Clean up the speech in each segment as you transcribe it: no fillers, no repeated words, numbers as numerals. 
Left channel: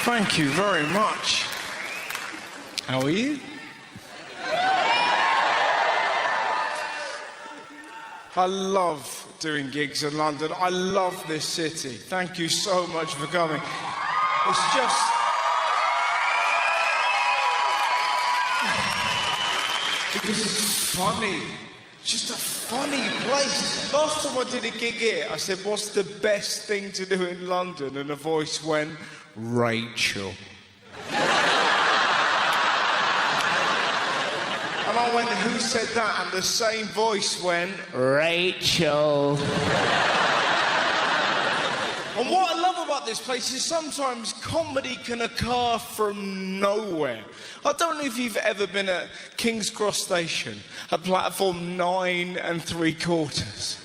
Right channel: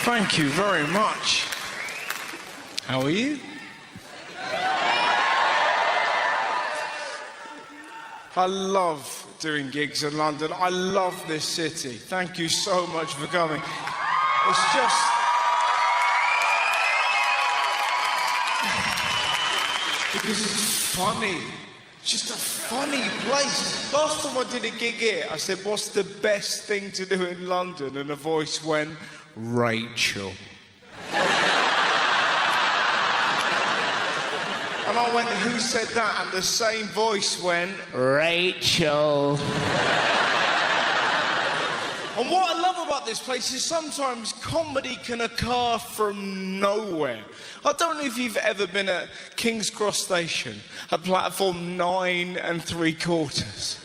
Thank you very much. How are you? I love doing gigs in London. I love this city. Thank you so much for coming. It's just... It's funny. It's just a funny place. Last time I did a gig here, I said, what's the best thing to do in London? And the voice went, Rachel. And I went, who said that? And the same voice went, Rachel. And what I love about this place is sometimes comedy can occur from nowhere. I don't know if you've ever been at King's Cross Station, at platform 9 3/4,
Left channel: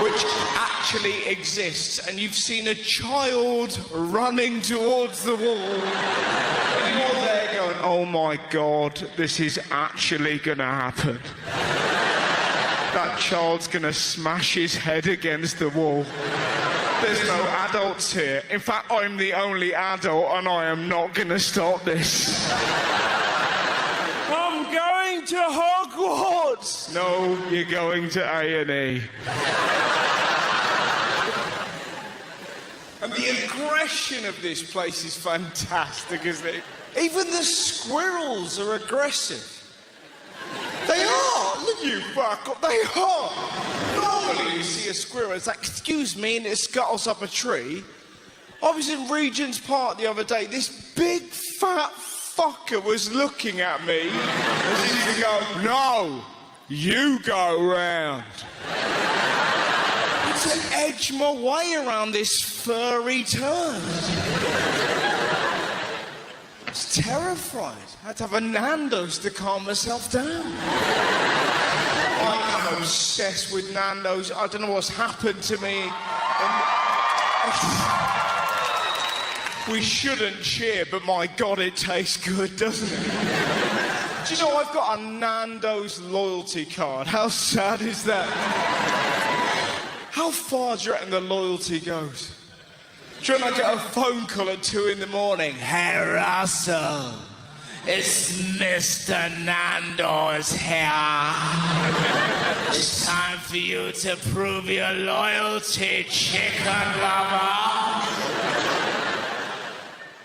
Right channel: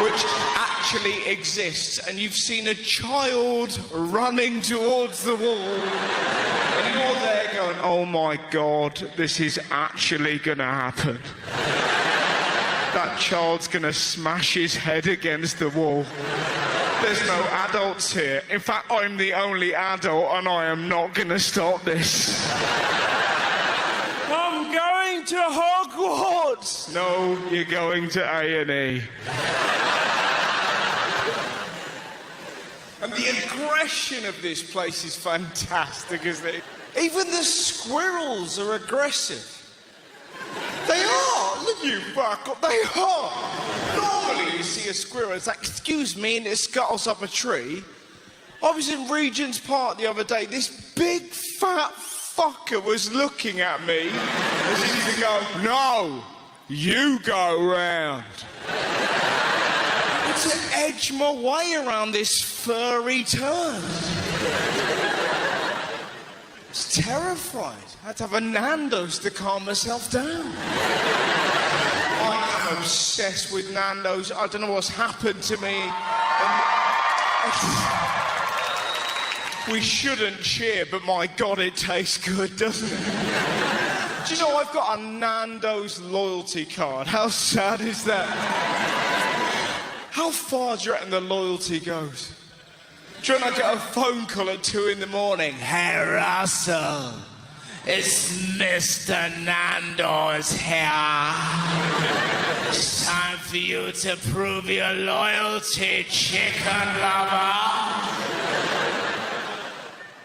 which actually exists, and you've seen a child running towards the wall, and you're there going, oh my God, this is actually going to happen. That child's going to smash his head against the wall. There's no adults here. In fact, I'm the only adult and I am not going to stop this. I'm going to Hogwarts! No, you're going to A&E. And the aggression of this place is fantastic, isn't it? Even the squirrels are aggressive. They are! Look you fuck up, they are! Normally you see a squirrel, it's like, excuse me, and it scuttles up a tree. I was in Regent's Park the other day, this big fat fucker was looking at me as if to go, no, you go round. To edge my way around this furry turd. It's terrified. I had to have a Nando's to calm myself down. I'm obsessed with Nando's. I don't know what's happened to me. We shouldn't cheer, but my God, it tastes good, doesn't it? Do you know I've got a Nando's loyalty card? How sad is that? How far do you reckon the loyalty goes? Do you reckon I get a phone call at 2 in the morning? Hey Russell, it's Mr. Nando's here. It's time for you to prove your loyalty, chicken lover.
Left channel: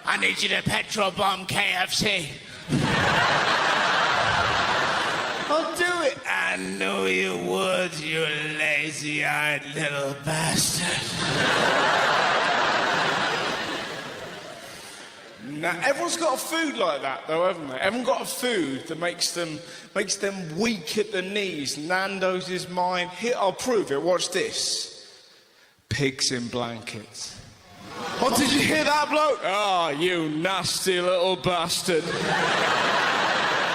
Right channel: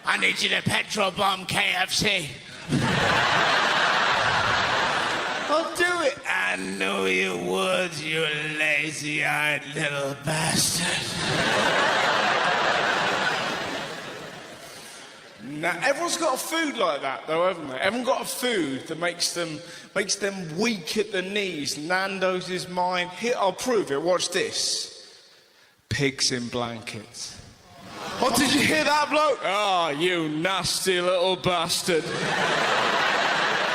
I need you to petrol bomb KFC. I'll do it. I know you would, you lazy-eyed little bastard. Now, everyone's got a food like that, though, haven't they? Everyone's got a food that makes them weak at the knees. Nando's is mine. Here, I'll prove it. Watch this. Pigs in blankets. What, did you hear that, bloke? Oh, you nasty little bastard.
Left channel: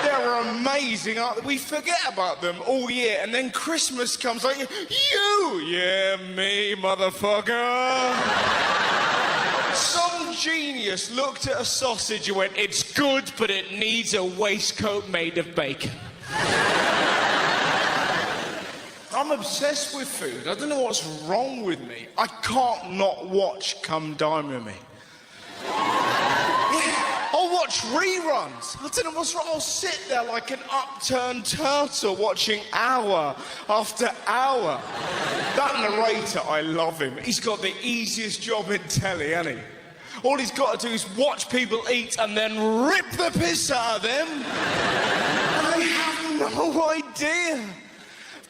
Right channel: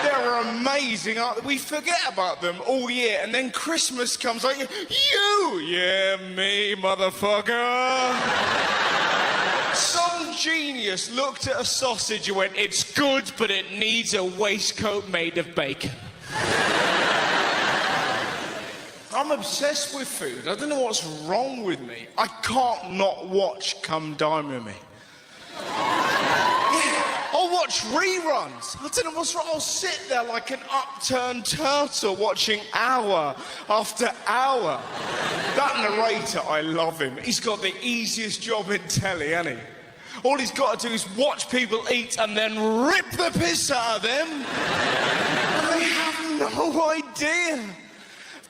They're amazing. amazing. We forget about them all year, and then Christmas comes like, you! Yeah, me, motherfucker. Some genius looked at a sausage and went, it's good, but it needs a waistcoat made of bacon. I'm obsessed with food. I don't know what's wrong with me. I can't not watch Come Dine With Me. I'll watch reruns. I don't know what's wrong. I'll sit there like an upturned turtle watching hour after hour. That narrator, I love him. He's got the easiest job in telly, hasn't he? All he's got to do is watch people eat and then rip the piss out of them. I have no idea.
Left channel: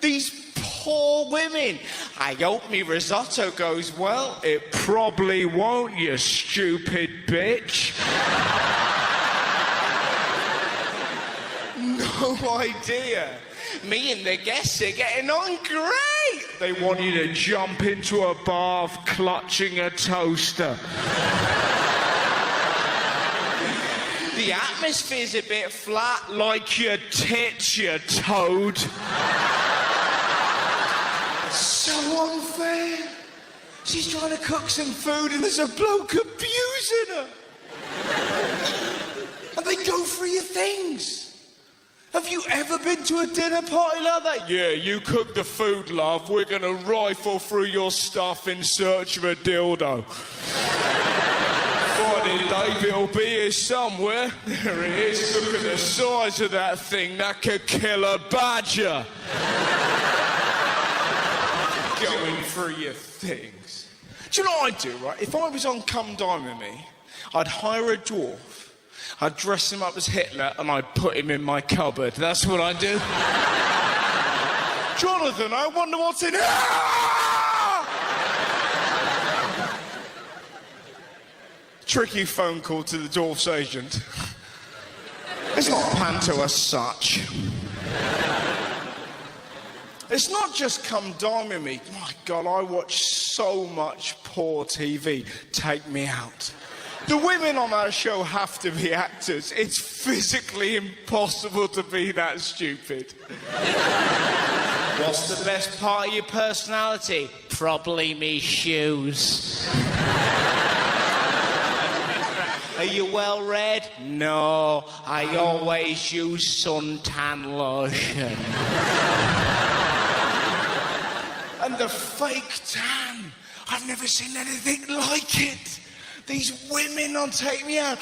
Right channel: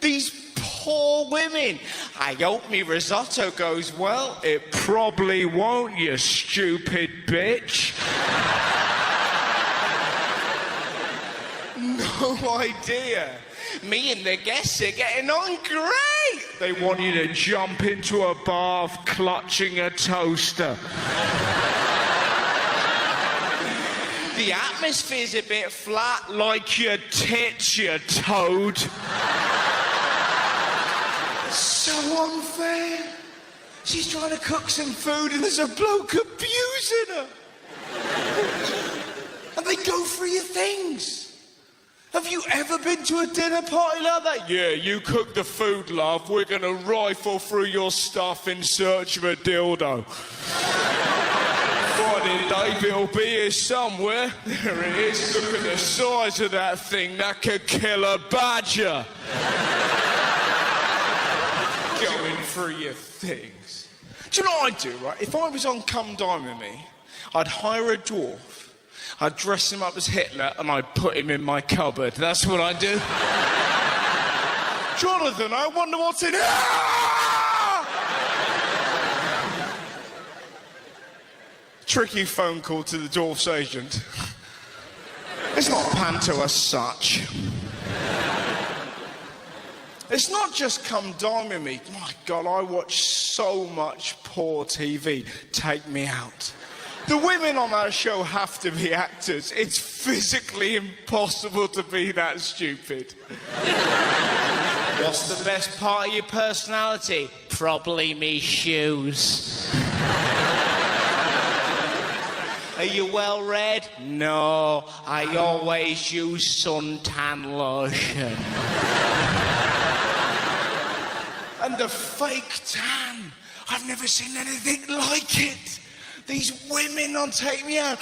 These poor women. I hope me risotto goes well. It probably won't, you stupid bitch. No idea. Me and the guests are getting on great. They want you to jump into a bath clutching a toaster. The atmosphere's a bit flat, like your tits, you toad. So unfair. She's trying to cook some food and there's a bloke abusing her. And they go through your things. Have you ever been to a dinner party like that? Yeah, you cook the food, love. We're going to rifle through your stuff in search of a dildo. Friday day, Bill B is somewhere. There it is. Look at the size of that thing. That could kill a badger. Going through your things. Do you know what I'd do, right? If I was on Come Dine With Me, I'd hire a dwarf. I'd dress him up as Hitler and I'd put him in my cupboard. That's what I'd do. Jonathan, I wonder what's in it. Tricky phone call to the dwarf's agent. It's not a panto as such. It's not just Come Dine With Me. My God, I watch so much poor TV. Take me out. The women on that show have to be actors. It's physically impossible to be that stupid. What's the best part of your personality? Probably me shoes. Are you well read? No, I always use suntan lotion. And the fake tan. I've never seen anything like it. These women on Take Me Out.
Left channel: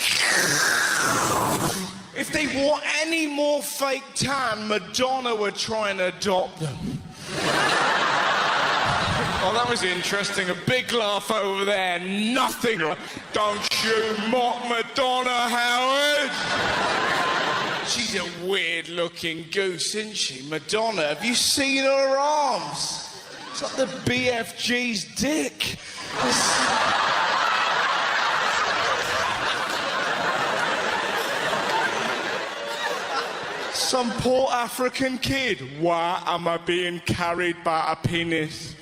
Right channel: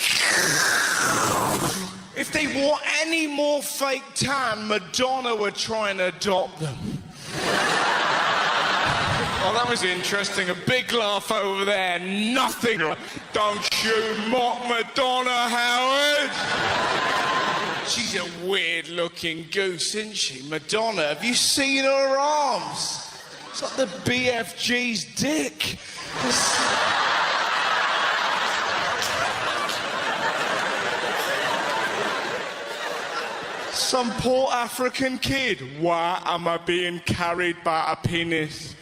If they wore any more fake tan, Madonna would try and adopt them. Oh, that was interesting. A big laugh over there. Nothing. Don't you mock Madonna, Howard. She's a weird-looking goose, isn't she? Madonna, have you seen her arms? It's like the BFG's dick. Some poor African kid. Why am I being carried by a penis?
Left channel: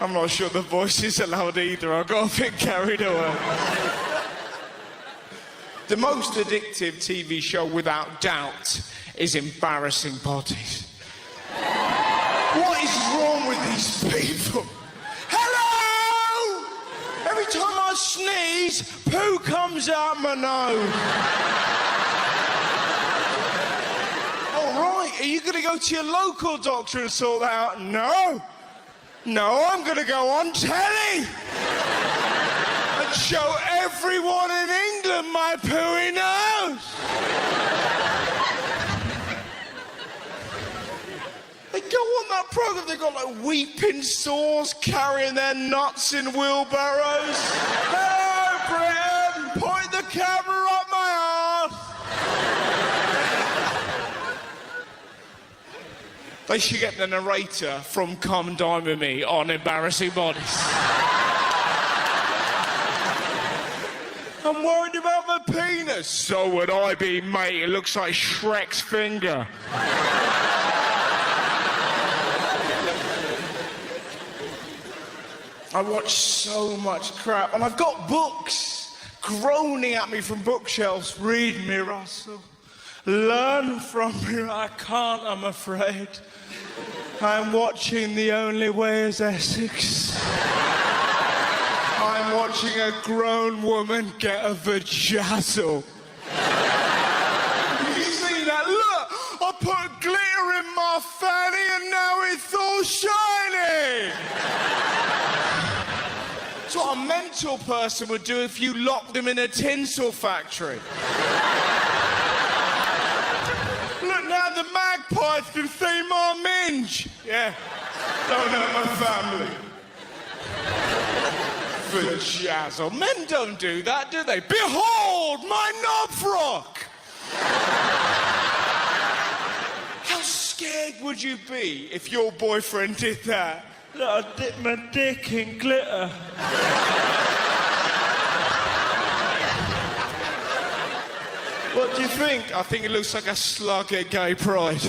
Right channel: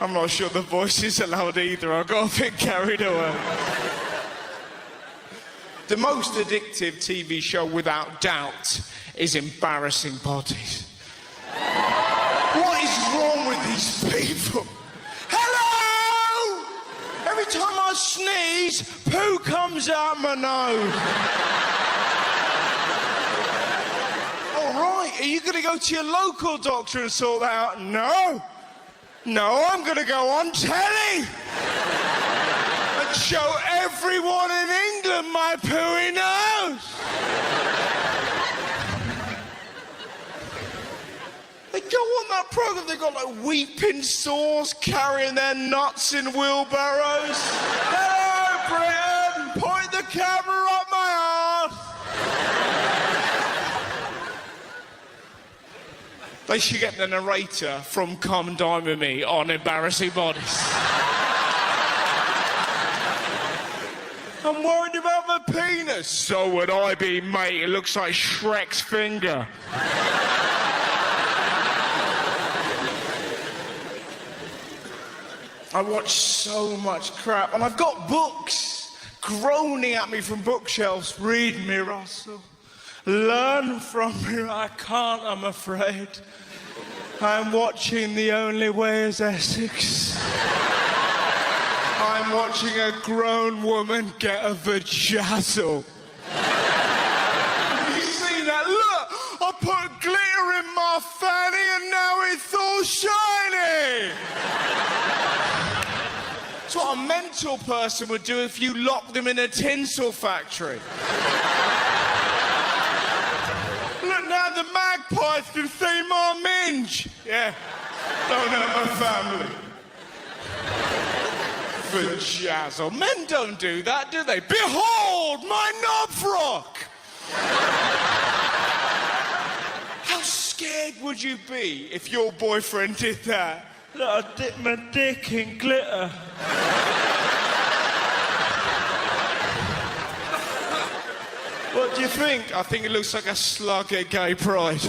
I'm not sure the voice is allowed either. I got a bit carried away. The most addictive TV show, without doubt, is Embarrassing Bodies. What is wrong with these people? Hello! Every time I sneeze, poo comes out my nose. All right, are you going to go to your local doctor and sort that out? No. No, I'm going to go on telly and show everyone in England my pooey nose. They go on that programme, they've got like weeping sores carrying their nuts in wheelbarrows. Hi, Britain, point the camera up my ass. They should get the narrator from Come Dine With Me on Embarrassing Bodies. I'm worried about my penis. So would I be, mate. It looks like Shrek's finger. I watch so much crap, and I've got books. groaning at me from bookshelves. Read me, Russell. Learn from me. I can't, I'm afraid. I'm watching The Only Way is Essex. I'm watching a grown woman get a vajazzle. You see that? Look! I put glitter in my fanny and now it's all shiny! That's what a mental person would do if you locked them in a tinsel factory. Look now, the magpies can see my minge. Yeah, don't have a family. Vajazzle. Men don't do that, do they? Behold, my knob frock! How scared would you be if your boyfriend did that? Look, I dipped my dick in glitter. What do you think? I think it looks like a slug at Gay Pride.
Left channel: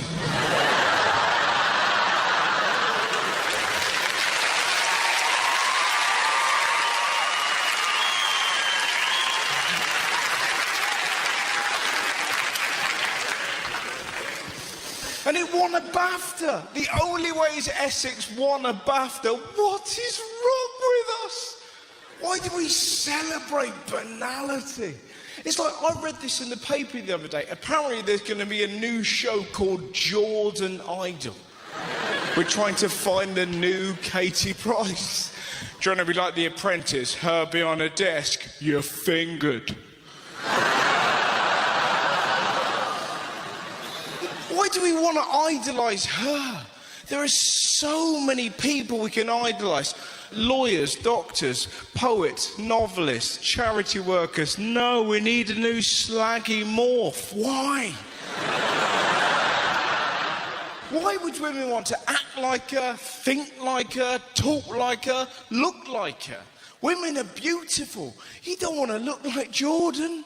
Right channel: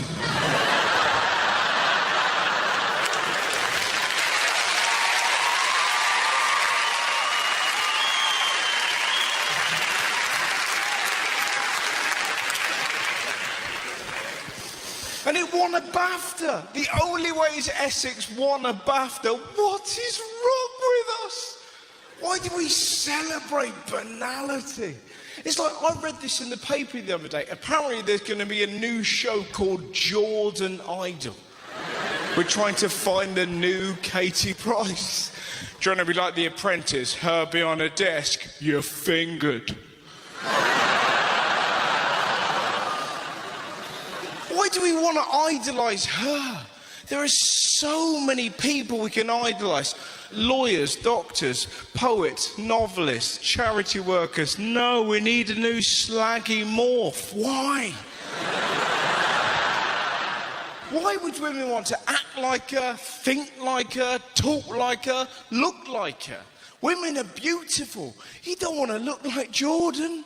And it won a BAFTA. The Only Way is Essex won a BAFTA. What is wrong with us? Why do we celebrate banality? It's like, I read this in the paper the other day. Apparently there's going to be a new show called Jordan Idol. We're trying to find the new Katie Price. Trying to be like The Apprentice. Her behind a desk, you're fingered. Why do we want to idolise her? There are so many people we can idolise. Lawyers, doctors, poets, novelists, charity workers. No, we need a new slaggy morph. Why? Why would women want to act like her, think like her, talk like her, look like her? Women are beautiful. You don't want to look like Jordan.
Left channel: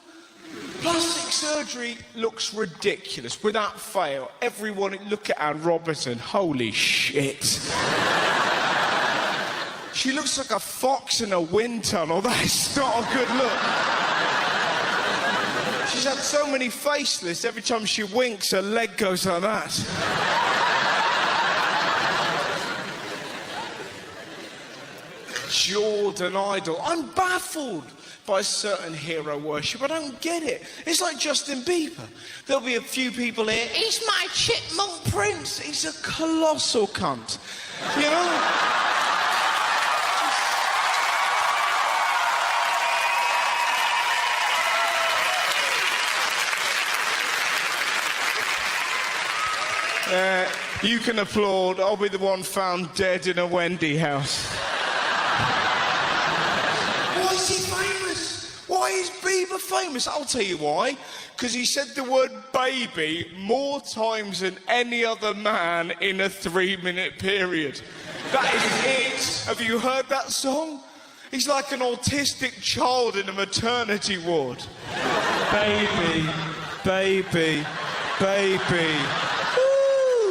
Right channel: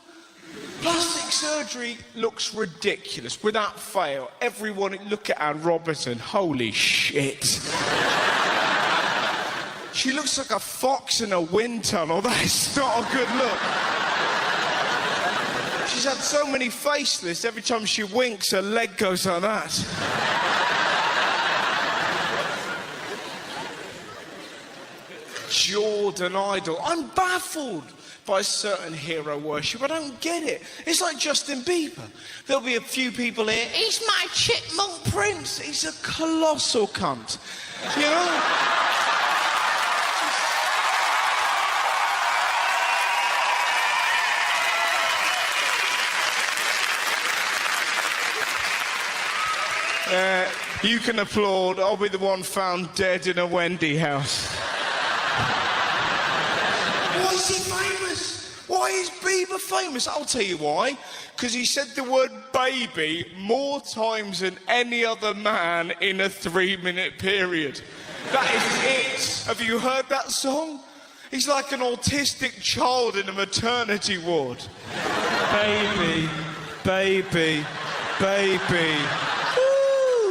Plastic surgery looks ridiculous, without fail. Everyone, look at Anne Robertson. Holy shit. She looks like a fox in a wind tunnel. That is not a good look. She's had so many facelifts. Every time she winks, her leg goes like that. Jordan Idol. I'm baffled by certain hero worship. I don't get it. It's like Justin Bieber. There'll be a few people here. He's my chipmunk prince. He's a colossal cunt. You know? You can applaud. I'll be the one found dead in a Wendy house. Why is he famous? Why is Bieber famous? I'll tell you why. Because he said the word baby more times than any other man in a 3-minute period. That is it. Have you heard that song? It's like an autistic child in a maternity ward. Baby, baby, baby.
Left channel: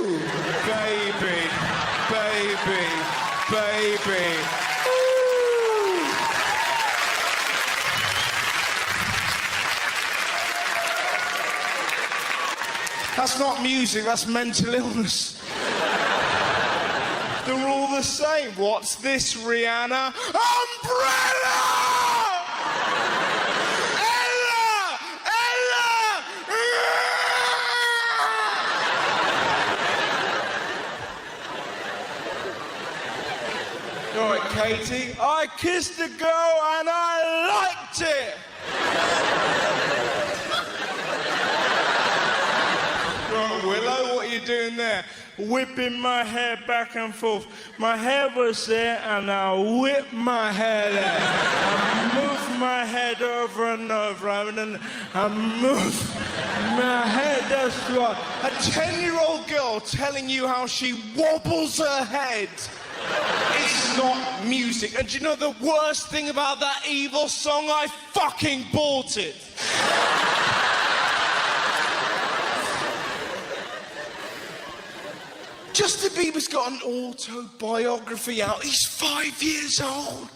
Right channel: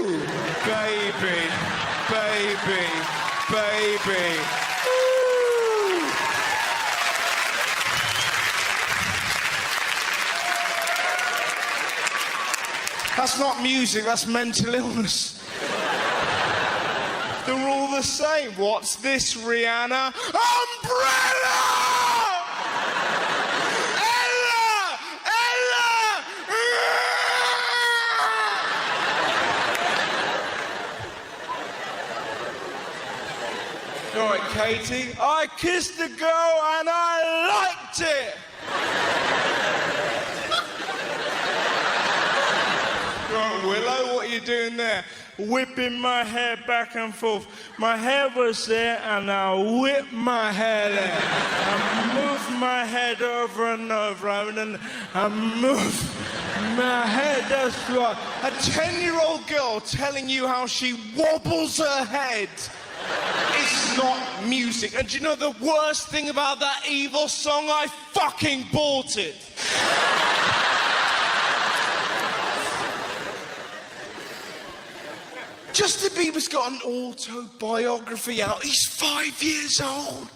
Ooh, baby, baby, baby. Ooh. That's not music, that's mental illness. They're all the same. What's this, Rihanna? Umbrella! Ella! Ella! All right, Katie. I kissed a girl and I liked it. Right, Willow, what are you doing there? Whipping my hair back and forth. My hair was there and I whipped my hair there. I moved my head over and over and I moved my head. That's right. A 10-year-old girl telling you how she wobbles her head. It's not music. And do you know the worst thing about that evil song? I fucking bought it. Justin Bieber's got an autobiography out. He's 5 years old.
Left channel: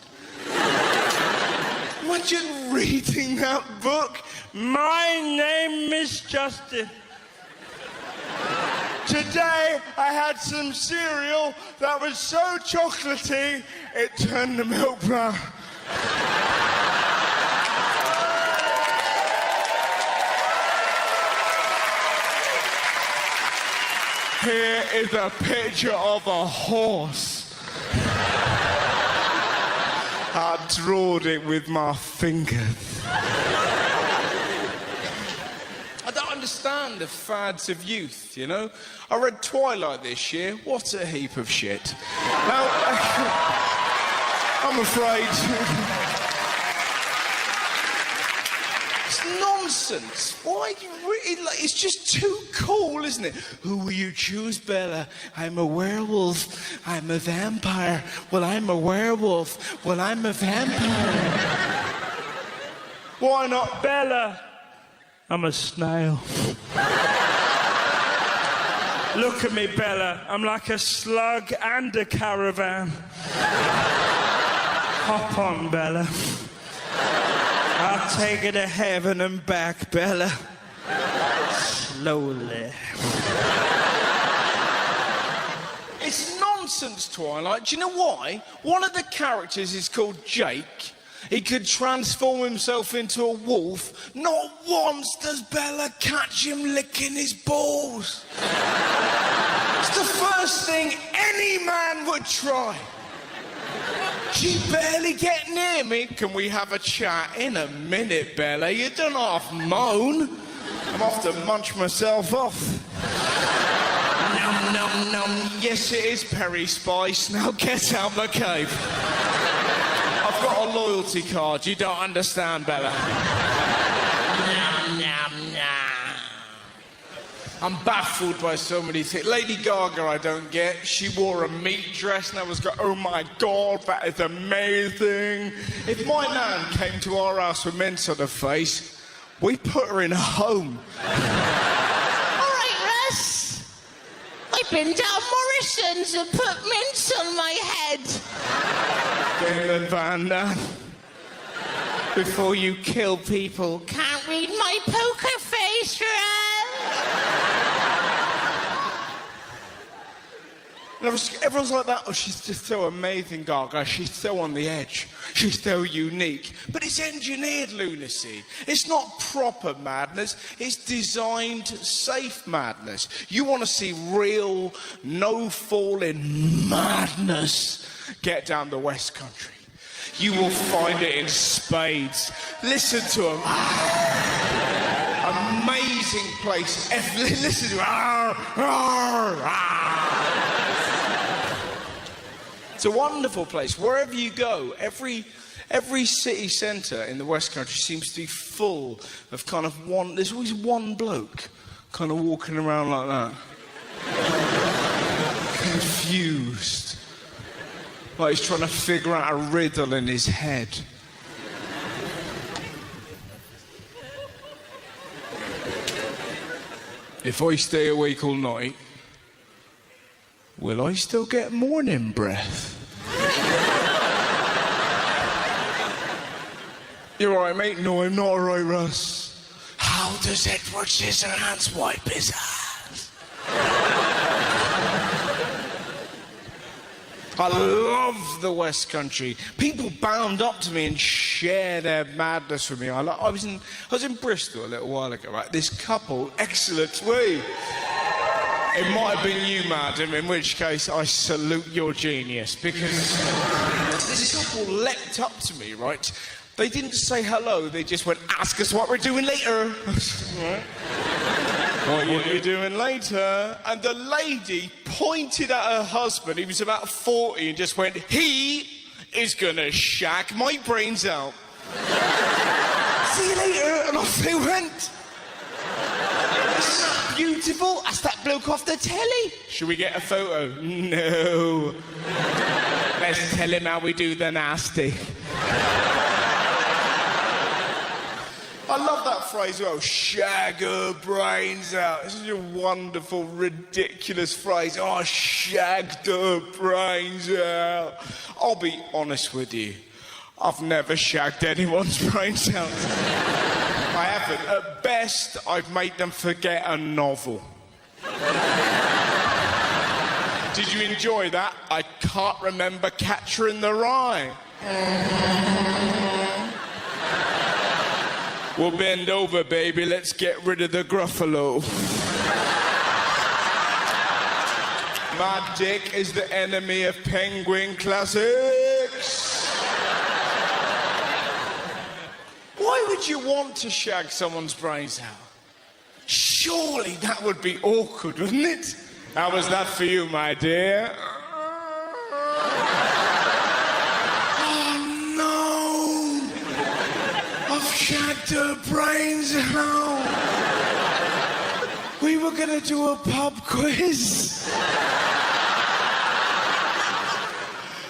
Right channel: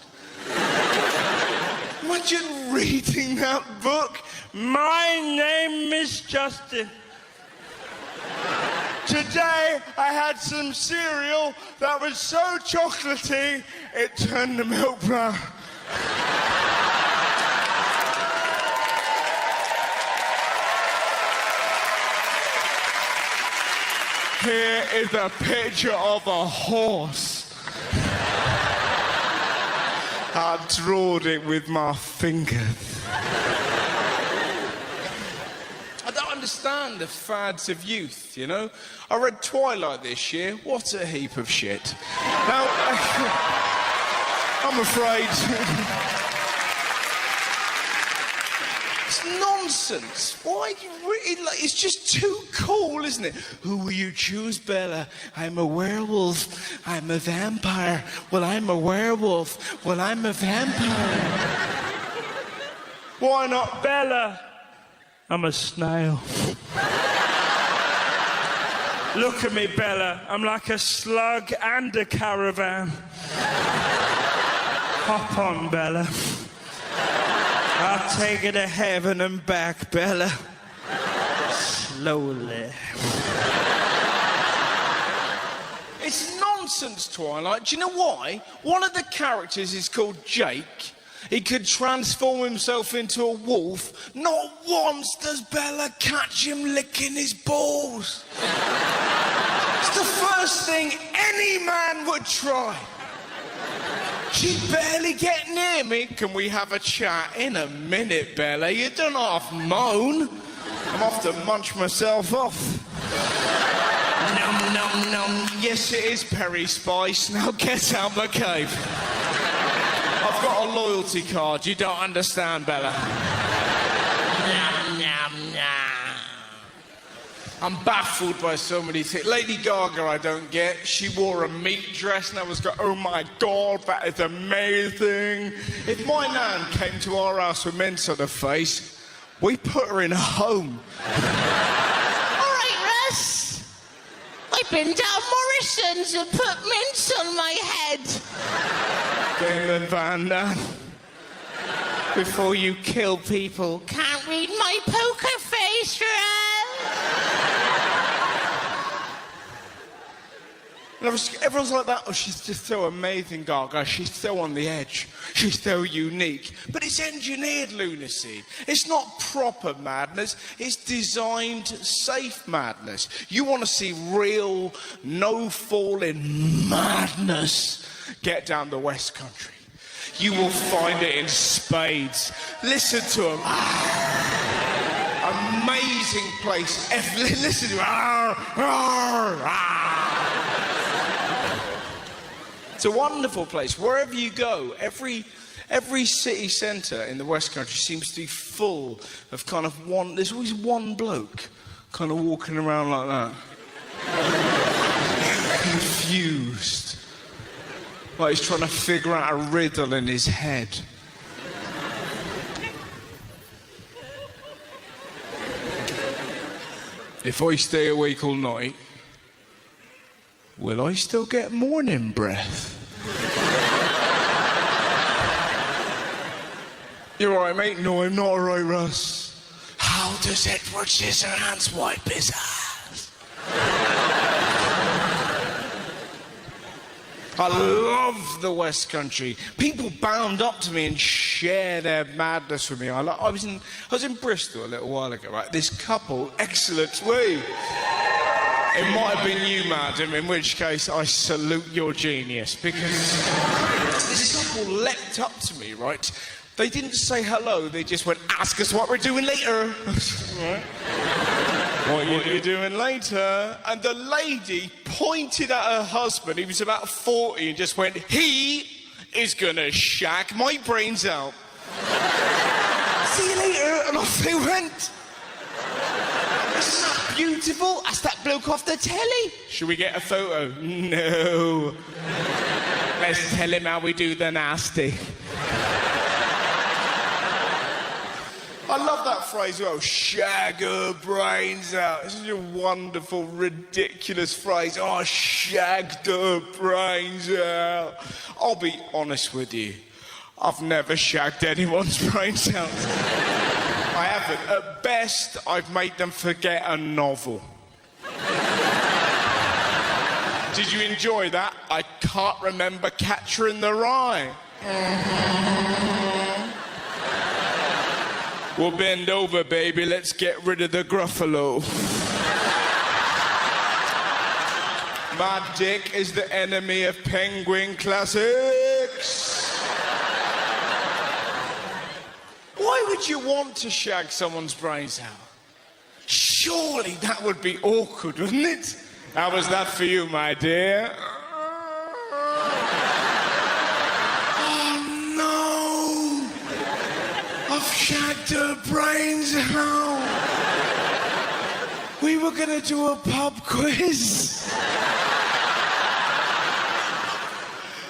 Why imagine reading that book? My name is Justin. Today I had some cereal that was so chocolatey it turned to milk brown. Here is a picture of a horse. I drawed it with my fingers. I don't understand the fads of youth, you know? I read Twilight this year. What a heap of shit. Now, I'm afraid... It's nonsense. Why you really like? It's just too cool, isn't it? Who will you choose, Bella? I'm a werewolf. I'm a vampire. Well, I'm a werewolf. Well, I'm a vampire. Why not Bella? I'm a snail. Look at me, Bella. I'm like a slug and a caravan. Hop on, Bella. I'll take you to heaven and back, Bella. Slowly. It's nonsense, Twilight. Do you know why? One of the characters is called Jake. He could transform himself into a wolf. Not once does Bella catch him licking his balls. It's the first thing any man would try. She barely get near me. Can we have a chat in a minute, Bella? You don't half moan. I'm off to munch myself off. Nom, nom, nom. Yes, it is Perry Spice. Now get out the cave. I've got a loyalty card. You don't understand, Bella. Nom, nom, nom. I'm baffled by so many things. Lady Gaga, I don't get. She wore a meat dress and I was going, oh my God, that is amazing. If my nan came to our house with mince on her face, we put her in a home. All right, Russ. I've been down Morrison's and put mince on my head. Damon Van Damme. Before you kill people. Can't read my poker face, Russ. Everyone's like that. Oh, she's just so amazing, Gaga. She's so on the edge. She's so unique. But it's engineered lunacy. It's not proper madness. It's designed safe madness. You want to see real, no-falling madness? Get down the West Country. You will find it in spades. Listen to them. Amazing place. Listen to them. It's a wonderful place. Wherever you go, every city centre in the West Country seems to be full of kind of one. There's always one bloke kind of walking around like that, confused, like he's trying to figure out a riddle in his head. If I stay awake all night, will I still get morning breath? You alright, mate? No, I'm not alright, Russ. How does Edward Scissorhands wipe his ass? I love the West Country. People bound up to me and share their madness with me. I was in Bristol a little while ago, right? This couple, excellent way. It might have been you, madam, in which case I salute your genius, because this couple leapt up to me, right? They didn't say hello, they just went, ask us what we're doing later. Right? What are you doing later? And the lady pointed at her husband, he was about 40, and just went, he is gonna shag my brains out. See you later, and off they went. Beautiful. That's that bloke off the telly. Should we get a photo? No. Let's tell him how we do the nasty. I love that phrase, oh, shag her brains out. This is a wonderful, ridiculous phrase. Oh, shagged her brains out. I'll be honest with you. I've never shagged anyone's brains out. I haven't. At best, I've made them forget a novel. Did you enjoy that? I can't remember Catcher in the Rye. We'll bend over, baby. Let's get rid of the Gruffalo. My dick is the enemy of Penguin Classics. Why would you want to shag someone's brains out? Surely that would be awkward, wouldn't it? How was that for you, my dear? Oh, no! I've shagged her brains out. We were going to do a pub quiz.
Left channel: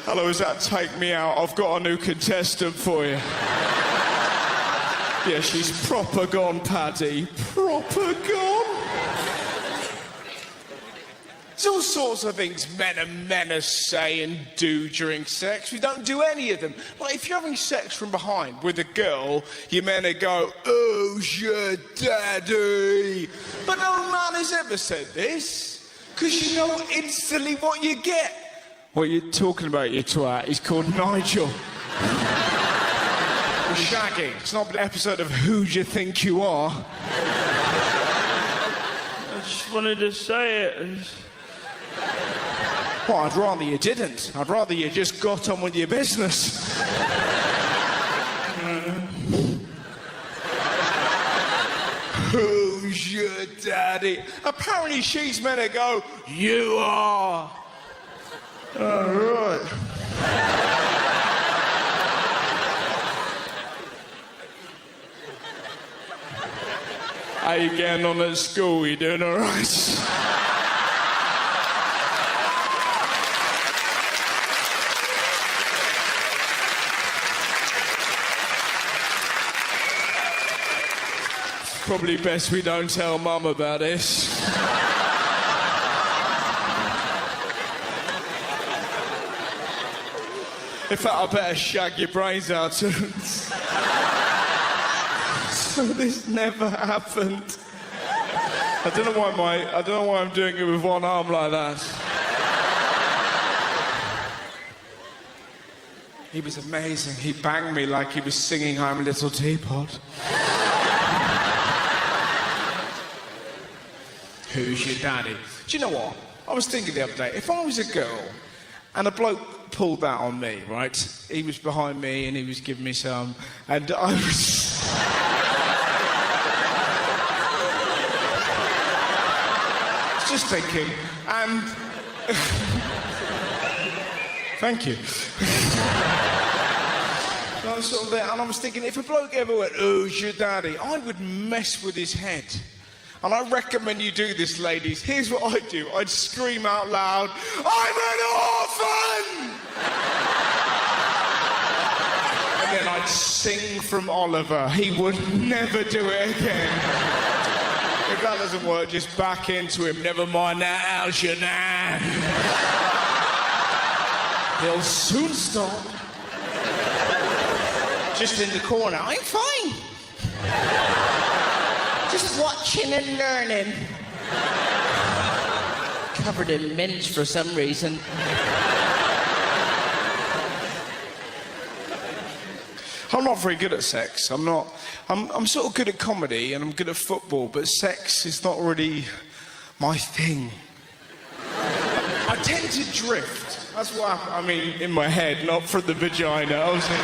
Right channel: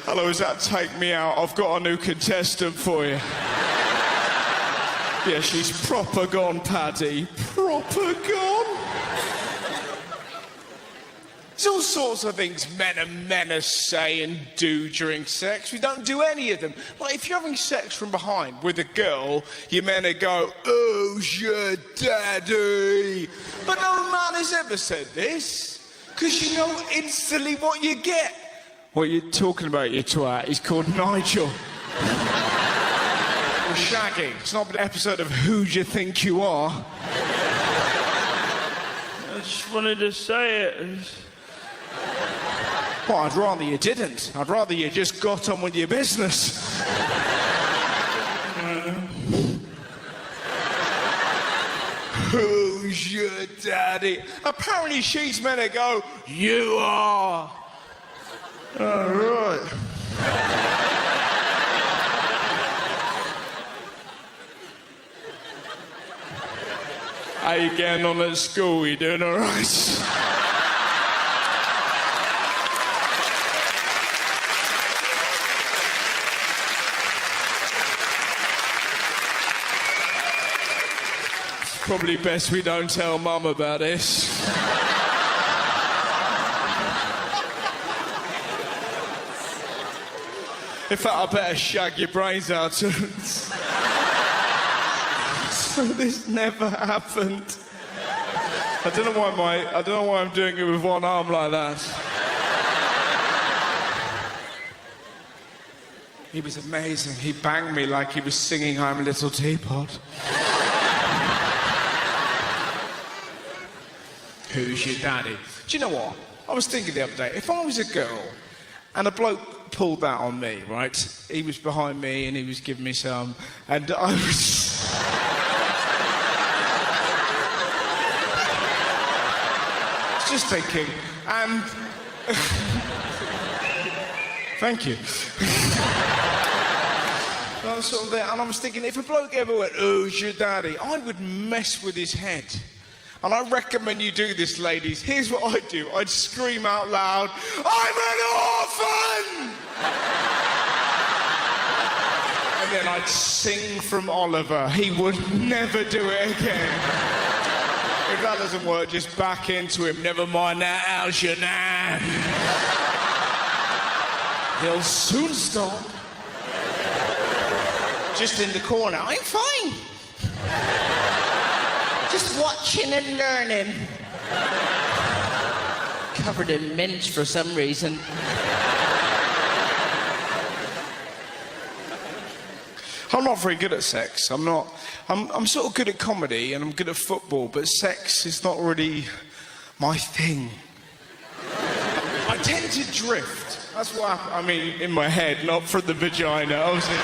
Hello, is that Take Me Out? I've got a new contestant for you. Yeah, she's proper gone, Paddy. Proper gone. There's all sorts of things men say and do during sex. We don't do any of them. Like, if you're having sex from behind with a girl, you men go, oh, shit, daddy. But no man has ever said this, because you know instantly what you get. What you're talking about, you twat, he's called Nigel. Shagging. It's not an episode of Who Do You Think You Are? I just wanted to say it. Oh, I'd rather you didn't. I'd rather you just got on with your business. Who's your daddy? Apparently she's meant to go, you are. All right. How you getting on at school? You doing all right? Probably best we don't tell Mum about this. In fact, I better shag your brains out. So this never happened. I don't know why I'm doing it with one arm like that. He was amazing. He banged me like he was singing I'm a Little Teapot. Who's your daddy? Do you know what? I was thinking the other day, if I was a girl and a bloke pulled that on me, right? He was behind me and he was giving me some, and I was... just thinking, and... Thank you. I saw that, and I was thinking, if a bloke ever went, oh, it's your daddy, I would mess with his head. And I recommend you do this, ladies. Here's what I'd do. I'd scream out loud, I'm an orphan! And then I'd sing from Oliver. He would never do it again. If that doesn't work, just back into him. Never mind that, how's your now? They'll soon stop. Just in the corner. I'm fine. Just watching and learning. Covered in mints for some reason. I'm not very good at sex. I'm sort of good at comedy and I'm good at football, but sex is not really my thing. I tend to drift. That's why I mean in my head, not from the vagina. I was like,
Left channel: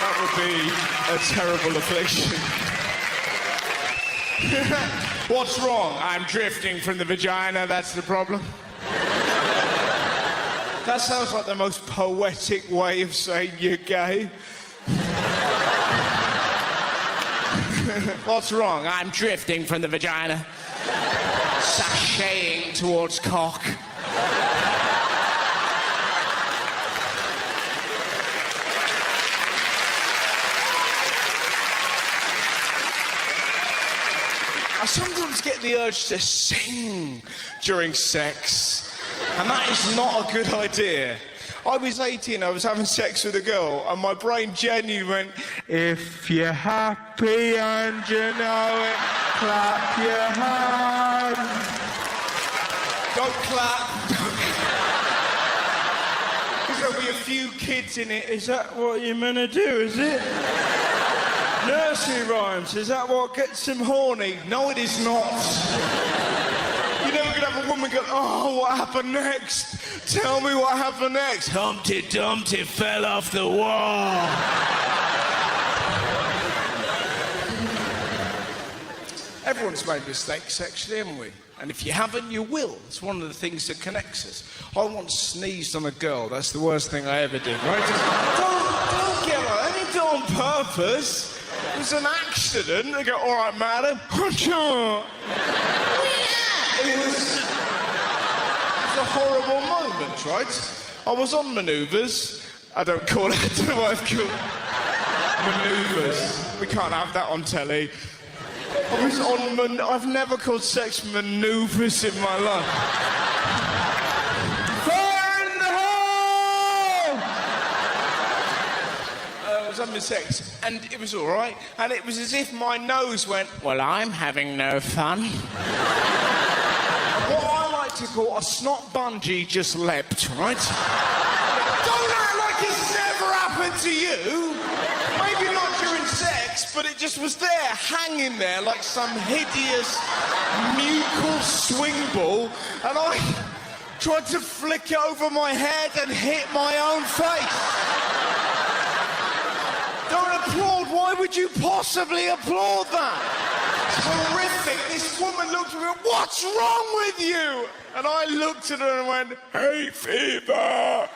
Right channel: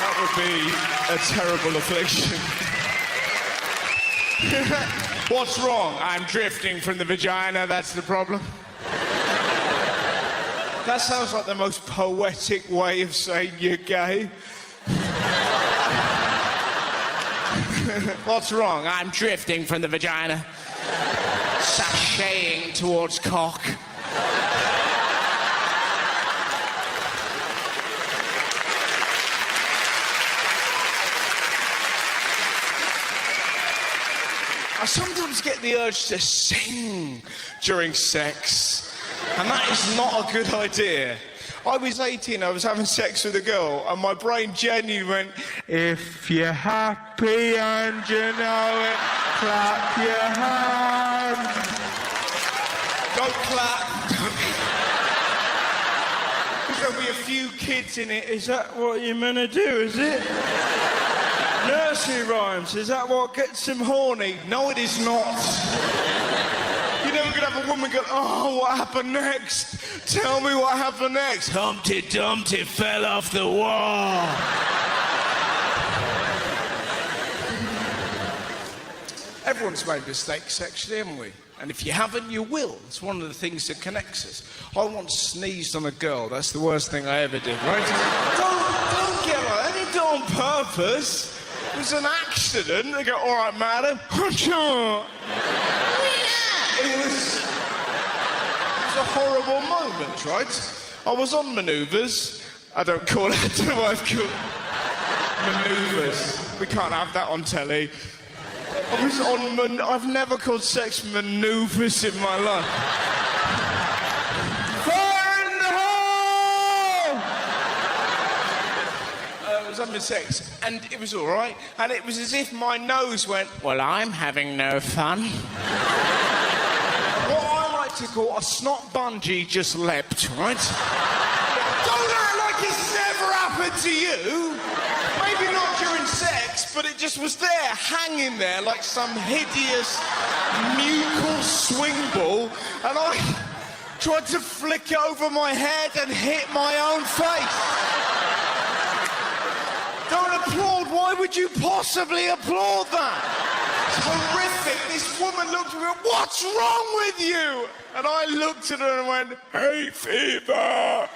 that would be a terrible affliction. What's wrong? I'm drifting from the vagina, that's the problem. That sounds like the most poetic way of saying you're gay. What's wrong? I'm drifting from the vagina. Sashaying towards cock. I sometimes get the the urge to sing during sex. And that is not a good idea. I was 18, I was having sex with a girl, and my brain genuinely went, if you're happy and you know it, clap your hands. Don't clap. There'll be a few kids in it. Is that what you're meant to do, is it? Nursery rhymes, is that what gets them horny? No, it is not. You're never going to have a woman go, oh, what happened next? Tell me what happened next. Humpty Dumpty fell off the wall. Everyone's made mistakes sexually, haven't we? And if you haven't, you will. It's one of the things that connects us. I once sneezed on a girl. That's the worst thing I ever did, right? Don't get her. I didn't do it on purpose. It was an accident. They go, all right, madam. It was a horrible moment, right? I was on manoeuvres. I don't know what I've called manoeuvres. We can't have that on telly. I was on I've never called sex manoeuvres in my life. Fire in the hole! I was having sex, and it was all right. And it was as if my nose went, well, I'm having no fun. What I like to call a snot bungee just leapt, right? Don't act like it's never happened to you. Maybe not during sex, but it just was there, hanging there like some hideous mucal swing ball, and I tried to flick it over my head and hit my own face. Don't applaud. Why would you possibly applaud that? It's horrific. This woman looked at me, what's wrong with you? And I looked at her and went, hay fever.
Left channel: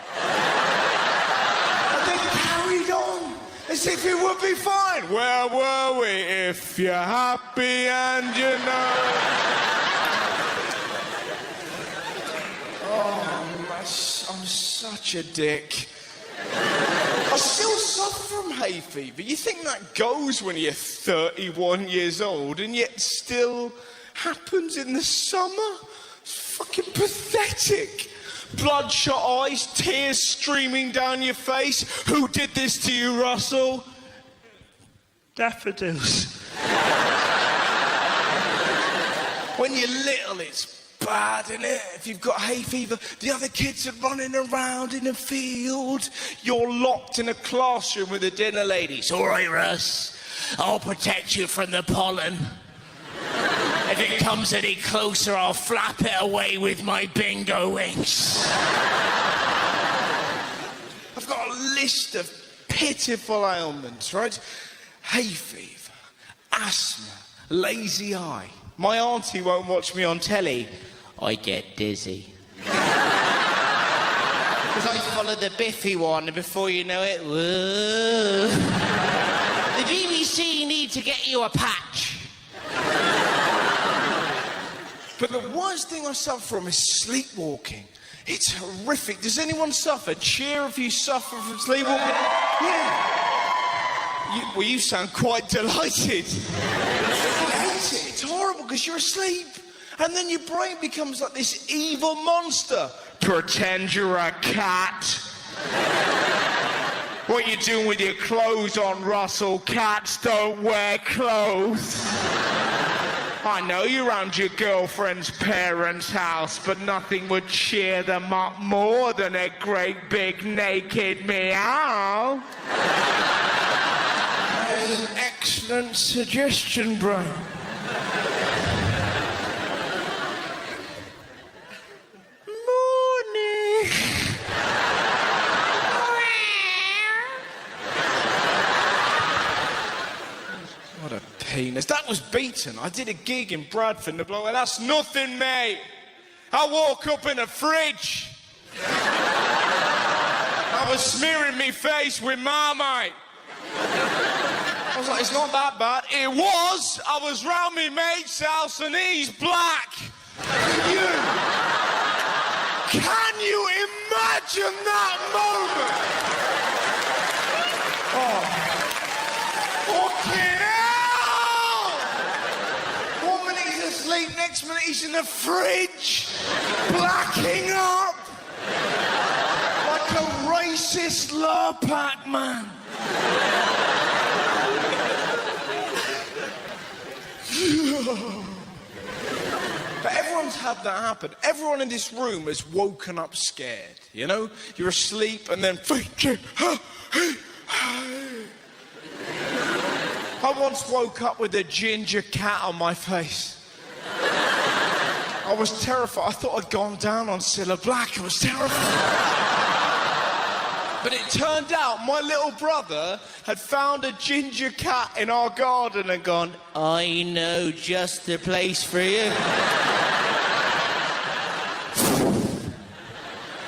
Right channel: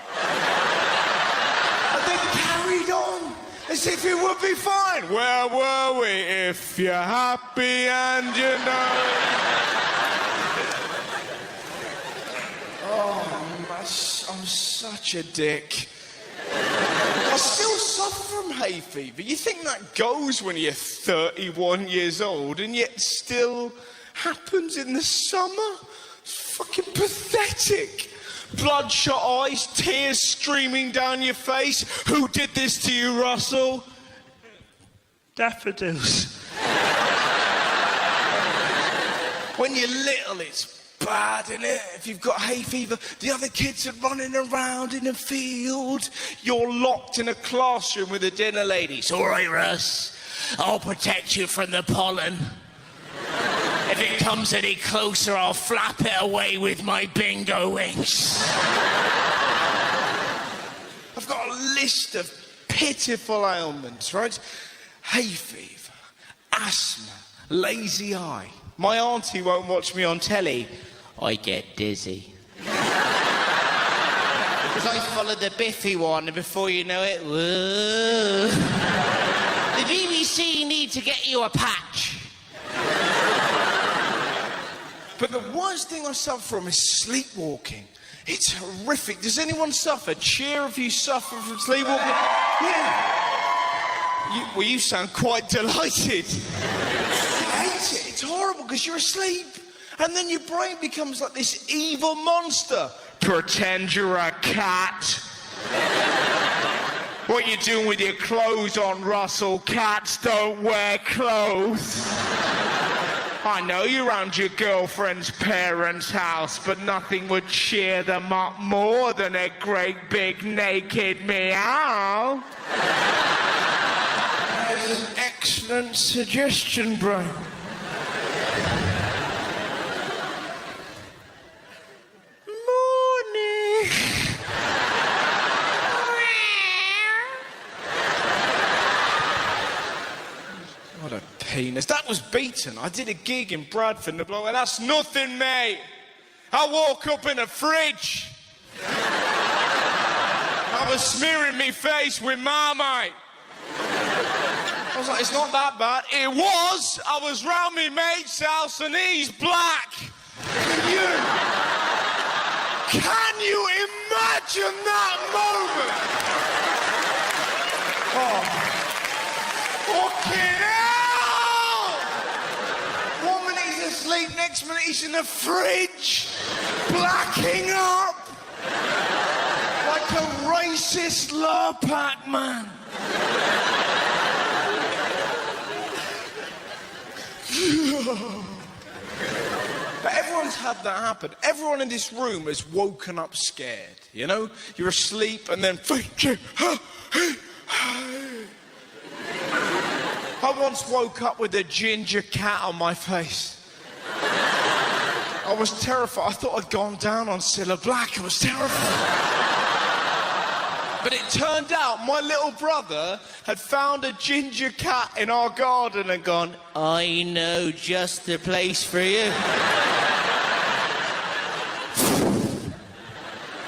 And then carried on. As if it would be fine. Where were we? If you're happy and you know. Oh, I'm such a dick. I still suffer from hay fever. You think that goes when you're 31 years old, and yet still happens in the summer? It's fucking pathetic. Bloodshot eyes, tears streaming down your face. Who did this to you, Russell? Daffodils. When you're little, it's bad, isn't it? If you've got hay fever, the other kids are running around in the field. You're locked in a classroom with the dinner ladies. All right, Russ, I'll protect you from the pollen. If it comes any closer, I'll flap it away with my bingo wings. I've got a list of pitiful ailments, right? Hay fever, asthma, lazy eye. My auntie won't watch me on telly. I get dizzy. Because I follow the Biffy one, and before you know it, whoa. The BBC need to get you a patch. But the worst thing I suffer from is sleepwalking. It's horrific. Does anyone suffer? Cheer if you suffer from sleepwalking. Yeah. Well, you sound quite delighted. I hate it. It's horrible because you're asleep. And then your brain becomes like this evil monster. Pretend you're a cat. What you doing with your clothes on, Russell? Cats don't wear clothes. I know you're around your girlfriend's parents' house, but nothing would cheer them up more than a great big naked meow. Excellent suggestion, brain. Morning. What a penis. That was beaten. I did a gig in Bradford, and that's nothing, mate. I woke up in a fridge. I was smearing me face with Marmite. I was like, it's not that bad. It was. I was round my mate's house and he's black. Can you imagine that moment? Oh, fucking hell! Woman, he's asleep next minute he's in the fridge, blacking up like a racist Lurpak man. But everyone's had that happen. Everyone in this room has woken up scared. You know, you're asleep and then. I once woke up with a ginger cat on my face. I was terrified. I thought I'd gone down on Cilla Black. I was terrified. But it turned out my little brother had found a ginger cat in our garden and gone, I know just the place for you.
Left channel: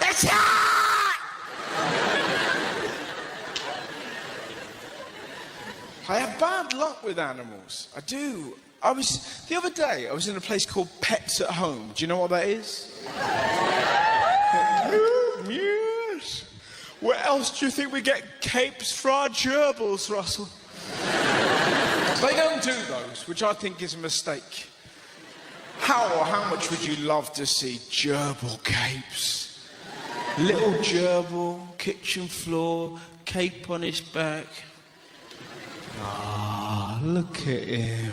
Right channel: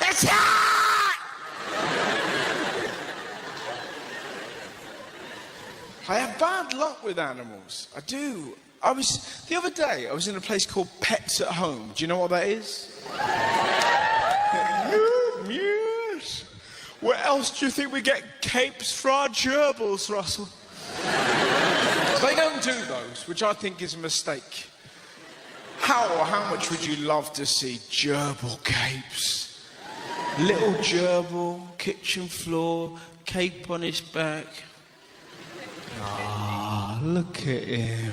That's I have bad luck with animals. I do. The other day, I was in a place called Pets at Home. Do you know what that is? Yes. Where else do you think we get capes for our gerbils, Russell? I don't do those, which I think is a mistake. How much would you love to see gerbil capes? Little gerbil, kitchen floor, cape on his back. Ah, look at him.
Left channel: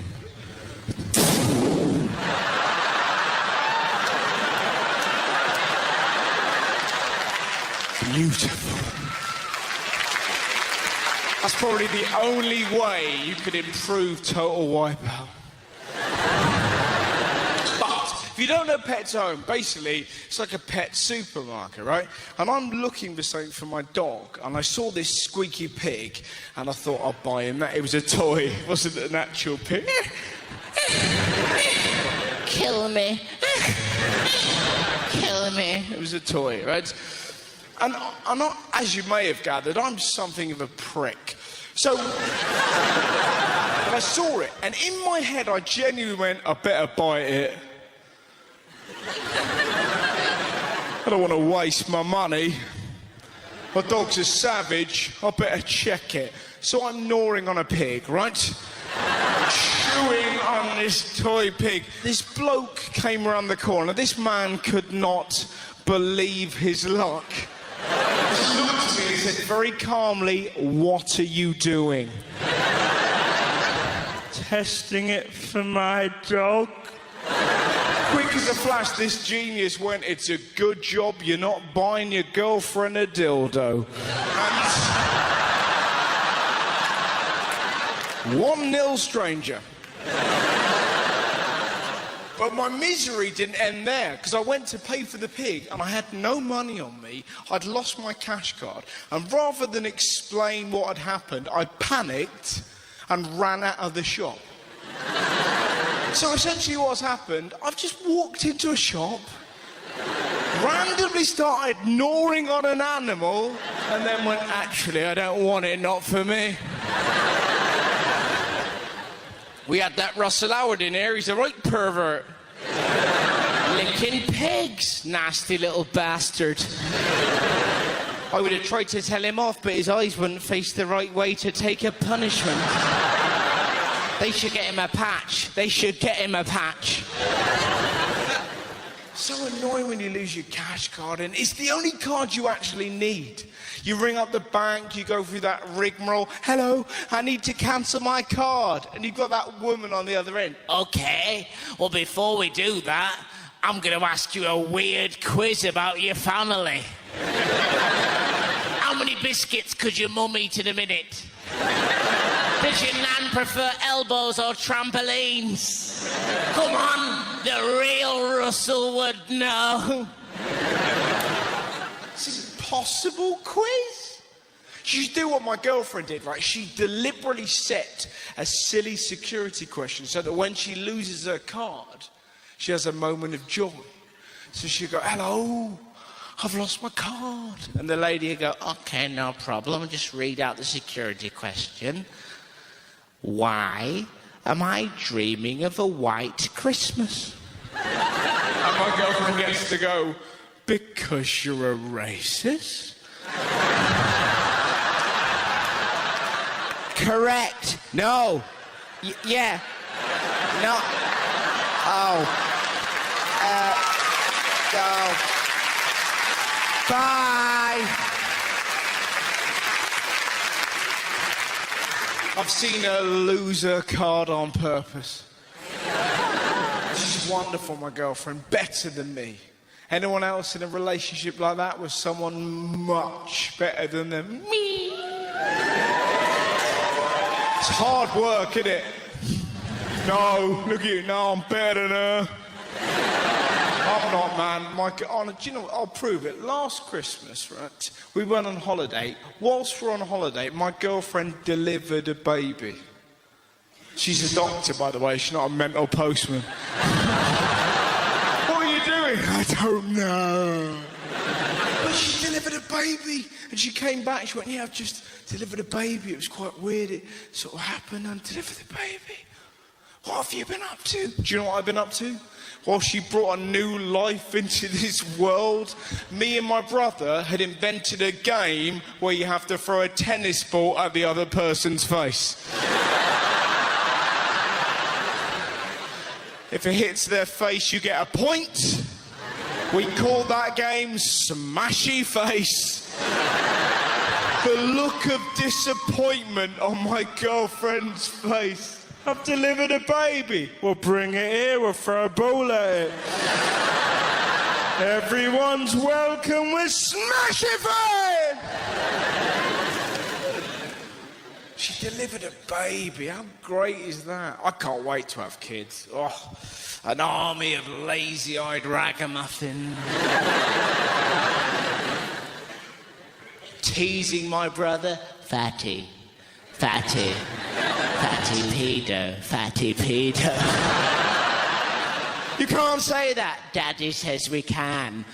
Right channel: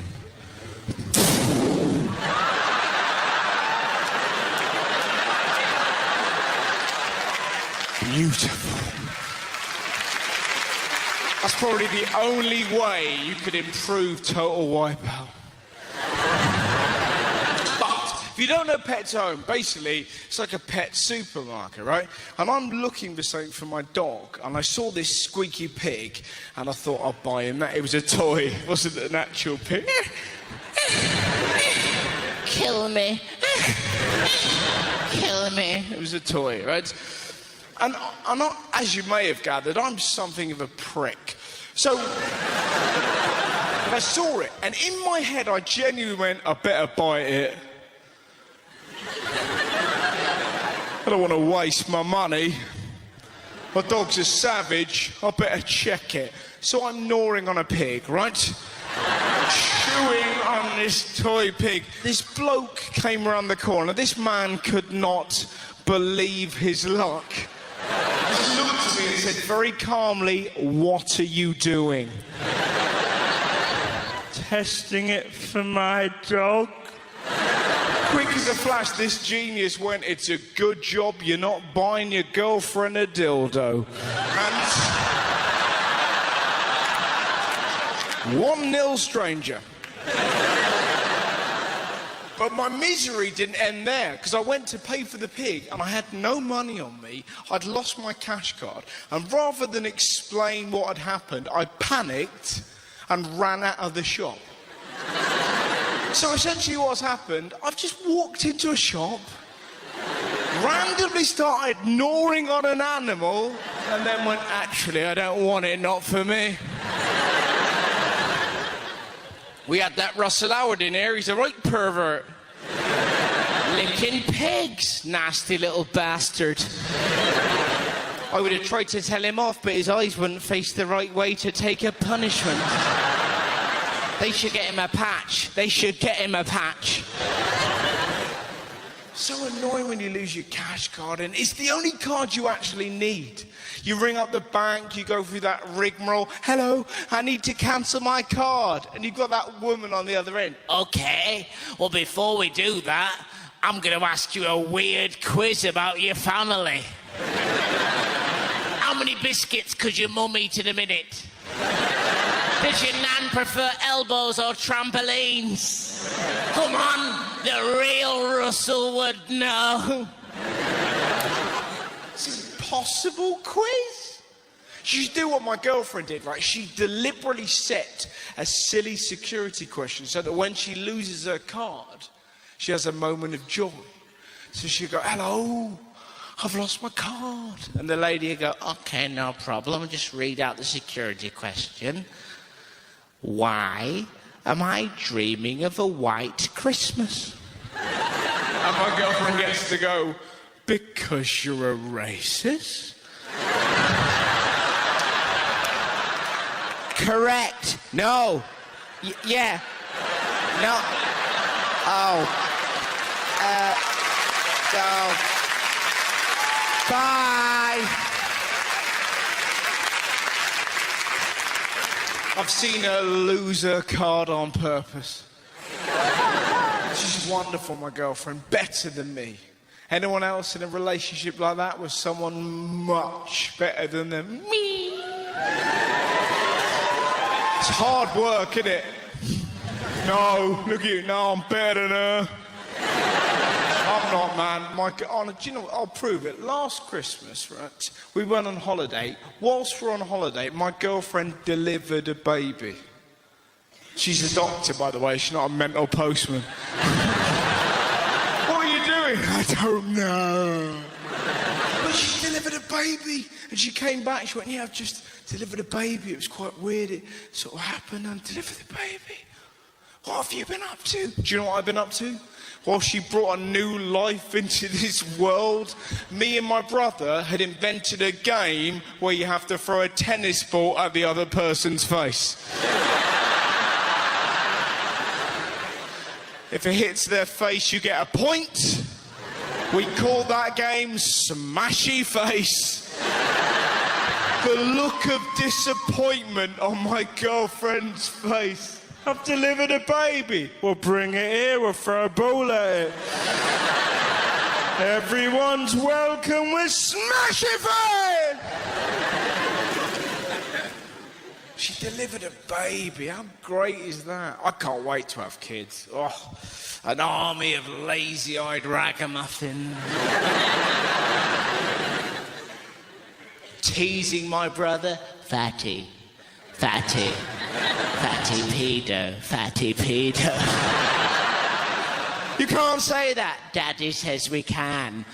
Beautiful. That's probably the only way you can improve Total Wipeout. But if you don't know Pets at Home, basically it's like a pet supermarket, right? And I'm looking for something for my dog, and I saw this squeaky pig, and I thought I'd buy him that. It was a toy, it wasn't an actual pig. Kill me. Kill me. It was a toy, right? And I'm not, as you may have gathered, I'm something of a prick. So, I saw it, and in my head, I genuinely went, I better buy it. I don't want to waste my money. My dog's a savage, I better check it. So I'm gnawing on a pig, right? Chewing on this toy pig. This bloke came around the corner. This man could not believe his luck. He just looked at me and he said very calmly, "What are you doing?" Testing it for my dog. Quick as a flash, this genius went, "It's a good job you're not buying your girlfriend a dildo." 1-0, stranger. But my misery didn't end there, because I went to pay for the pig and I had no money on me. I'd lost my cash card. And rather than explain what had happened, I panicked and ran out of the shop. So essentially what's happened, I've just walked into a shop, randomly started gnawing on an animal, and then went, actually, I don't want it, not for me. We had that Russell Howard in here, he's a right pervert. Licking pigs, nasty little bastard. I would have tried to tell him off, but his eyes wouldn't face the right way to take a punishment. They should get him a patch. They should get him a patch. So annoying when you lose your cash card, and it's the only card you actually need. You ring up the bank, you go through that rigmarole. "Hello, I need to cancel my card." And you've got that woman on the other end. Okay, well, before we do that, I'm going to ask you a weird quiz about your family. How many biscuits could your mum eat in a minute? Does your nan prefer elbows or trampolines? Come on, the real Russell would know. This is a possible quiz. You should do what my girlfriend did, right? She deliberately set a silly security question so that when she loses her card, she has a moment of joy. So she'd go, "Hello, I've lost my card." And the lady would go, Okay, no problem. Just read out the security question. Why am I dreaming of a white Christmas? and my girlfriend gets to go, "Because you're a racist?" Correct. No. Yeah. No. Oh, Go. Bye. I've seen her lose her card on purpose. She's wonderful, my girlfriend, better than me. Anyone else in a relationship like that was someone much better than them. Me. It's hard work, isn't it? No, look at you, no, I'm better than her. I'm not, man. Do you know, I'll prove it. Last Christmas, right, we went on holiday. Whilst we're on holiday, my girlfriend delivered a baby. She's a doctor, by the way. She's not a mental postman. What are you doing? I don't know. But she delivered a baby. And she came back. She went, yeah, I've just delivered a baby. It was quite weird. It sort of happened. I delivered the baby. What have you been up to? Do you know what I've been up to? Well, she brought a new life into this world. Me and my brother had invented a game where you have to throw a tennis ball at the other person's face. If it hits their face, you get a point. We call that game Smashy Face. The look of disappointment on my girlfriend's face. I've delivered a baby. Well, bring it here, we'll throw a ball at it. Everyone's welcome with Smashy Face! She delivered a baby. How great is that? I can't wait to have kids. Oh, an army of lazy-eyed ragamuffins. Teasing my brother, fatty, fatty, fatty pedo, fatty pedo. You can't say that. Daddy says we can.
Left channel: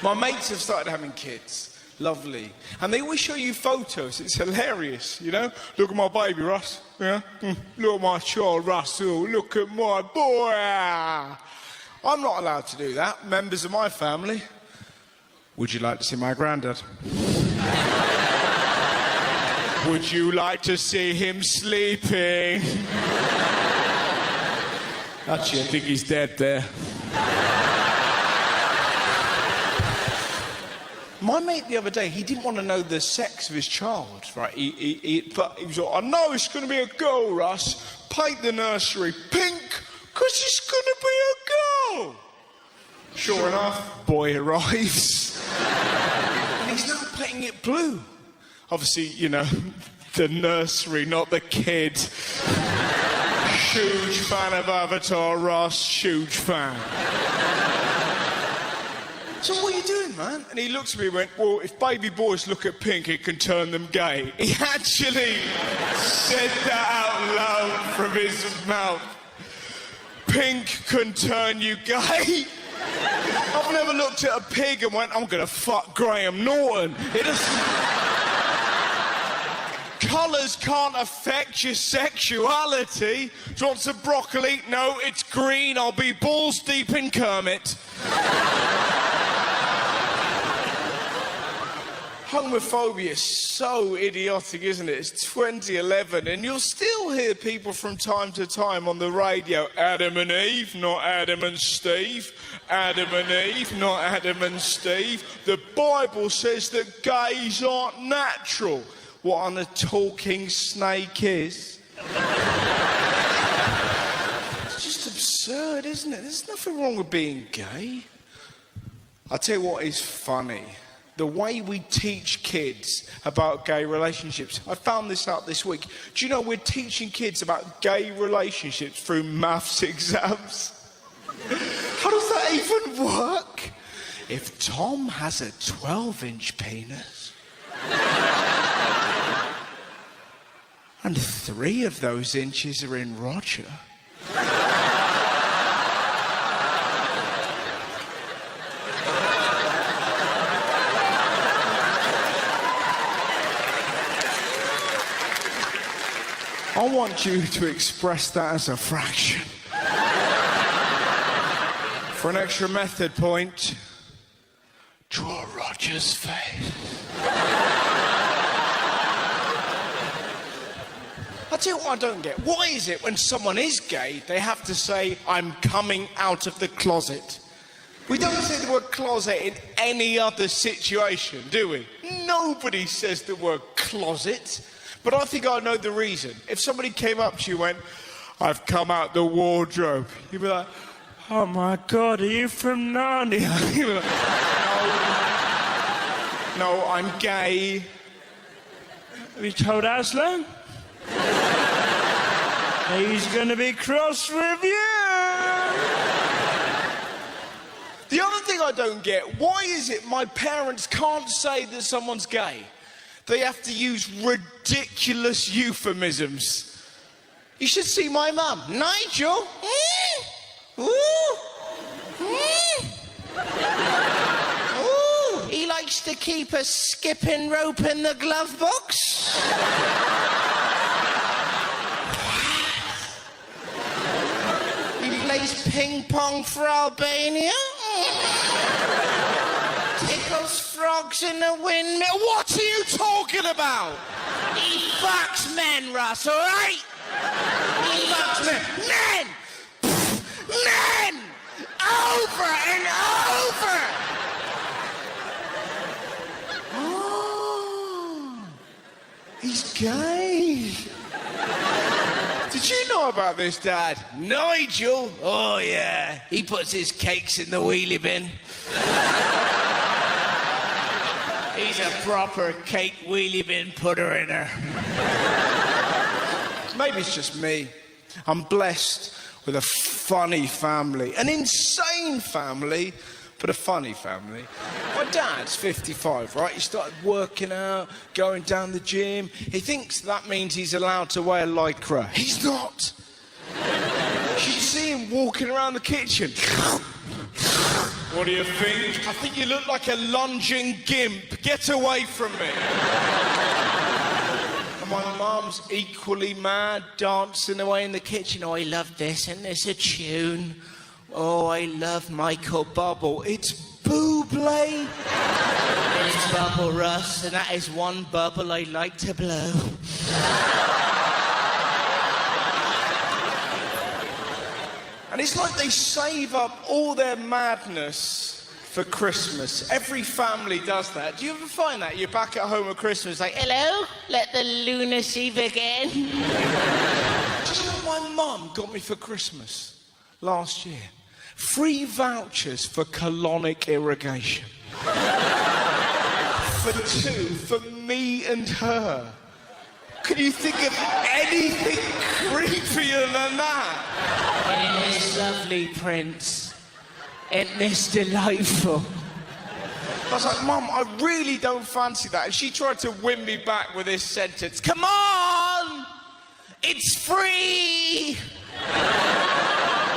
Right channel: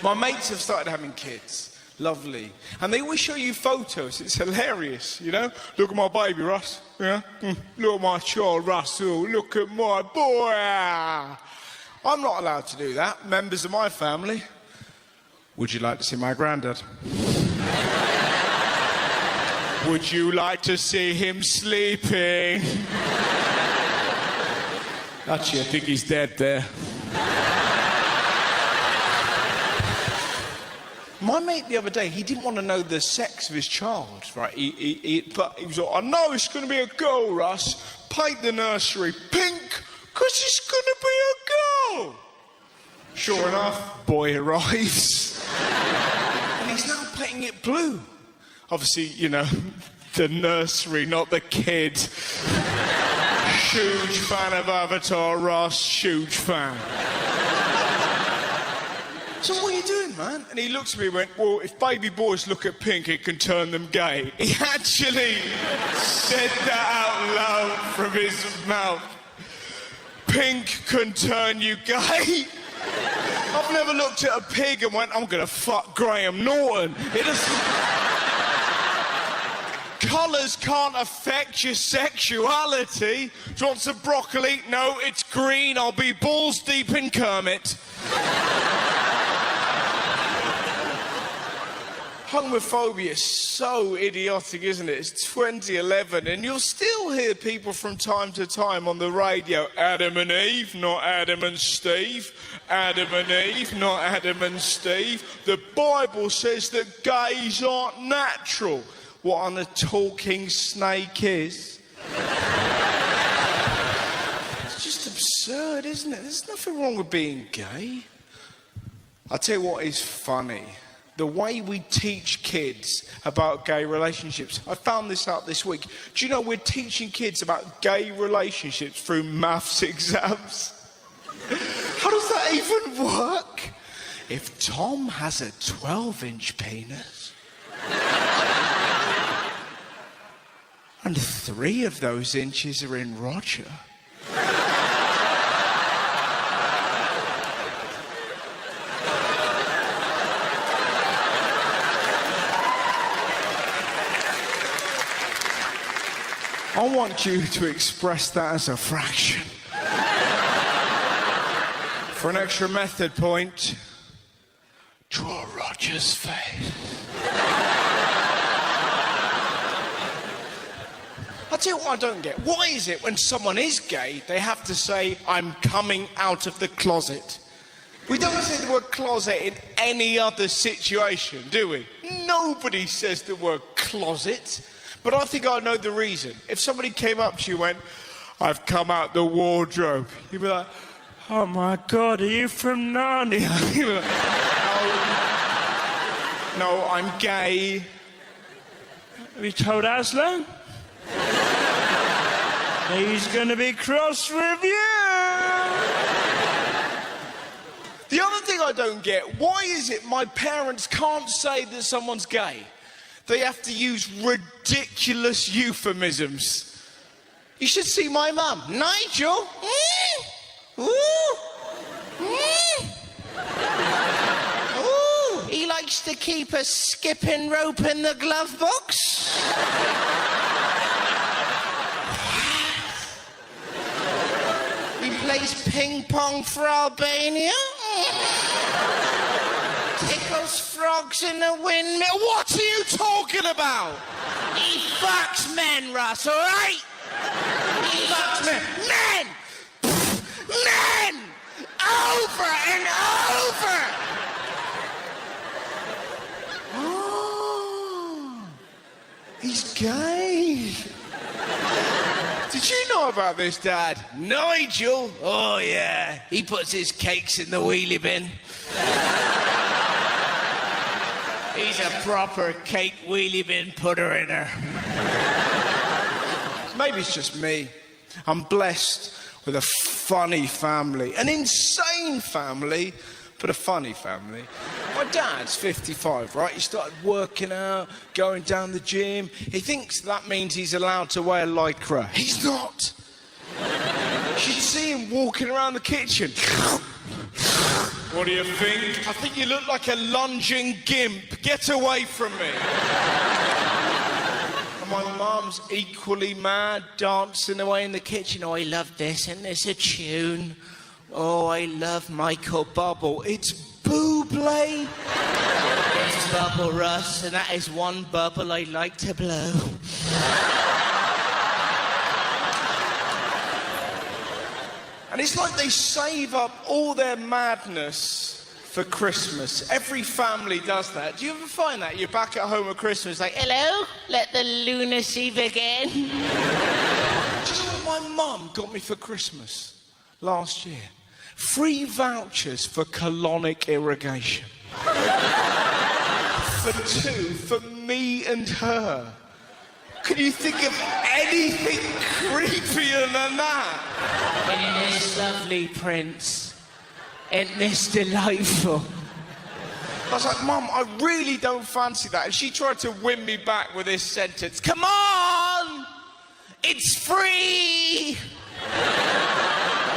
My mates have started having kids. Lovely. And they always show you photos. It's hilarious, you know? Look at my baby, Russ. Yeah? Look at my child, Russell. Look at my boy. I'm not allowed to do that. Members of my family. Would you like to see my granddad? Would you like to see him sleeping? Actually, I think he's dead there. My mate the other day, he didn't want to know the sex of his child, right? But he was like, I know it's going to be a girl, Russ. Paint the nursery pink, because it's going to be a girl. Sure enough, boy arrives. He's now painting it blue. Obviously, you know, the nursery, not the kid. Huge fan of Avatar, Russ, huge fan. So what are you doing, man? And he looked at me and went, well, if baby boys look at pink, it can turn them gay. He actually said that out loud from his mouth. Pink can turn you gay. I've never looked at a pig and went, I'm going to fuck Graham Norton. It just... Colours can't affect your sexuality. Do you want some broccoli? No, it's green. I'll be balls deep in Kermit. Homophobia is so idiotic, isn't it? It's 2011 and you'll still hear people from time to time on the radio, Adam and Eve, not Adam and Steve. Adam and Eve, not Adam and Steve. The Bible says that gays aren't natural. What on a talking snake is. It's just absurd, isn't it? There's nothing wrong with being gay. I'll tell you what is funny. The way we teach kids about gay relationships. I found this out this week. Do you know we're teaching kids about gay relationships through maths exams? How does that even work? If Tom has a 12-inch penis, and 3 of those inches are in Roger, I want you to express that as a fraction. For an extra method point, draw Roger's face. I tell you what I don't get. Why is it when someone is gay, they have to say, I'm coming out of the closet? We don't say the word closet in any other situation, do we? Nobody says the word closet. But I think I know the reason. If somebody came up to you and went, I've come out the wardrobe, you'd be like, Oh my God, are you from Narnia? You'd be like, no, I'm gay. Have you told Aslan? He's gonna be cross with you. The other thing I don't get, why is it my parents can't say that someone's gay? They have to use ridiculous euphemisms. You should see my mum. Nigel? Ooh. Ooh. He likes to keep a skipping rope in the glove box. He plays ping pong for Albania. Tickles frogs in the windmill. What are you talking about? He fucks men, Russ, all right? He fucks men. Men! Over and over! Oh, he's gay. Did you know about this, Dad? Nigel? Oh, yeah. He puts his cakes in the wheelie bin. He's a proper cake wheelie bin putter-inner. Maybe it's just me. I'm blessed with a funny family. An insane family, but a funny family. My dad's 55, right? He started working out, going down the gym. He thinks that means he's allowed to wear lycra. He's not. You should see him walking around the kitchen. What do you think? I think you look like a lunging gimp. Get away from me. My mum's equally mad, dancing away in the kitchen. Oh, I love this, and there's a tune. Oh, I love Michael Bubble. It's Bublé. It's Bubble Russ, and that is one bubble I like to blow. And it's like they save up all their madness for Christmas. Every family does that. Do you ever find that? You're back at home at Christmas, like, Hello? Let the lunacy begin. do you know what my mum got me for Christmas last year? Free vouchers for colonic irrigation. For two, for me and her. Can you think of anything creepier than that? In this lovely prince. Ain't this delightful? I was like, Mum, I really don't fancy that. And she tried to win me back with this sentence. Come on! It's free!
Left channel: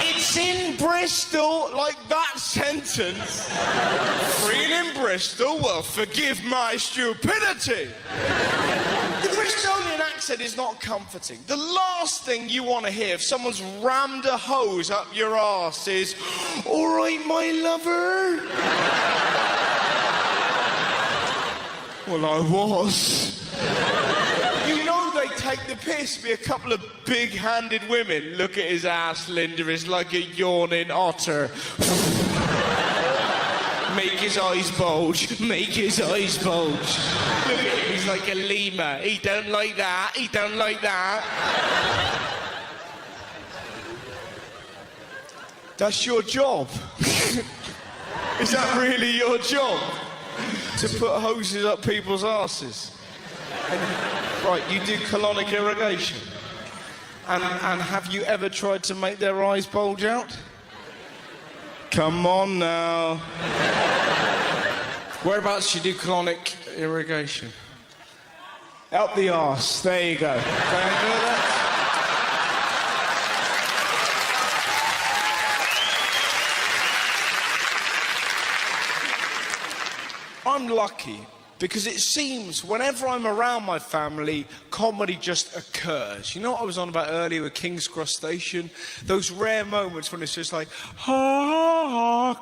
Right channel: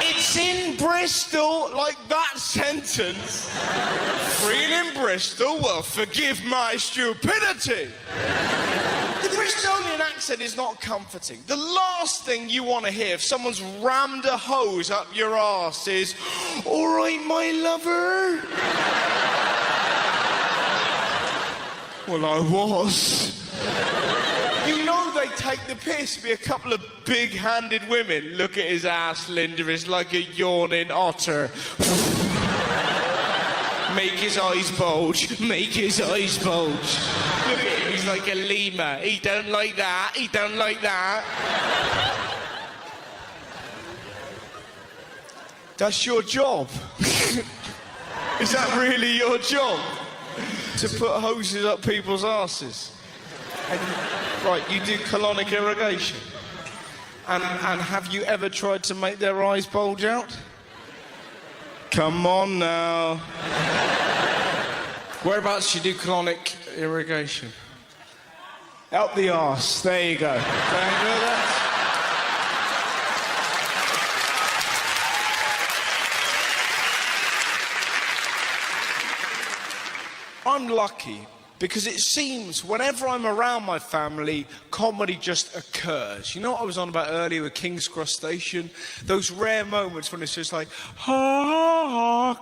It's in Bristol, like that sentence. Free in Bristol? Well, forgive my stupidity. The Bristolian accent is not comforting. The last thing you want to hear if someone's rammed a hose up your arse is, all right, my lover. Well, I was. You know they take the piss with a couple of big-handed women. Look at his ass, Linda, is like a yawning otter. Make his eyes bulge. Make his eyes bulge. Look at him, he's like a lemur. He don't like that. He don't like that. That's your job. Is that really your job? To put hoses up people's asses? Right, you do colonic irrigation. And have you ever tried to make their eyes bulge out? Come on now. Whereabouts you do colonic irrigation? Out the arse. There you go. I'm lucky because it seems whenever I'm around my family, comedy just occurs. You know what I was on about earlier with King's Cross Station? Those rare moments when it's just like,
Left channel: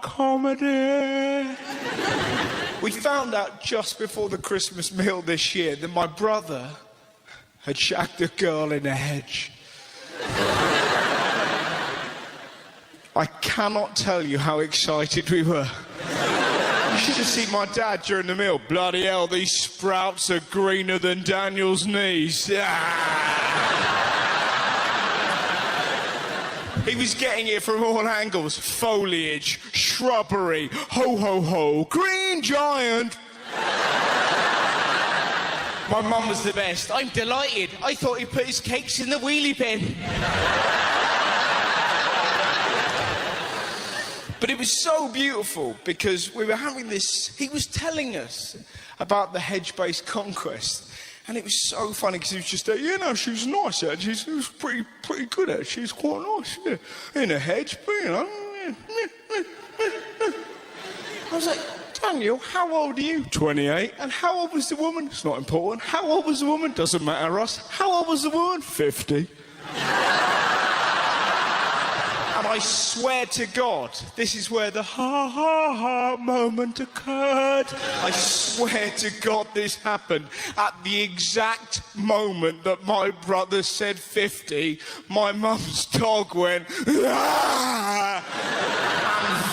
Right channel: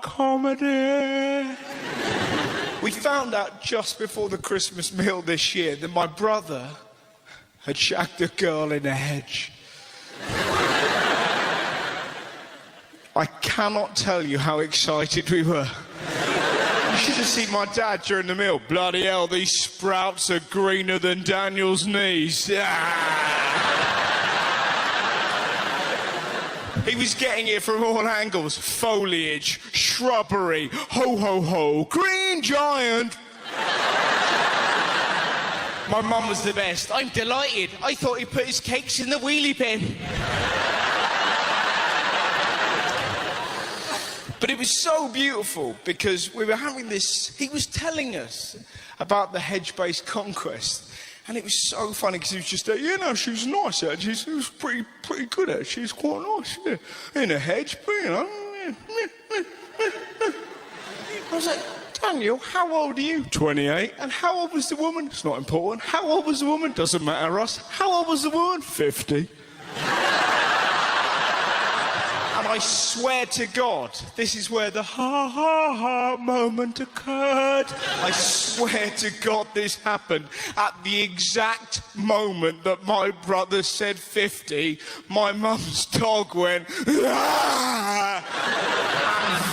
comedy. We found out just before the Christmas meal this year that my brother had shagged a girl in a hedge. I cannot tell you how excited we were. You should have seen my dad during the meal. Bloody hell, these sprouts are greener than Daniel's knees. He was getting it from all angles. Foliage, shrubbery, ho ho ho, green giant. My mum was the best. I'm delighted. I thought he put his cakes in the wheelie bin. But it was so beautiful because we were having this, he was telling us about the hedge-based conquest. And it was so funny because he was just, you know, she's nice actually. She was pretty good actually. She's quite nice. Yeah. In a hedge, but you know. I was like, Daniel, how old are you? 28. And how old was the woman? It's not important. How old was the woman? Doesn't matter, Ross. How old was the woman? 50. And I swear to God, this is where the ha moment occurred. I swear to God this happened. At the exact moment that my brother said 50, my mum's dog went, and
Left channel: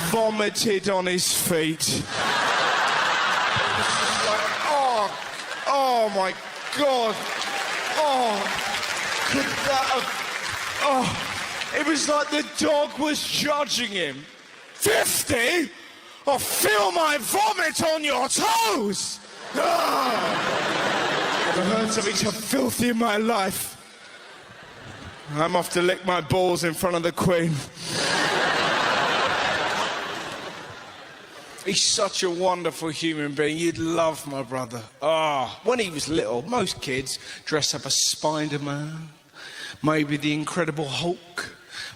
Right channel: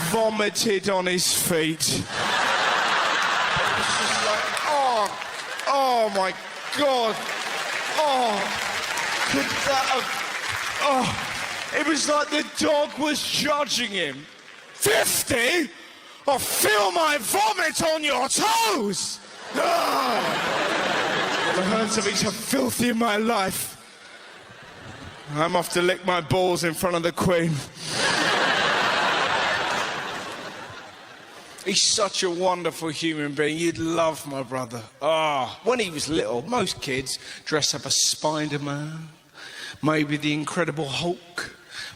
vomited on his feet. Oh my God. It was like the dog was judging him. 50? I'll feel my vomit on your toes! The words of each are filthy in my life. I'm off to lick my balls in front of the Queen. He's such a wonderful human being. You'd love my brother. When he was little, most kids dress up as Spider-Man, maybe the Incredible Hulk.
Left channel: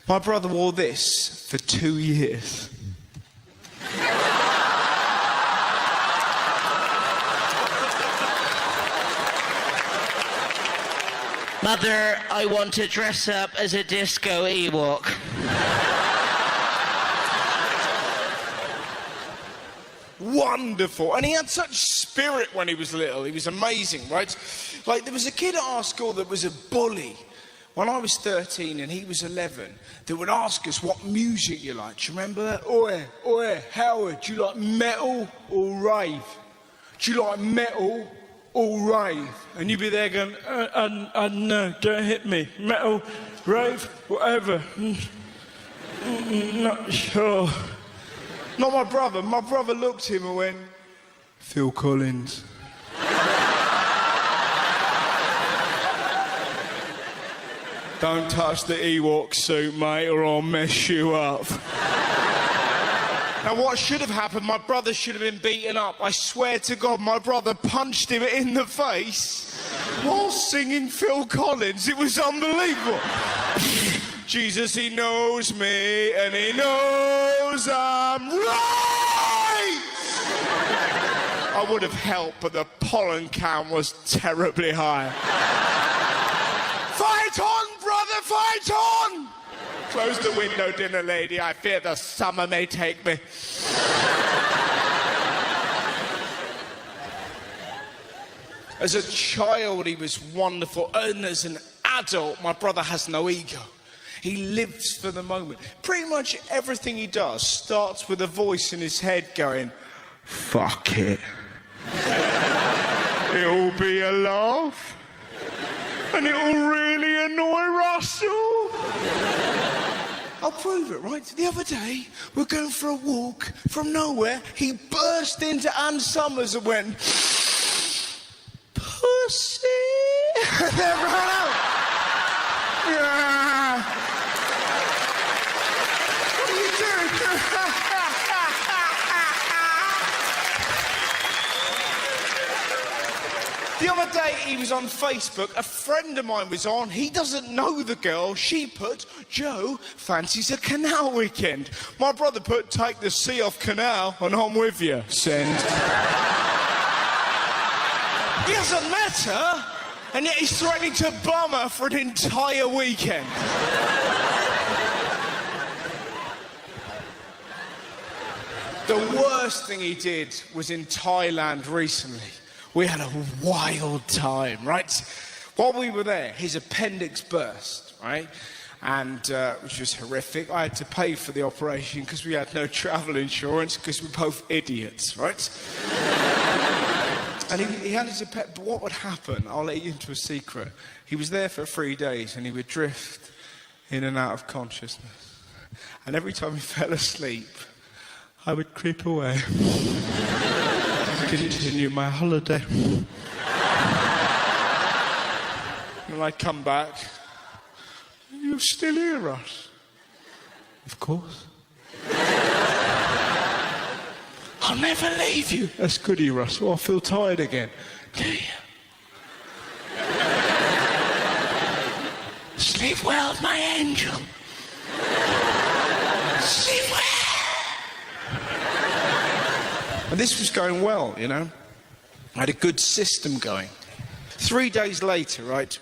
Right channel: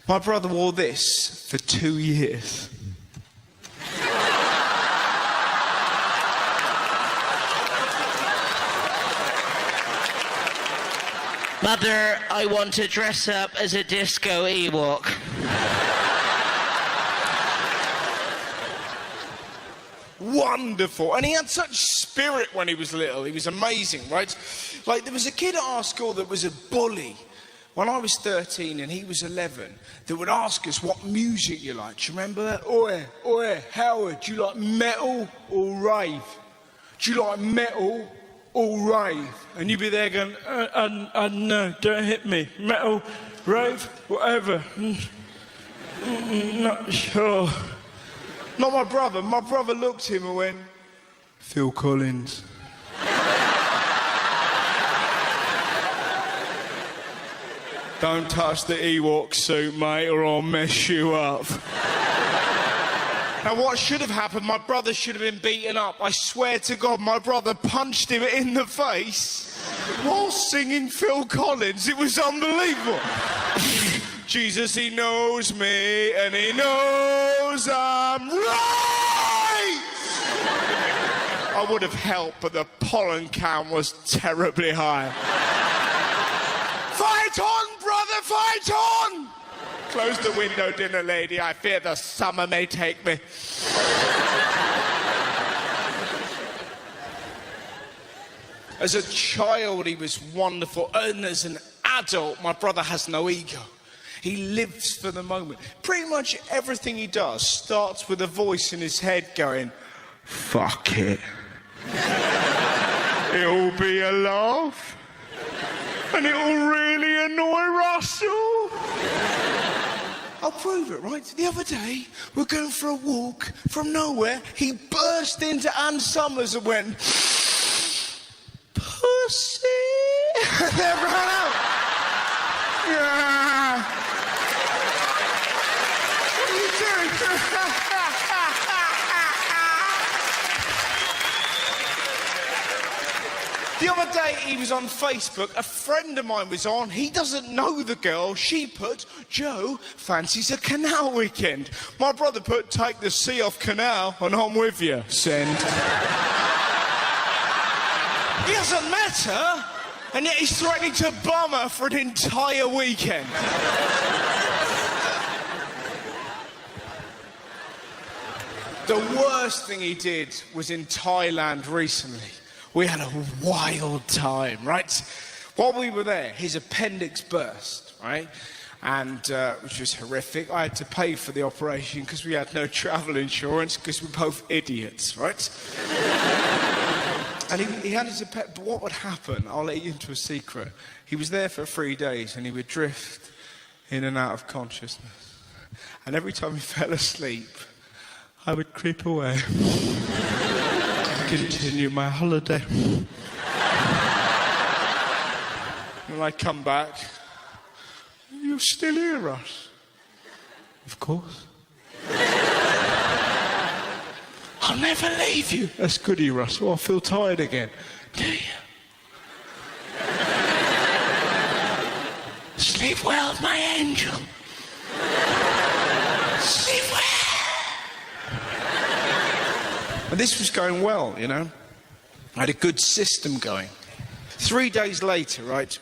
My brother wore this for 2 years. Mother, I want to dress up as a disco Ewok. Wonderful. And he had such spirit when he was little. He was amazing, right? Like, there was a kid at our school that was a bully. When I was 13 and he was 11, they would ask us what music you like. Do you remember that? Oi, Howard, do you like metal or rave? Do you like metal or rave? And you'd be there going, no, don't hit me. Metal, rave, whatever. Not sure. Not my brother. My brother looked at him and went, Phil Collins. Don't touch the Ewok suit, mate, or I'll mess you up. Now, what should have happened, my brother should have been beaten up. I swear to God, my brother punched him in the face while singing Phil Collins. It was unbelievable. Jesus, he knows me, and he knows I'm right. I would have helped, but the pollen count was terribly high. Fight on, brother, fight on! Close the window, dinner lady. I fear the summer may take me. As a child, he was wonderful. And as an adult, my brother has no ego. He lives for the moment. Pretty much everything he does starts with a voice in his head going, fuck it. It'll be a laugh. And it'll really annoy Russell. I'll prove it, right? The other day, we're going for a walk from nowhere. He burst into Ann Summers and went, pussy. And then ran out. The other day he was on Facebook, a friend of mine was on, he doesn't know the girl, she put, Joe fancies a canal weekend. My brother put, take the sea off canal and I'm with you, send. He hasn't met her, and yet he's threatening to bum her for an entire weekend. The worst thing he did was in Thailand recently. We had a wild time, right? While we were there, his appendix burst, right? And which was horrific. I had to pay for the operation because we had no travel insurance because we're both idiots, right? And he had his appendix. But what would happen? I'll let you into a secret. He was there for 3 days and he would drift in and out of consciousness. And every time he fell asleep, I would creep away and continue my holiday. And I come back. You're still here, Ross? Of course. I'll never leave you. That's goody, Ross. Well, I feel tired again. Do you? Sleep well, my angel. Sleep well. But this was going well, you know. I had a good system going. 3 days later, right,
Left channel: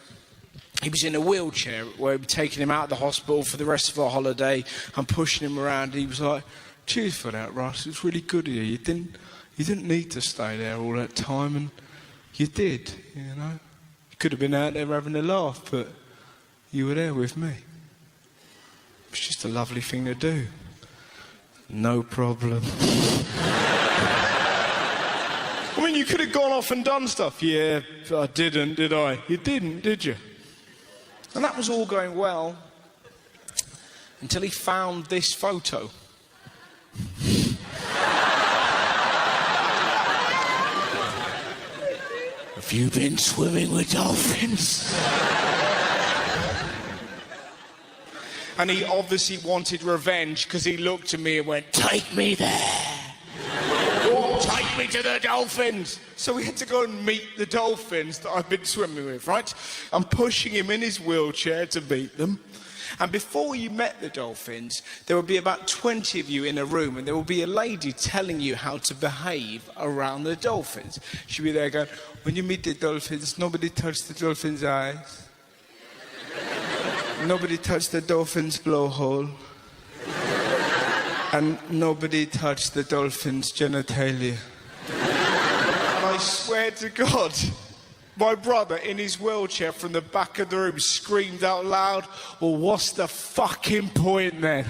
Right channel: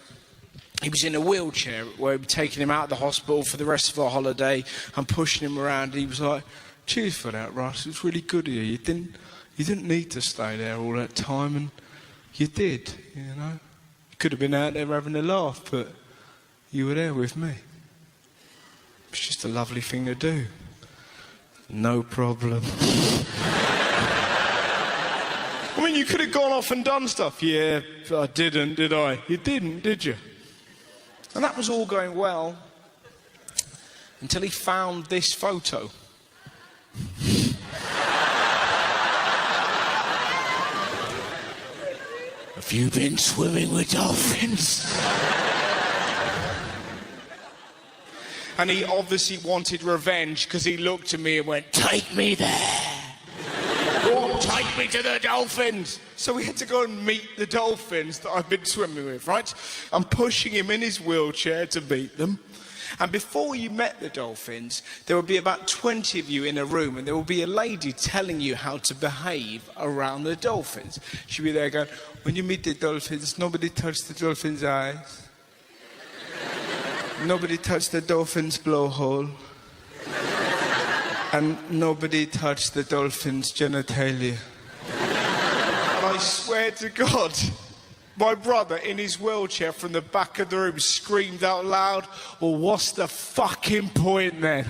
he was in a wheelchair where we were taking him out of the hospital for the rest of our holiday and pushing him around. He was like, cheers for that, Russ. It was really good of you. You didn't need to stay there all that time, and you did, you know. You could have been out there having a laugh, but you were there with me. It's just a lovely thing to do. No problem. I mean, you could have gone off and done stuff. Yeah, I didn't, did I? You didn't, did you? And that was all going well until he found this photo. Have you been swimming with dolphins? And he obviously wanted revenge because he looked at me and went, take me there. Take me to the dolphins. So we had to go and meet the dolphins that I've been swimming with, right? I'm pushing him in his wheelchair to meet them. And before you met the dolphins, there would be about 20 of you in a room, and there would be a lady telling you how to behave around the dolphins. She'd be there going, when you meet the dolphins, nobody touch the dolphin's eyes. Nobody touch the dolphin's blowhole. And nobody touched the dolphin's genitalia. And I swear to God, my brother in his wheelchair from the back of the room screamed out loud, well, what's the fucking point then?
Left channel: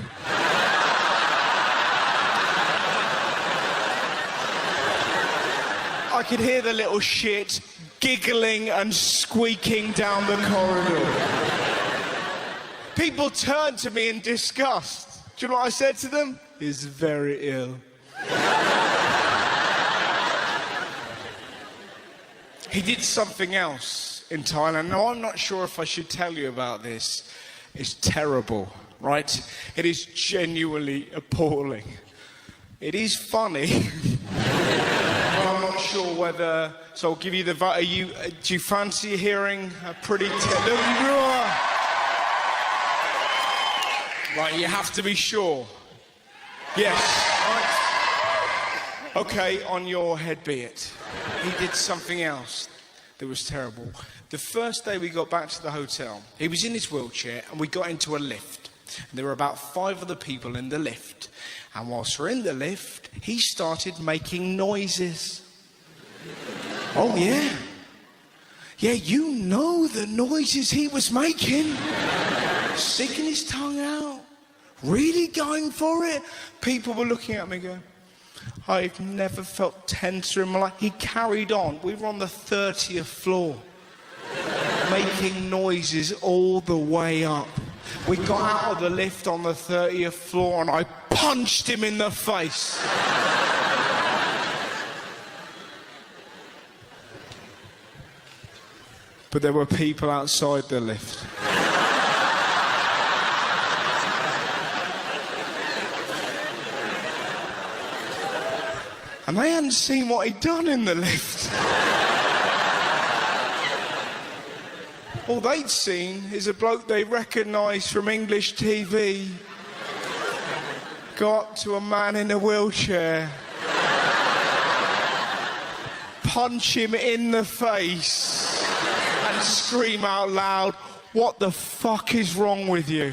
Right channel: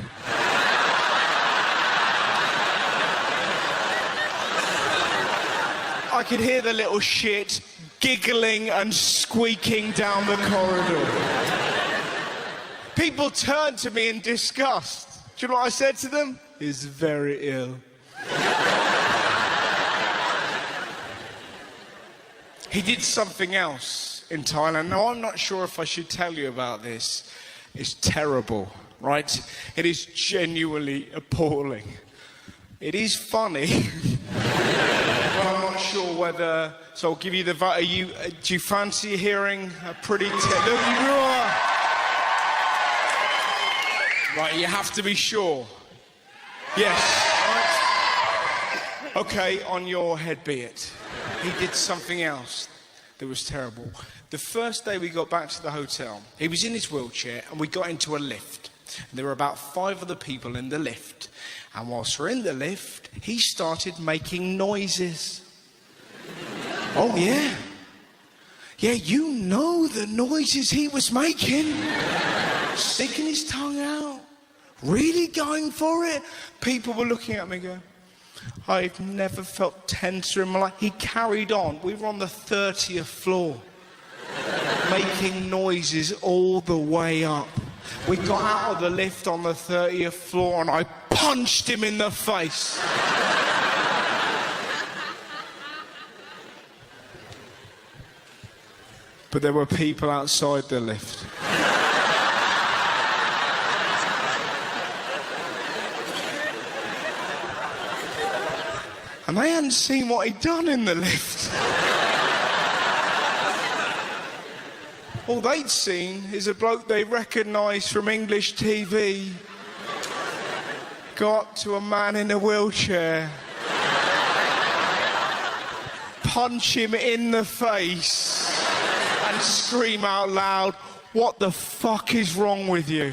I could hear the little shit giggling and squeaking down the corridor. People turned to me in disgust. Do you know what I said to them? He's very ill. He did something else in Thailand. Now, I'm not sure if I should tell you about this. It's terrible, right? It is genuinely appalling. It is funny. I'm not sure whether... So I'll give you the... do you fancy hearing a pretty... Right, you have to be sure. Yes. Okay, on your head be it. He did something else that was terrible. The first day we got back to the hotel, he was in his wheelchair and we got into a lift. There were about 5 other people in the lift. And whilst we're in the lift, he started making noises. Oh, yeah? Yeah, you know the noises he was making. Sticking his tongue out. Really going for it. People were looking at me going, I've never felt tenser in my life. He carried on. We were on the 30th floor. Making noises all the way up. We got out of the lift on the 30th floor and I punched him in the face. But there were people outside the lift. And they hadn't seen what he'd done in the lift. All they'd seen is a bloke they recognised from English TV go up to a man in a wheelchair, punch him in the face, and scream out loud, "What the fuck is wrong with you?"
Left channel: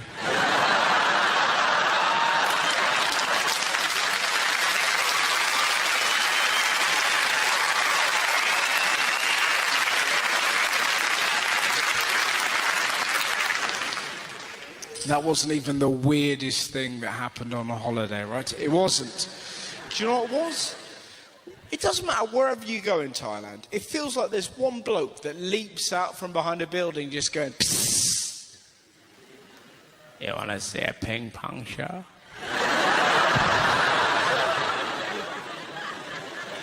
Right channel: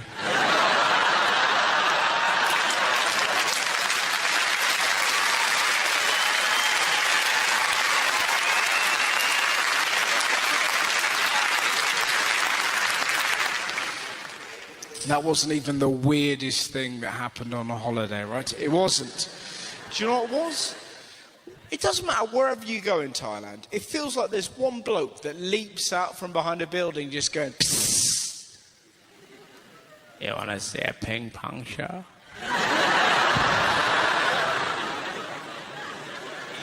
that wasn't even the weirdest thing that happened on a holiday, right? It wasn't. Do you know what it was? It doesn't matter wherever you go in Thailand. It feels like there's one bloke that leaps out from behind a building just going, psst. You want to see a ping pong show?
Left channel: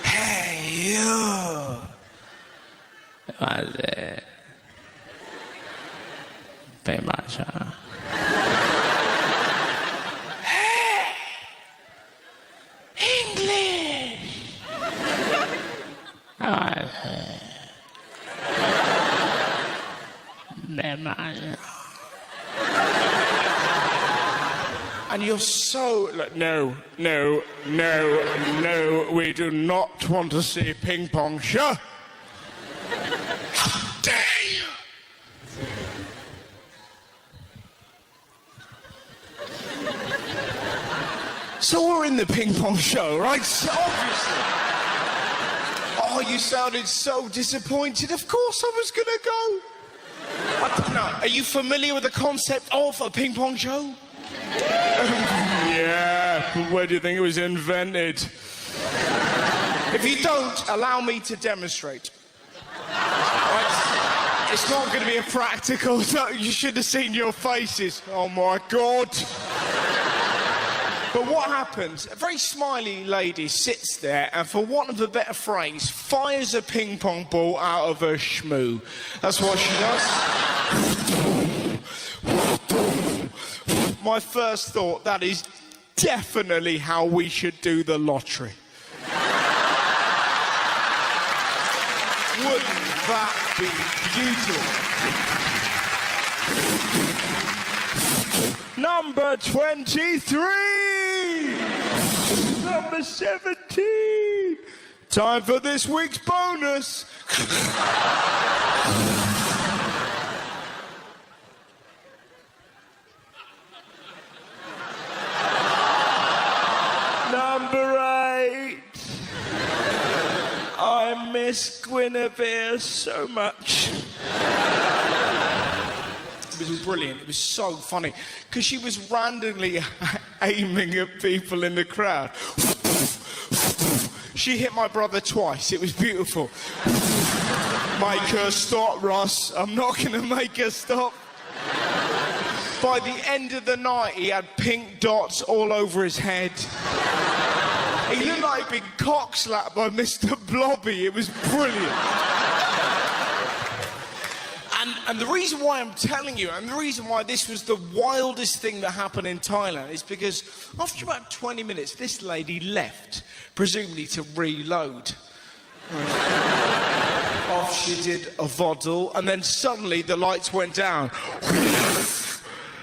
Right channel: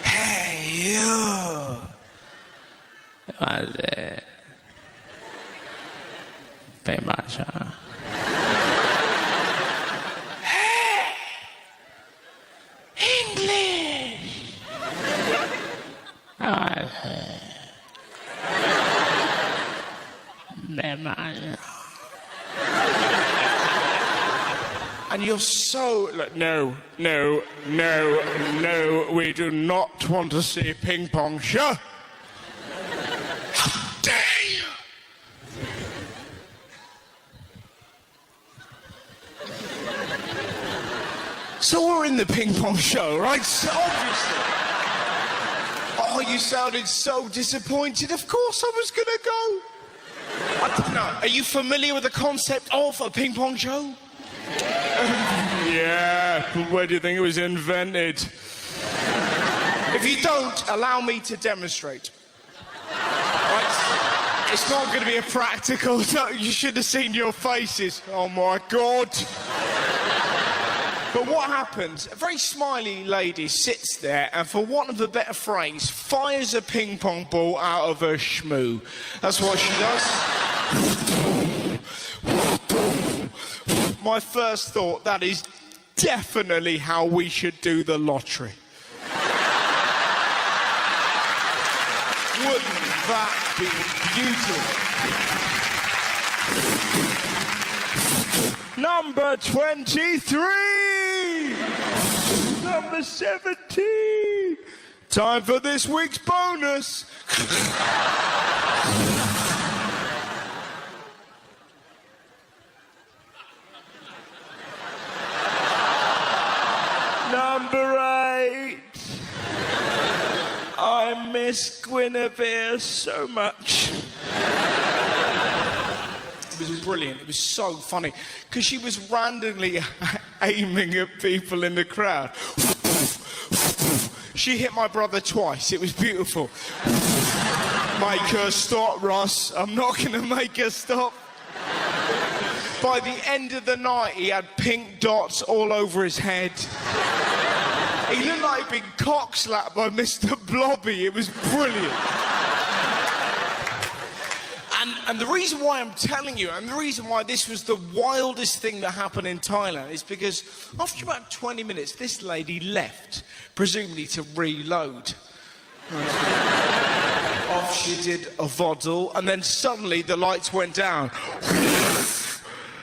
Hey, you. Was it? Ping pong show. English. And you're so... Look, no, we do not want to see a ping pong show. How dare you? So we're in the ping pong show, right? So obviously. Oh, you sounded so disappointed. Of course I was going to go. I don't know. Are you familiar with the concept of a ping pong show? Yeah, but where do you think it was invented? If you don't, allow me to demonstrate. Right? It's not going to be a practical... You should have seen your faces. Oh, my God. But what happens? A very smiley lady sits there and, for want of a better phrase, fires a ping pong ball out of her shmoo. That's what she does. My first thought, that is definitely how we should do the lottery. Wouldn't that be beautiful? Number 23! Number 17! Time for this week's bonus. Number 8! I miss Guinevere so much. It was brilliant. It was so funny because she was randomly aiming at people in the crowd. She hit my brother twice. It was beautiful. Make her stop, Ross. I'm not going to make her stop. By the end of the night, he had pink dots all over his head. He looked like being cock-slapped by Mr. Blobby. It was brilliant. And the reason why I'm telling you, and the reason why this was the wildest thing that happened in Thailand is because after about 20 minutes, this lady left, presumably to reload. Off she did a vaudeville, and then suddenly the lights went down.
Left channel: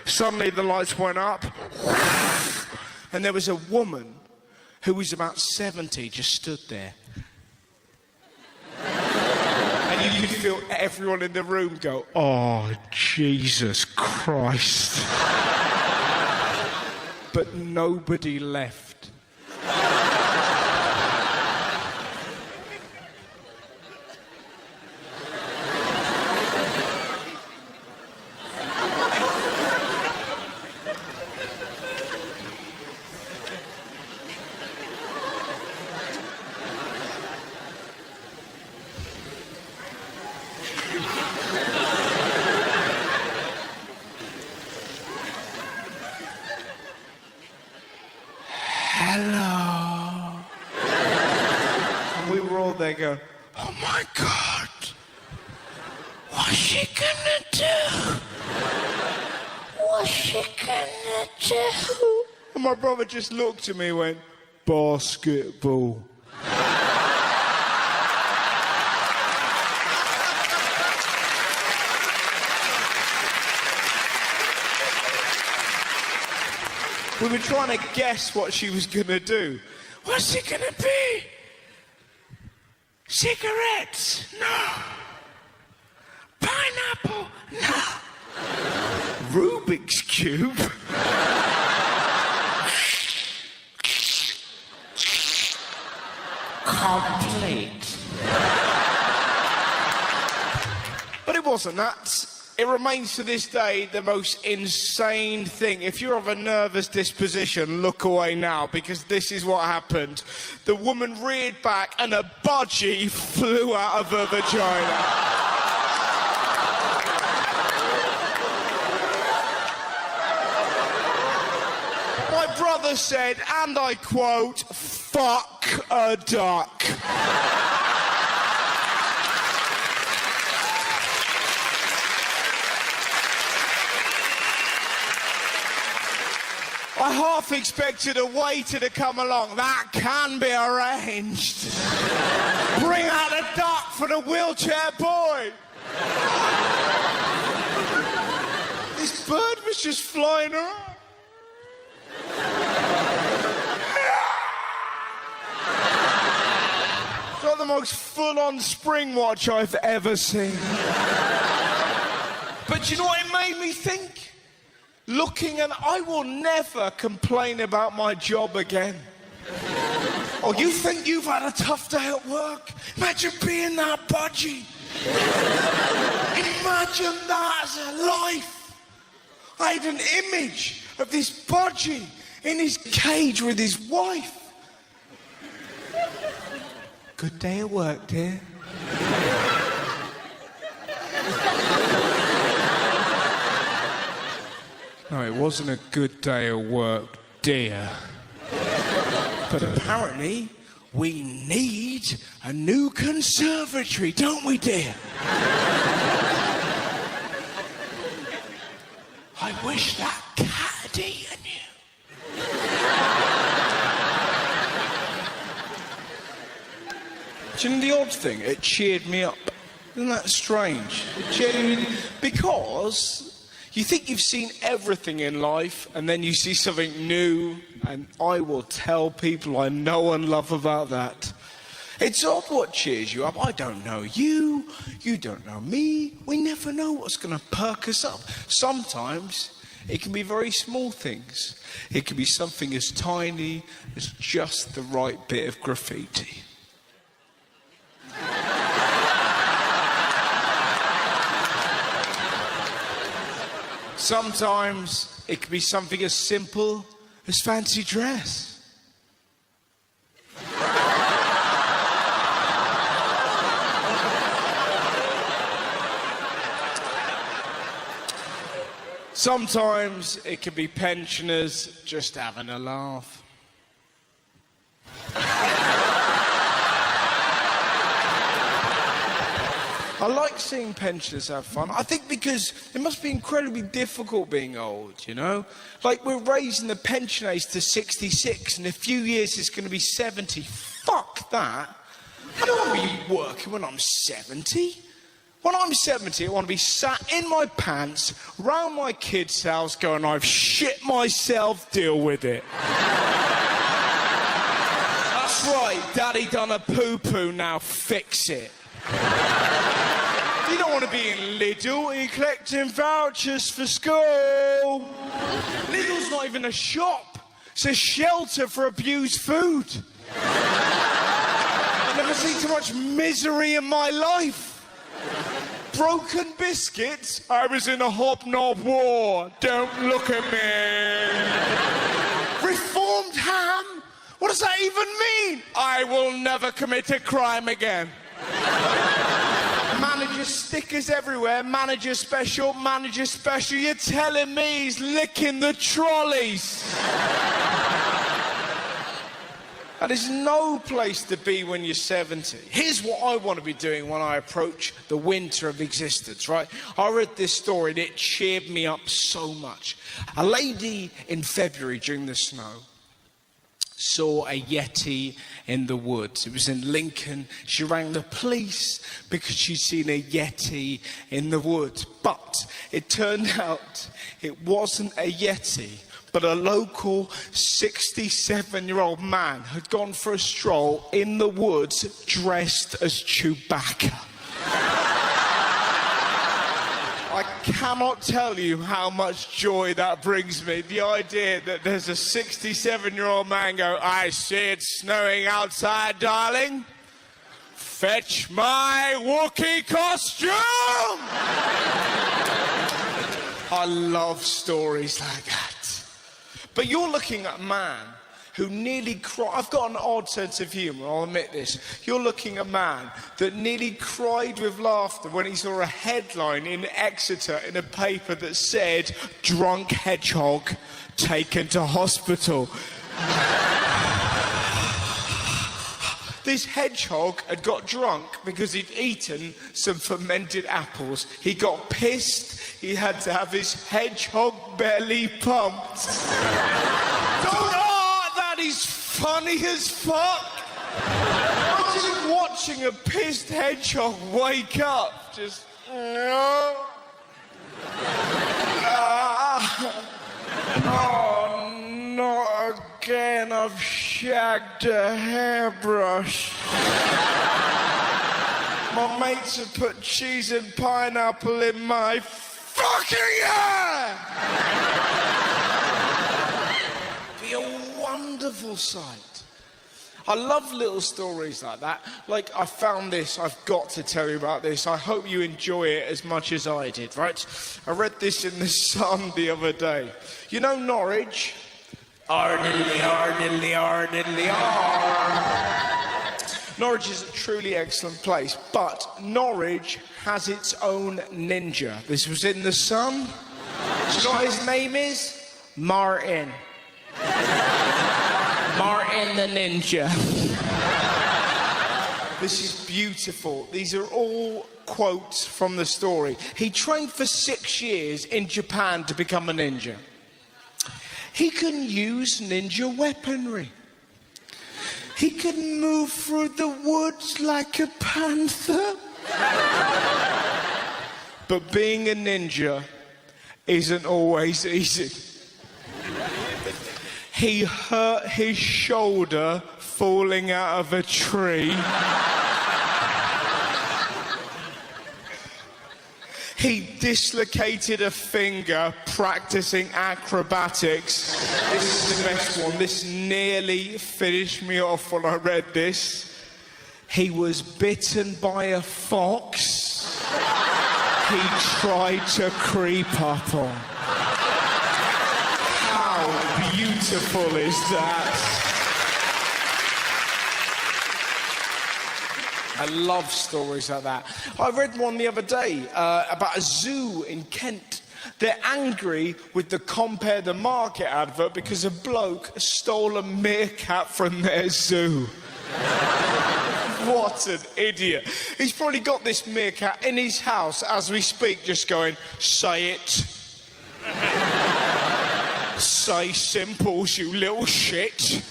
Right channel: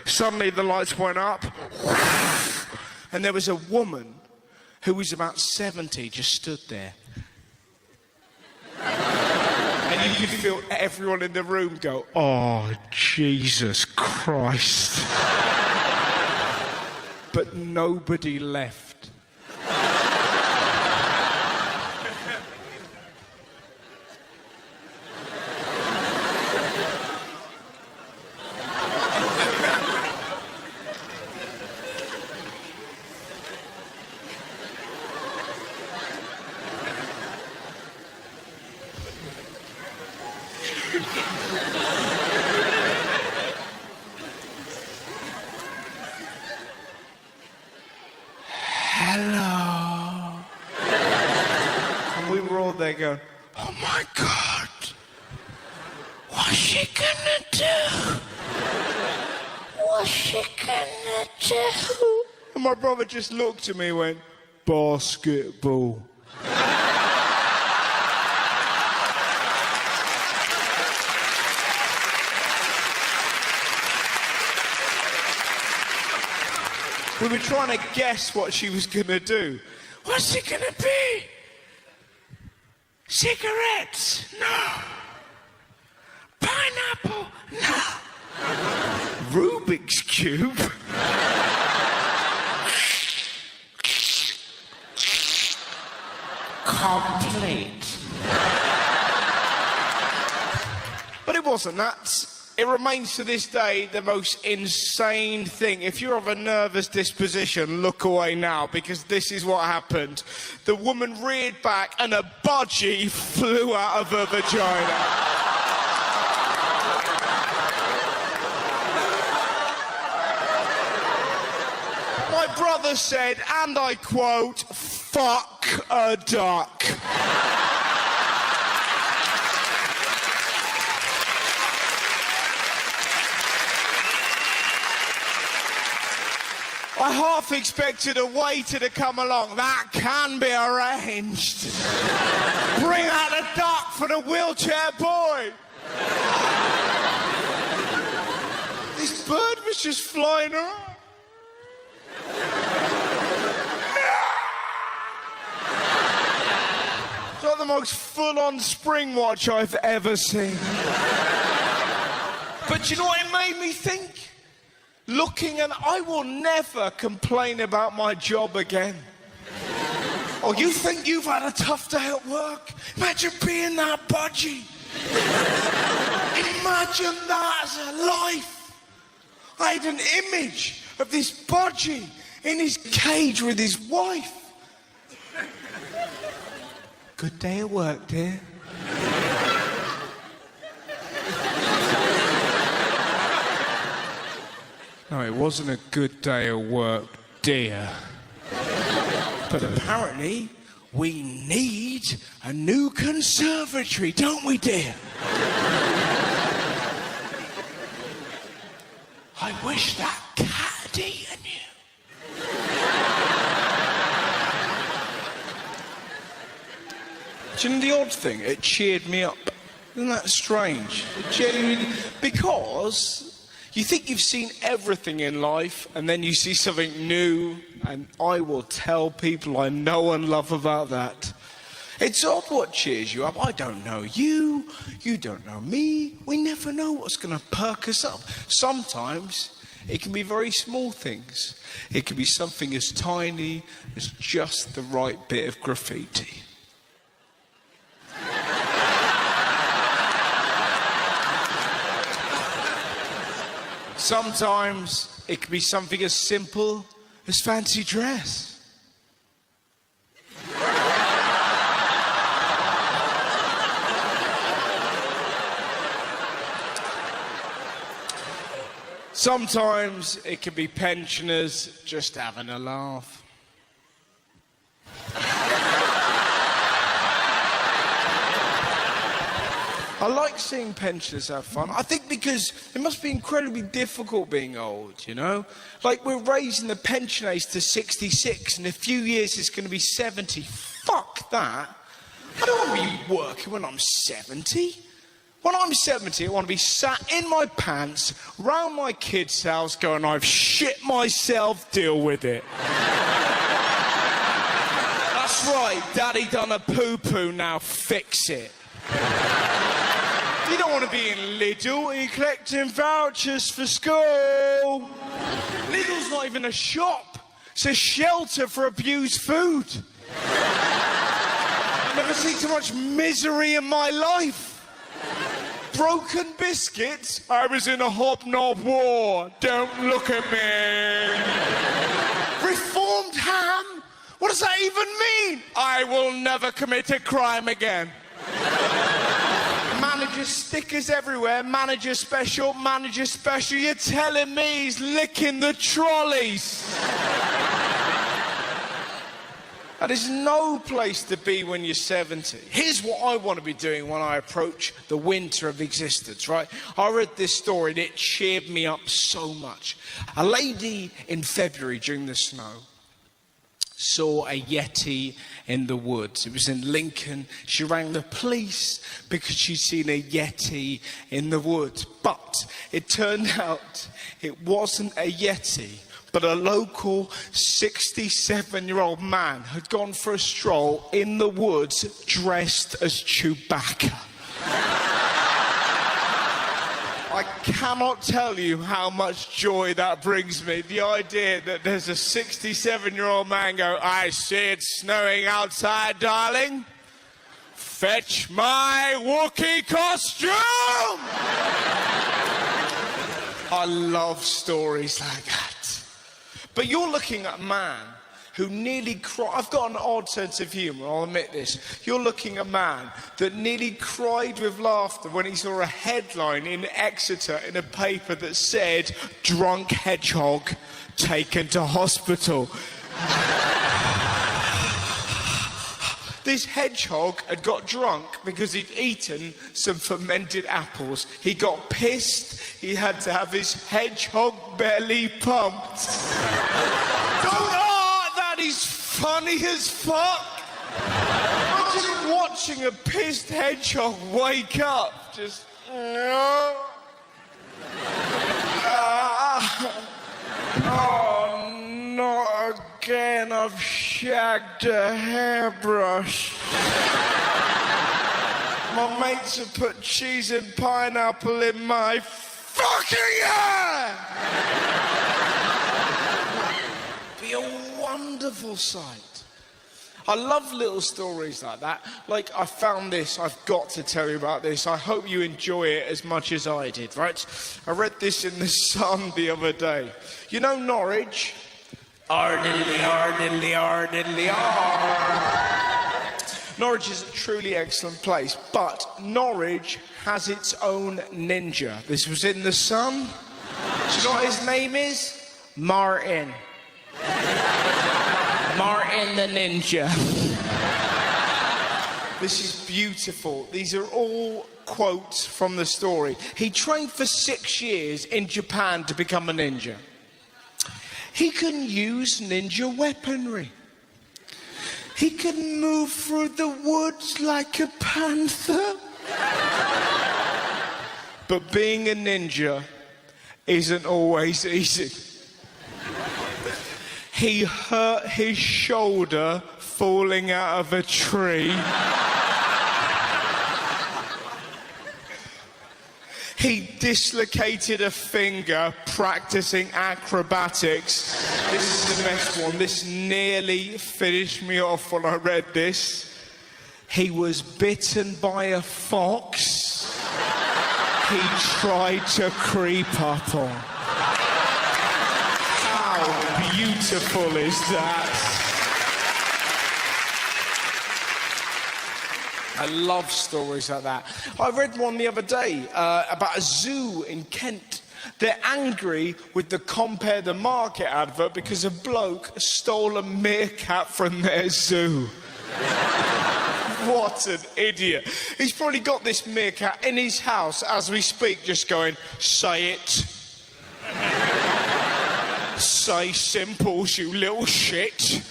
Suddenly the lights went up. And there was a woman who was about 70 just stood there. And you could feel everyone in the room go, oh, Jesus Christ. But nobody left. Hello. And we were all there going, oh my God. What's she gonna do? What's she gonna do? And my brother just looked at me and went, basketball. We were trying to guess what she was going to do. What's it going to be? Cigarettes? No. Pineapple? No. Rubik's Cube? Complete. But it wasn't that. It remains to this day the most insane thing. If you're of a nervous disposition, look away now, because this is what happened. The woman reared back and a budgie flew out of her vagina. My brother said, and I quote, "Fuck a duck." I half expected a waiter to come along. That can be arranged. Bring out a duck for the wheelchair boy. This bird was just flying around. It's the most full-on spring watch I've ever seen. But you know what it made me think? Looking, and I will never complain about my job again. Oh, you think you've had a tough day at work? Imagine being that budgie. Imagine that as a life. I had an image of this budgie in his cage with his wife. Good day at work, dear. No, it wasn't a good day at work, dear. But apparently, we need a new conservatory, don't we, dear? I wish that cat had eaten you. Do you know the odd thing? It cheered me up. Isn't that strange? It genuinely... Because... You think you've seen everything in life, and then you see something new, and I will tell people I know and love about that. It's all what cheers you up. I don't know you, you don't know me. We never know what's going to perk us up. Sometimes it can be very small things. It can be something as tiny as just the right bit of graffiti. Sometimes it can be something as simple as fancy dress. Sometimes it can be pensioners just having a laugh. I like seeing pensioners have fun. I think because it must be incredibly difficult being old, you know? Like, we're raising the pension age to 66, and in a few years it's going to be 70. Fuck that. I don't want to be working when I'm 70. When I'm 70, I want to be sat in my pants, round my kid's house, going, I've shit myself, deal with it. That's right, Daddy done a poo-poo, now fix it. You don't want to be in Lidl, you're collecting vouchers for school. Lidl's not even a shop, it's a shelter for abused food. I've never seen so much misery in my life. Broken biscuits, I was in a hobnob war, don't look at me. Reformed ham, what does that even mean? I will never commit a crime again. Manager stickers everywhere, manager special, you're telling me he's licking the trolleys. And there's no place to be when you're 70. Here's what I want to be doing when I approach the winter of existence, right? I read this story and it cheered me up so much. A lady in February during the snow saw a Yeti in the woods. It was in Lincoln. She rang the police because she'd seen a Yeti in the woods. But it turned out it wasn't a Yeti, but a local 67-year-old man had gone for a stroll in the woods dressed as Chewbacca. I cannot tell you how much joy that brings me. The idea that there's a 67-year-old man go, I see it snowing outside, darling. Fetch my Wookiee costume! I love stories like that. But you're looking at a man who nearly cried. I've got an odd sense of humour, I'll admit this. You're looking at a man that nearly cried with laughter when he saw a headline in Exeter in a paper that said, "Drunk hedgehog taken to hospital." This hedgehog had got drunk because he'd eaten some fermented apples. He got pissed. He had to have his hedgehog belly pumped. That is funny as fuck. I'm just watching a pissed hedgehog wake up. Just no. Oh, not again. I've shagged a hairbrush. My mates have put cheese and pineapple in my fucking hair! Be a wonderful sight. I love little stories like that. Like, I found this, I've got to tell you about this. I hope you enjoy it as much as I did, right? I read this in The Sun the other day. You know Norwich? Ardidly. Norwich is a truly excellent place, but Norwich has its own ninja. This was in The Sun. Do you know what his name is? Martin. Martin the Ninja. This is beautiful. These are all quotes from the story. He trained for 6 years in Japan to become a ninja. He can use ninja weaponry. He can move through the woods like a panther. But being a ninja isn't always easy. He hurt his shoulder falling out of a tree. He dislocated a finger practicing acrobatics. This is the best one. This nearly finished me off when I read this. He was bitten by a fox. He tried to creep up on. How beautiful is that? I love stories like that. I read one the other day about a zoo in Kent. They're angry with the Compare the Market advert because a bloke stole a meerkat from their zoo. What an idiot. He's probably got this meerkat in his house as we speak, just going, say it. Say simples, you little shit.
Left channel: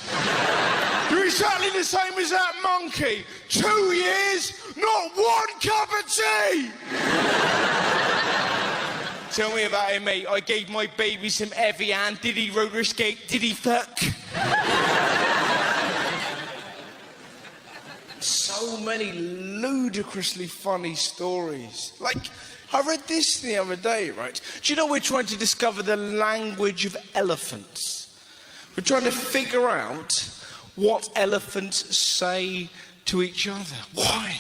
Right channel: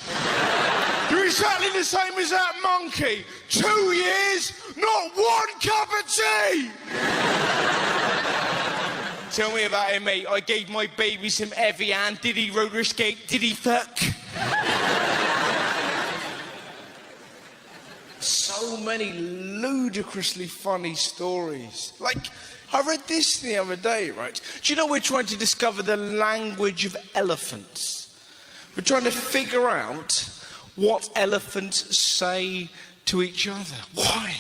You're exactly the same as that monkey. 2 years, not one cup of tea. Tell me about him, mate. I gave my baby some Evian. Did he roller skate? Did he fuck? So many ludicrously funny stories. Like, I read this the other day, right? Do you know we're trying to discover the language of elephants? We're trying to figure out what elephants say to each other. Why?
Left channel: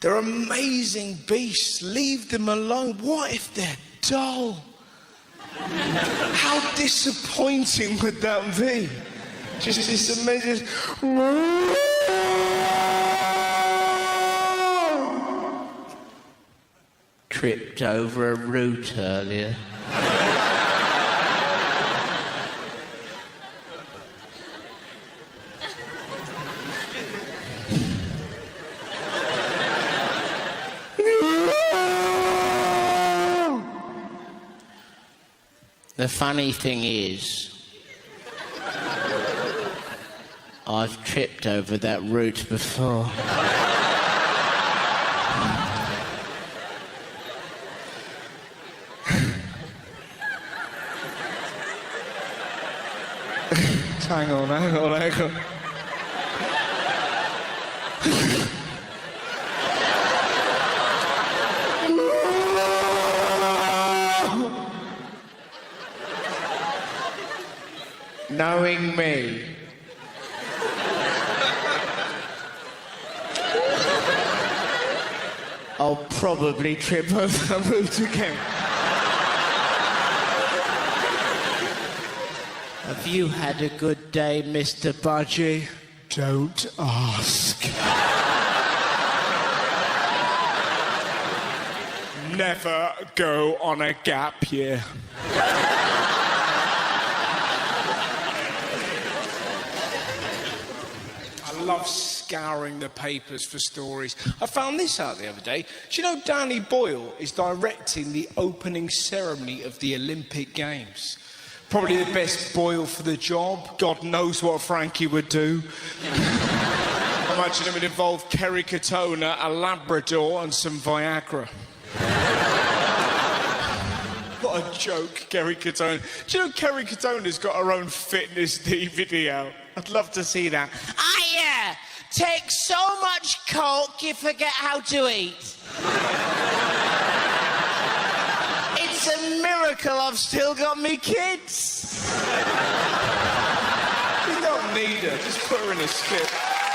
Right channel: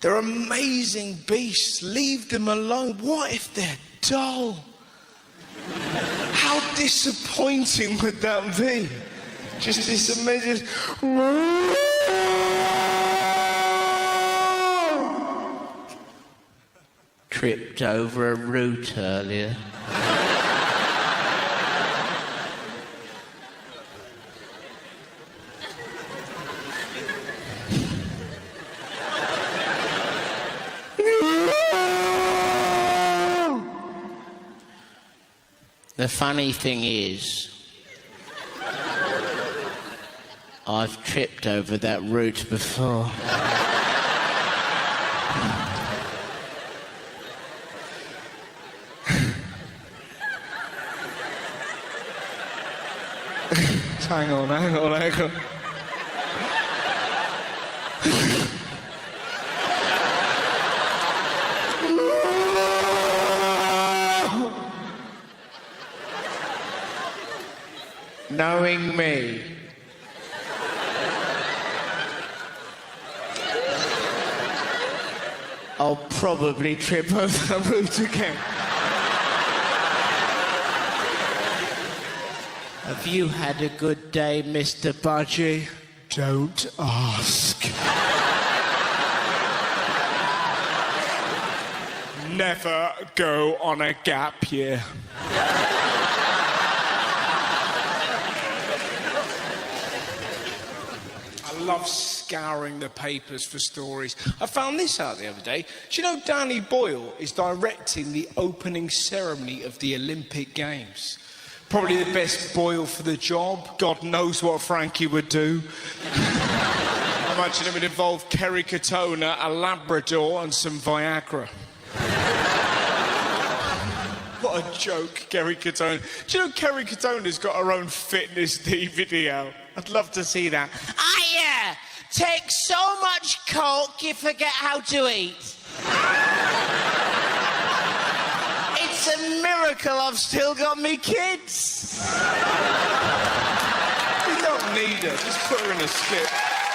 They're amazing beasts. Leave them alone. What if they're dull? How disappointing would that be? Just this amazing... Tripped over a root earlier. The funny thing is, I've tripped over that root before. Hang on. Knowing me. I'll probably trip over the route again. Have you had a good day, Mr. Budgie? Don't ask. Never go on a gap year. I love scouring the papers for stories. I found this out the other day. Do you know Danny Boyle is directing the opening ceremony of the Olympic Games? Probably the best Boyle for the job. God knows what Frankie would do. Imagine it would involve Kerry Katona, a Labrador, and some Viagra. What a joke, Kerry Katona. Do you know Kerry Katona's got her own fitness DVD out? I'd love to see that. Take so much coke you forget how to eat. It's a miracle I've still got me kids. You don't need her, just put her in a skip.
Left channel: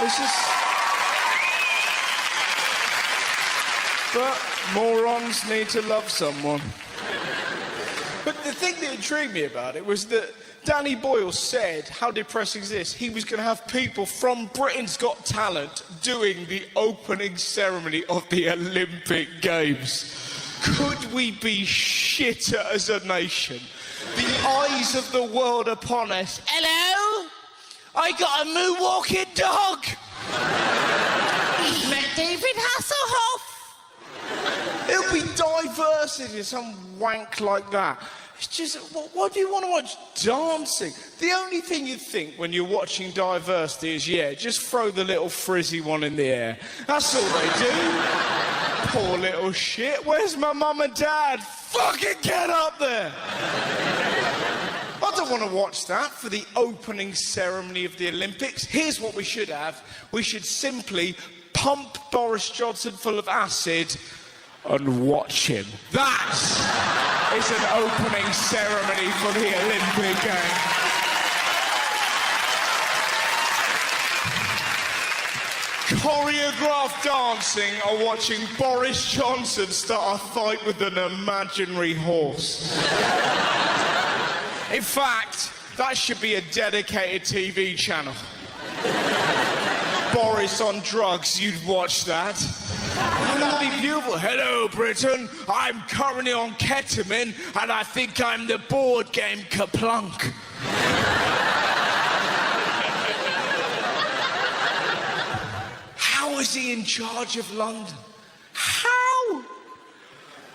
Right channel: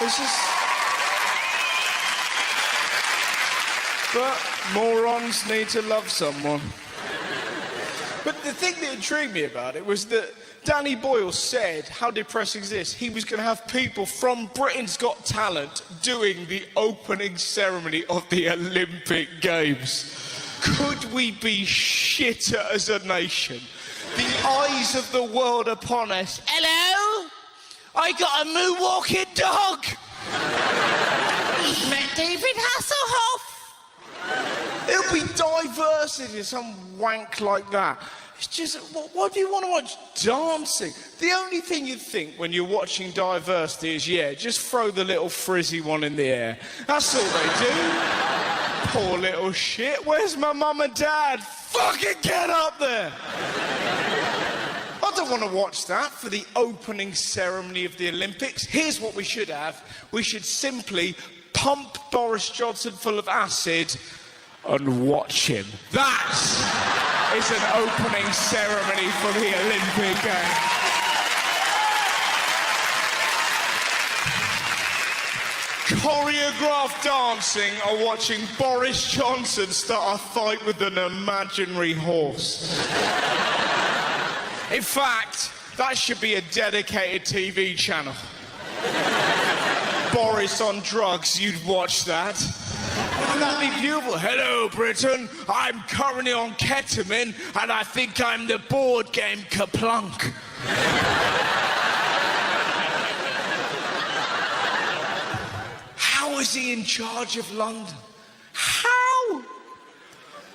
It's just... But morons need to love someone. But the thing that intrigued me about it was that Danny Boyle said, how depressing is this? He was going to have people from Britain's Got Talent doing the opening ceremony of the Olympic Games. Could we be shitter as a nation? The eyes of the world upon us. Hello? I got a moo-walking dog. Met David Hasselhoff. There'll be diversity in some wank like that. It's just, what do you want to watch? Dancing. The only thing you think when you're watching diversity is, yeah, just throw the little frizzy one in the air. That's all they do. Poor little shit. Where's my mum and dad? Fucking get up there. I don't want to watch that for the opening ceremony of the Olympics. Here's what we should have. We should simply pump Boris Johnson full of acid and watch him. That is an opening ceremony for the Olympic Games. Choreographed dancing or watching Boris Johnson start a fight with an imaginary horse. In fact, that should be a dedicated TV channel. Boris on drugs, you'd watch that. Wouldn't that be beautiful? Hello, Britain. I'm currently on ketamine, and I think I'm the board game Kaplunk. How is he in charge of London? How?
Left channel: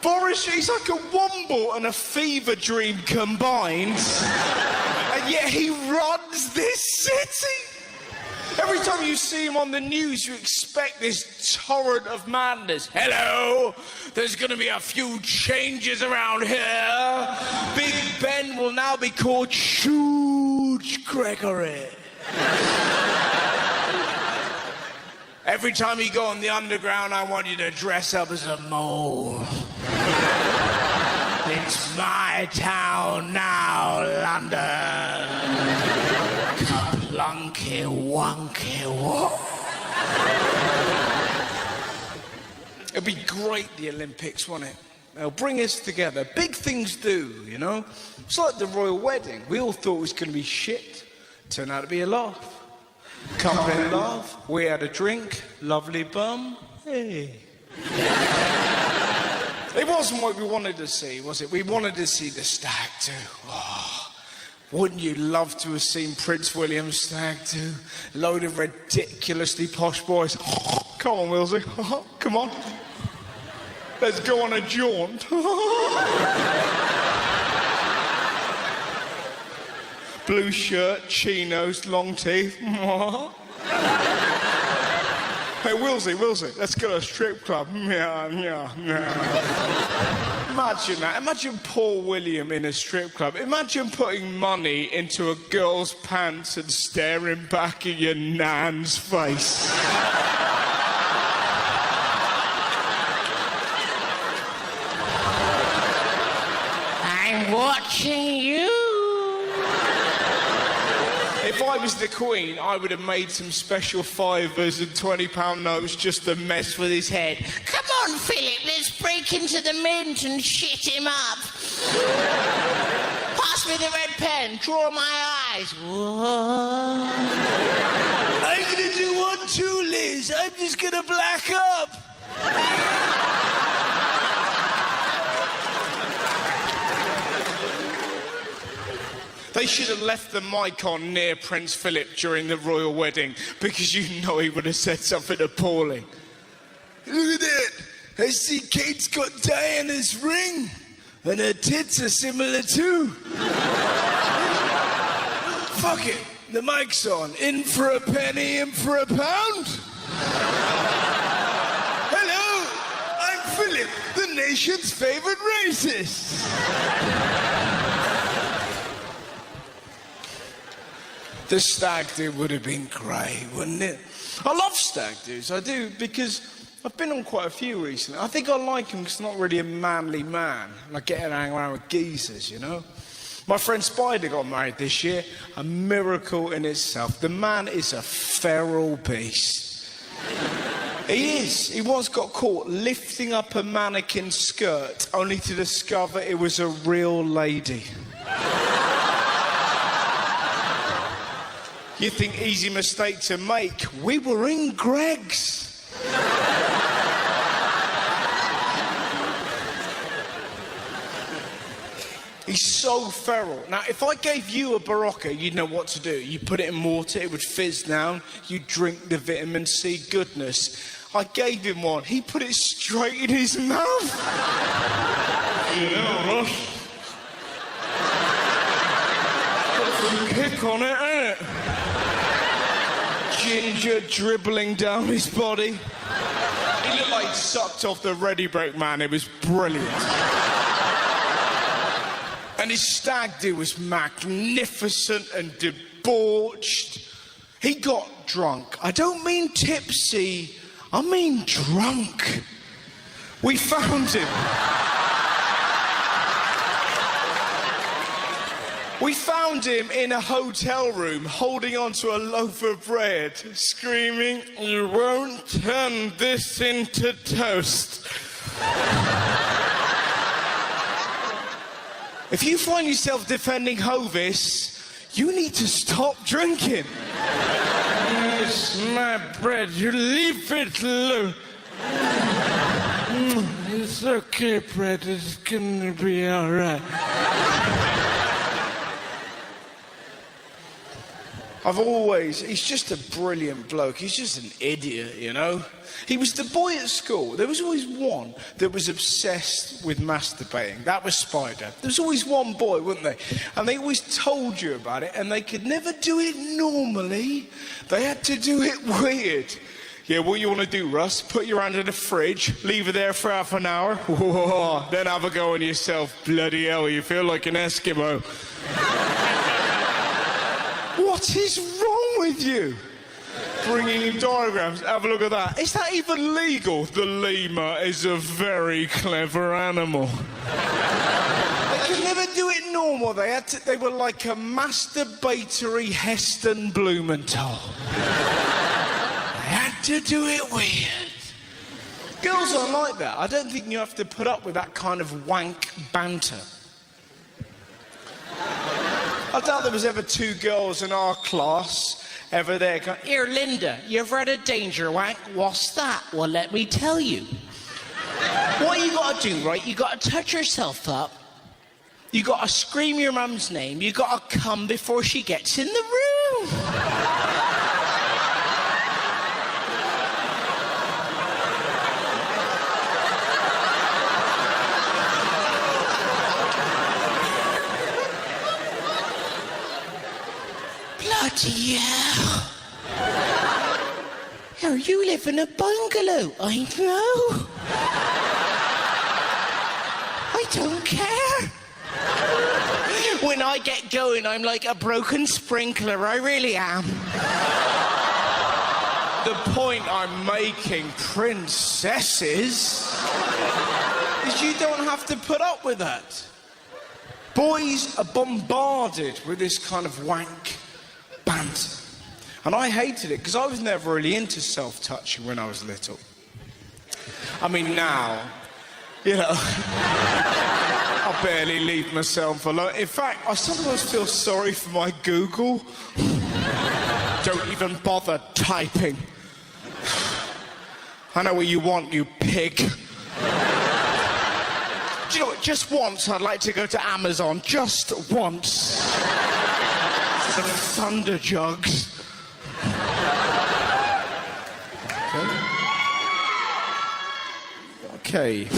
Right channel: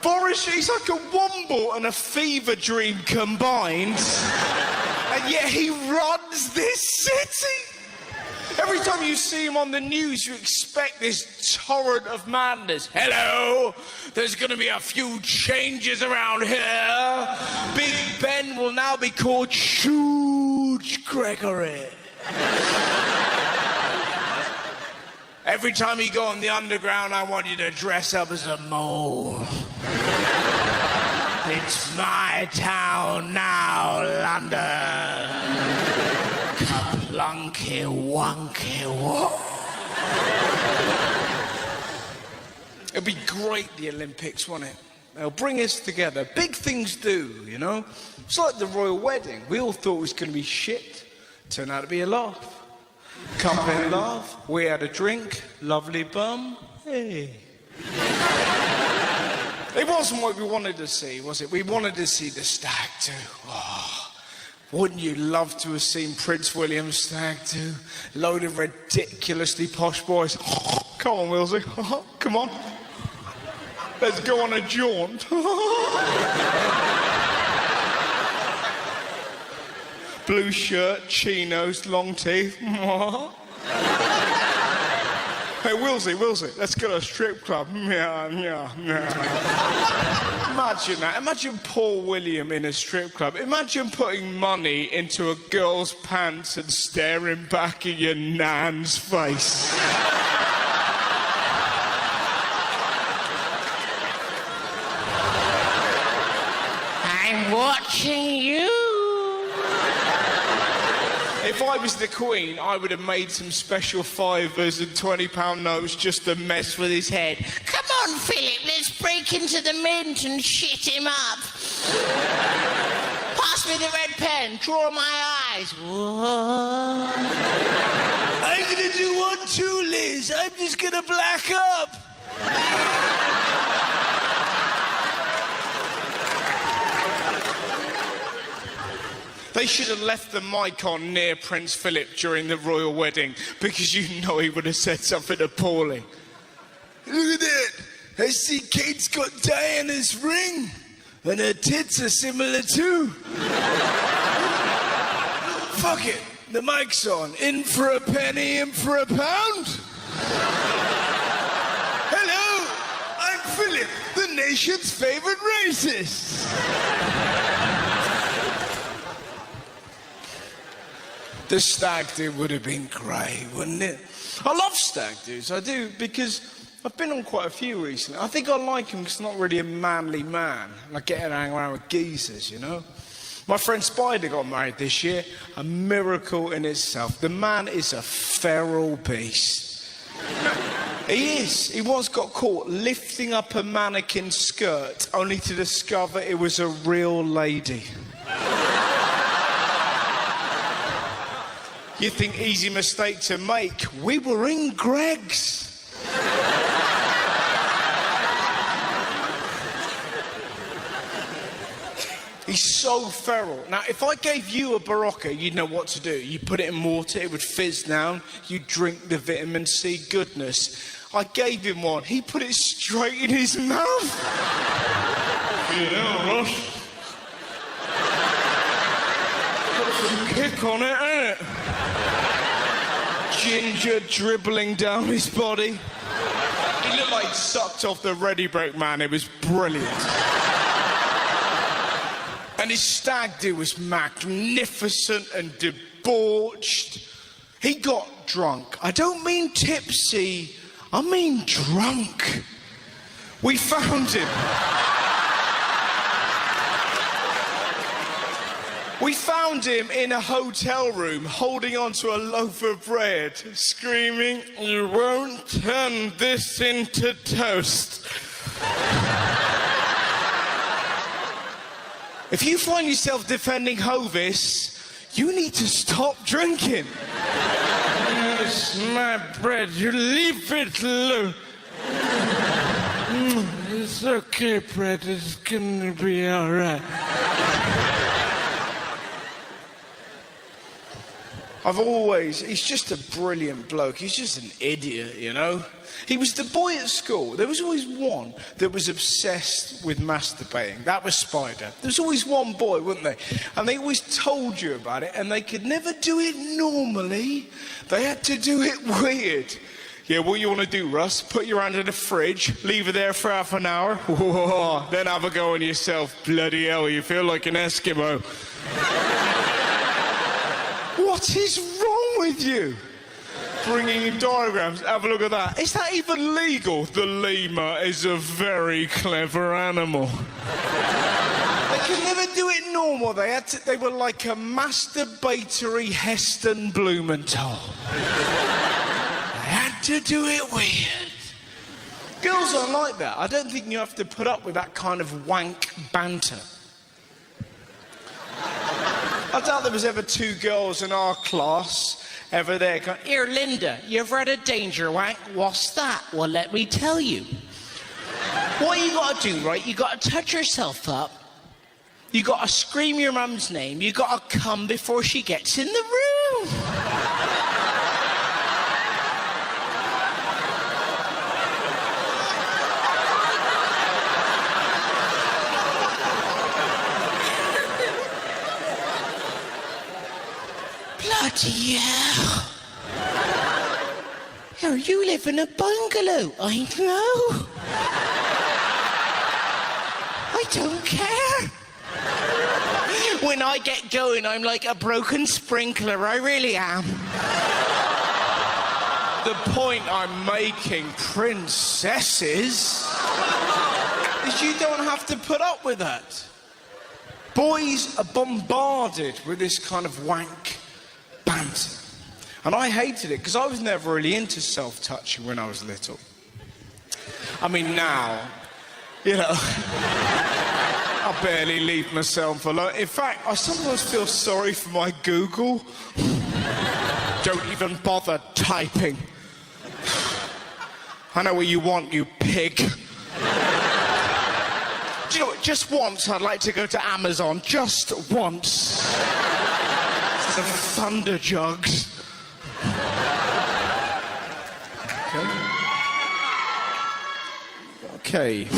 Boris, he's like a womble and a fever dream combined, and yet he runs this city. Every time you see him on the news, you expect this torrent of madness. Hello, there's going to be a few changes around here. Big Ben will now be called Huge Gregory. Every time you go on the underground, I want you to dress up as a mole. It's my town now, London. Kaplunky wonky whoa. It'll be great, the Olympics, won't it? They'll bring us together. Big things do, you know? It's like the royal wedding. We all thought it was going to be shit. Turned out to be a laugh. Couple in love. We had a drink. Lovely bum. Hey. It wasn't what we wanted to see, was it? We wanted to see the stag do. Oh, wouldn't you love to have seen Prince William's stag do? A load of ridiculously posh boys. Come on, Wilsey. Come on. Let's go on a jaunt. Blue shirt, chinos, long teeth. Hey, Wilsey, let's go to a strip club. Yeah. Imagine that. Imagine Paul William in a strip club. Imagine putting money into a girl's pants and staring back at your nan's face. I'm watching you. If I I was the Queen, I would have made some special £5s and £20 notes just to mess with his head. Come on, Philip, let's break into the mint and shit him up. Pass me the red pen, draw my eyes. I'm gonna do one too, Liz. I'm just gonna black up. They should have left the mic on near Prince Philip during the royal wedding because you know he would have said something appalling. Look at that. I see Kate's got Diana's ring. And her tits are similar too. Fuck it. The mic's on. In for a penny, in for a pound. Hello. I'm Philip, the nation's favorite racist. The stag do would have been great, wouldn't it? I love stag do's, I do, because I've been on quite a few recently. I think I like him because he's not really a manly man. Like getting around with geezers, you know? My friend Spider got married this year. A miracle in itself. The man is a feral beast. He is. He once got caught lifting up a mannequin skirt only to discover it was a real lady. You think easy mistake to make? We were in Greg's. He's so feral. Now, if I gave you a Barocca, you'd know what to do. You put it in water, it would fizz down. You drink the vitamin C goodness. I gave him one. He put it straight in his mouth. Kick on it, ain't it? Ginger dribbling down his body. He looked like he sucked off the Ready Break Man. It was brilliant. And his stag do was magnificent and debauched. He got drunk. I don't mean tipsy, I mean drunk. We found him. We found him in a hotel room, holding onto a loaf of bread, screaming, "You won't turn this into toast." If you find yourself defending Hovis, you need to stop drinking. It's my bread, you leave it alone. It's okay, bread, it's gonna be alright. He's just a brilliant bloke. He's just an idiot, you know? He was the boy at school. There was always one that was obsessed with masturbating. That was Spider. There was always one boy, wasn't there? And they always told you about it, and they could never do it normally. They had to do it weird. Yeah, what you want to do, Russ? Put your hand in the fridge, leave it there for half an hour, then have a go on yourself. Bloody hell, you feel like an Eskimo. What is wrong with you? Bringing in diagrams, have a look at that. Is that even legal? The lemur is a very clever animal. They never do it normal. They were like a masturbatory Heston Blumenthal. They had to do it weird. Girls aren't like that. I don't think you have to put up with that kind of wank banter. I doubt there was ever two girls in our class ever there going, Here, Linda, you ever had a danger wank? What's that? Well, let me tell you. What you gotta do, right? You gotta touch yourself up. You gotta scream your mum's name. You gotta come before she gets in the room. Bloody hell. Here, you live in a bungalow. I know. I don't care. When I get going, I'm like a broken sprinkler. I really am. the point I'm making, princesses, is you don't have to put up with that. Boys are bombarded with this kind of wank. banter. And I hated it because I was never really into self-touching when I was little. I mean, now, you know, I barely leave myself alone. In fact, I sometimes feel sorry for my Google. Don't even bother typing. I know what you want, you pig. Do you know what? Just once, I'd like to go to Amazon. Just once. Some Thunder Jugs. Okay.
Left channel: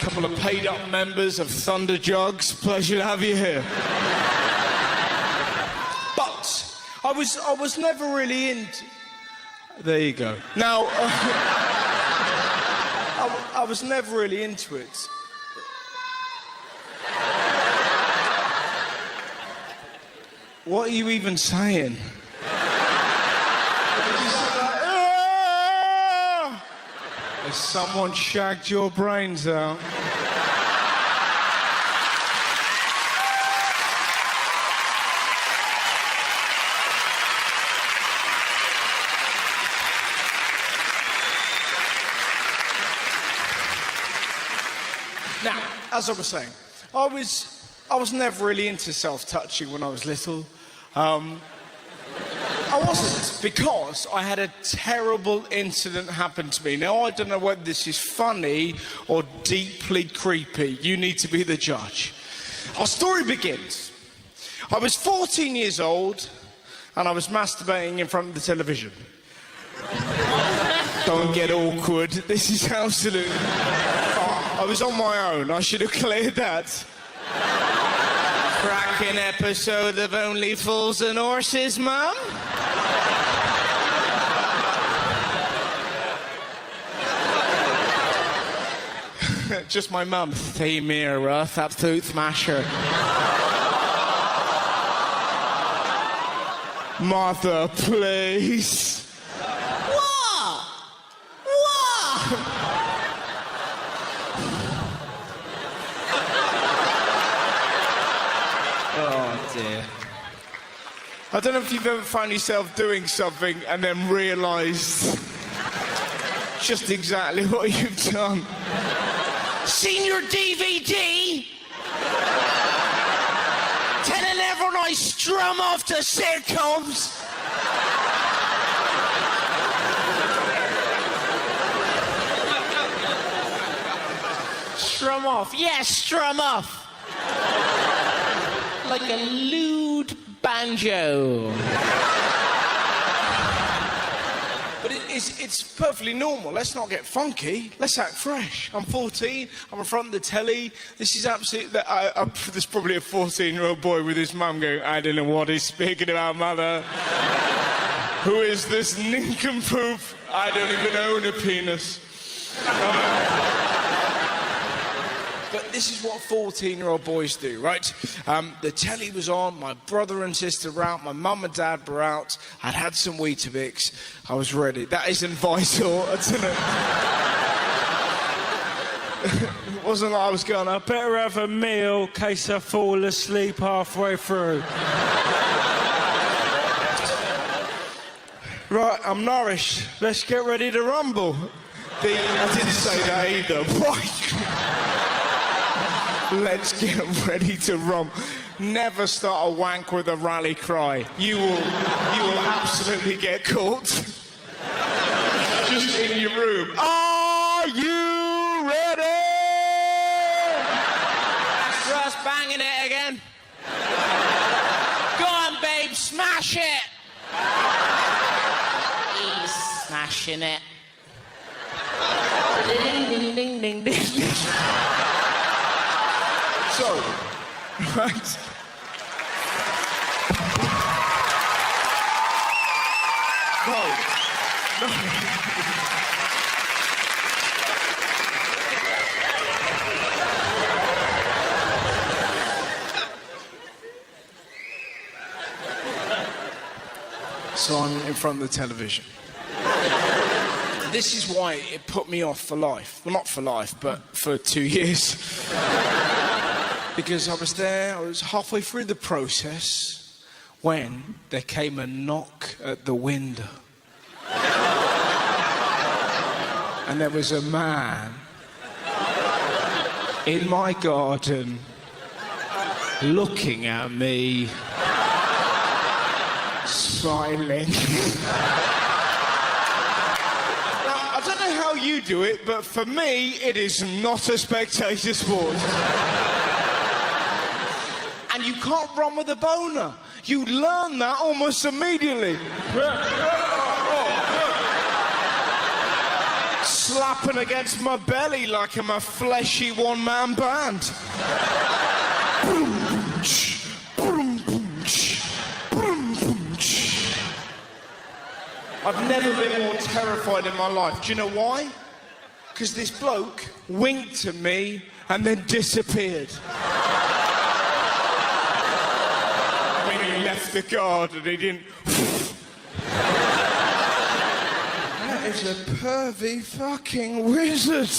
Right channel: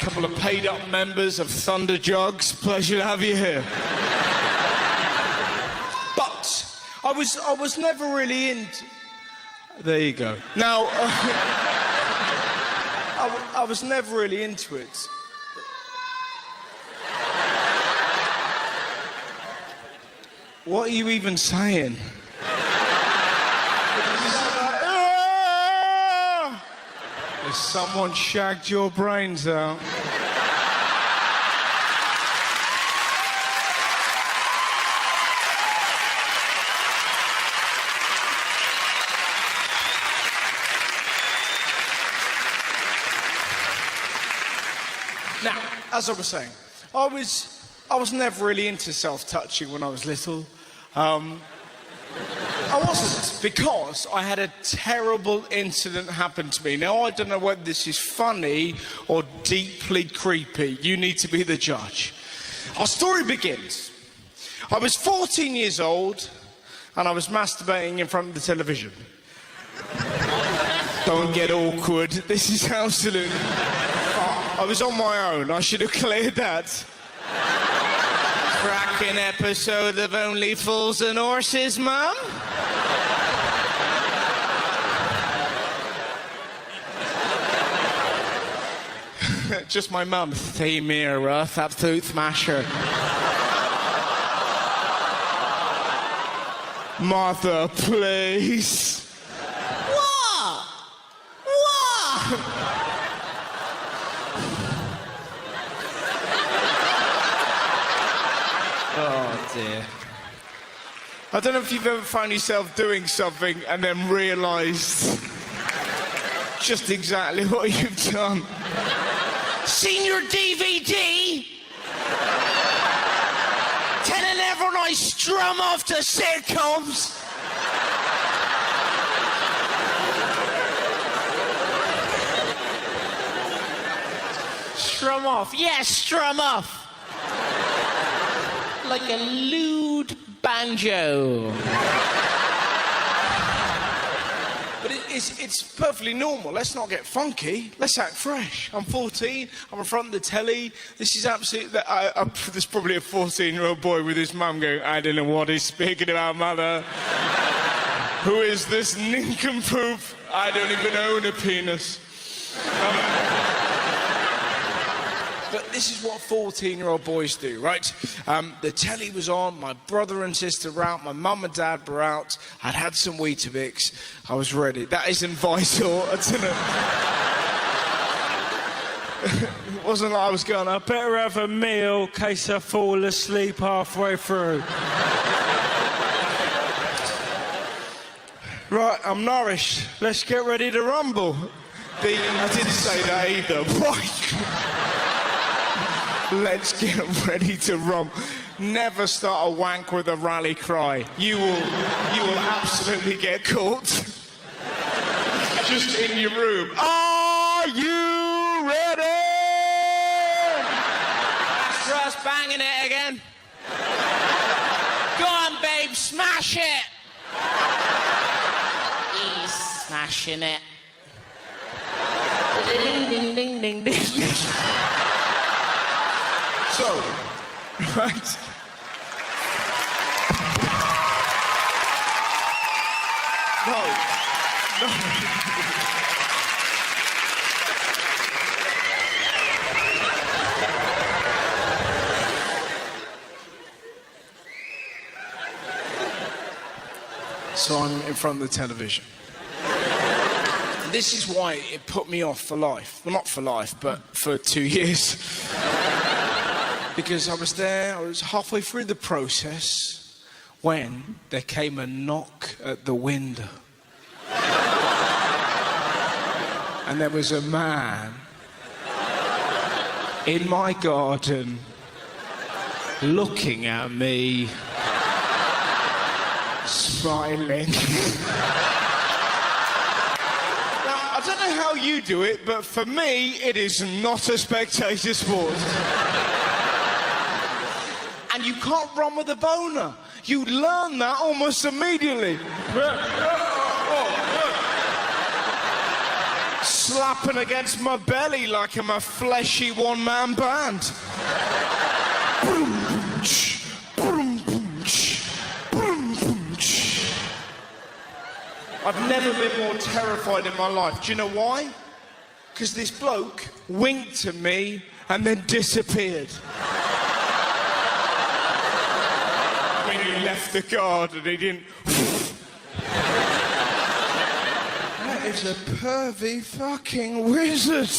Couple of paid-up members of Thunder Jugs. Pleasure to have you here. But I was never really into. There you go. Now, I was never really into it. What are you even saying? Has someone shagged your brains out? Now, as I was saying, I was never really into self-touching when I was little. I wasn't, because I had a terrible incident happen to me. Now, I don't know whether this is funny or deeply creepy. You need to be the judge. Our story begins. I was 14 years old, and I was masturbating in front of the television. Don't get awkward. This is absolutely... I was on my own. I should have cleared that. Cracking episode of Only Fools and Horses, Mum. Just my mum. Hey, Mira, that food smasher. Martha, please. What? Oh, dear. I don't know if you've ever found yourself doing something and then realised just exactly what you've done. Seen your DVD? Telling everyone I strum off to sitcoms? Strum off? Yeah, strum off. Like a lewd banjo. But it's perfectly normal. Let's not get funky. Let's act fresh. I'm 14. I'm in front of the telly. This is absolutely... there's probably a 14-year-old boy with his mum going, I don't know what he's speaking about, mother. Who is this nincompoop? I don't even own a penis. But this is what 14-year-old boys do, right? The telly was on, my brother and sister were out, my mum and dad were out, I'd had some Weetabix, I was ready. That isn't vital, I don't know. It wasn't like I was going, I better have a meal in case I fall asleep halfway through. Right, I'm nourished. Let's get ready to rumble. They didn't say that either. What? Let's get ready to rumble. Never start a wank with a rally cry. You will absolutely get caught. Just in your room. Are you ready? Just banging it again. Go on, babe, smash it. He's smashing it. Ding, ding, ding, ding. So, right. No. So I'm in front of the television. This is why it put me off for life. Well, not for life, but for 2 years. Because I was there, I was halfway through the process, when there came a knock at the window. And there was a man in my garden looking at me, smiling. Now, I don't know how you do it, but for me, it is not a spectator sport. And you can't run with a boner. You learn that almost immediately. Slapping against my belly like I'm a fleshy one-man band. I've never been more terrified in my life. Do you know why? Because this bloke winked at me and then disappeared. When he left the garden, he didn't... That is a pervy fucking wizard.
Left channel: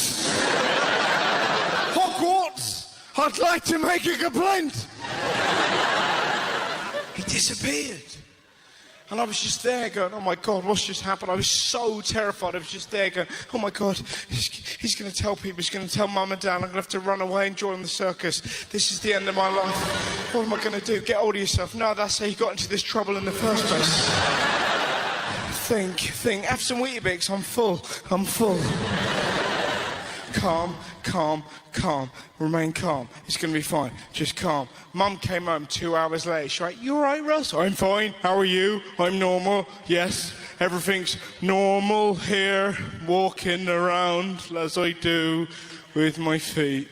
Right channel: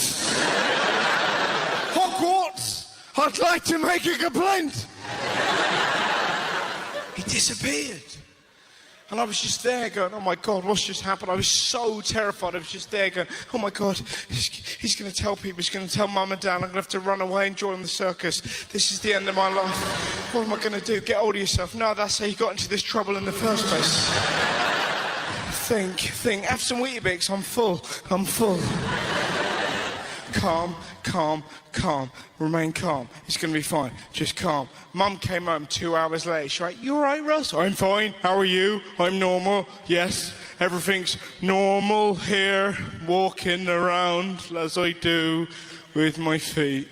Hogwarts! I'd like to make a complaint. He disappeared. And I was just there going, oh my God, what's just happened? I was so terrified. I was just there going, oh my God, he's going to tell people, he's going to tell Mum and Dad, I'm going to have to run away and join the circus. This is the end of my life. What am I going to do? Get hold of yourself. No, that's how you got into this trouble in the first place. Think. Have some Weetabix. I'm full. Calm. Remain calm. It's going to be fine. Just calm. Mum came home 2 hours later. She's like, you all right, Russ? I'm fine. How are you? I'm normal. Yes, everything's normal here. Walking around as I do with my feet.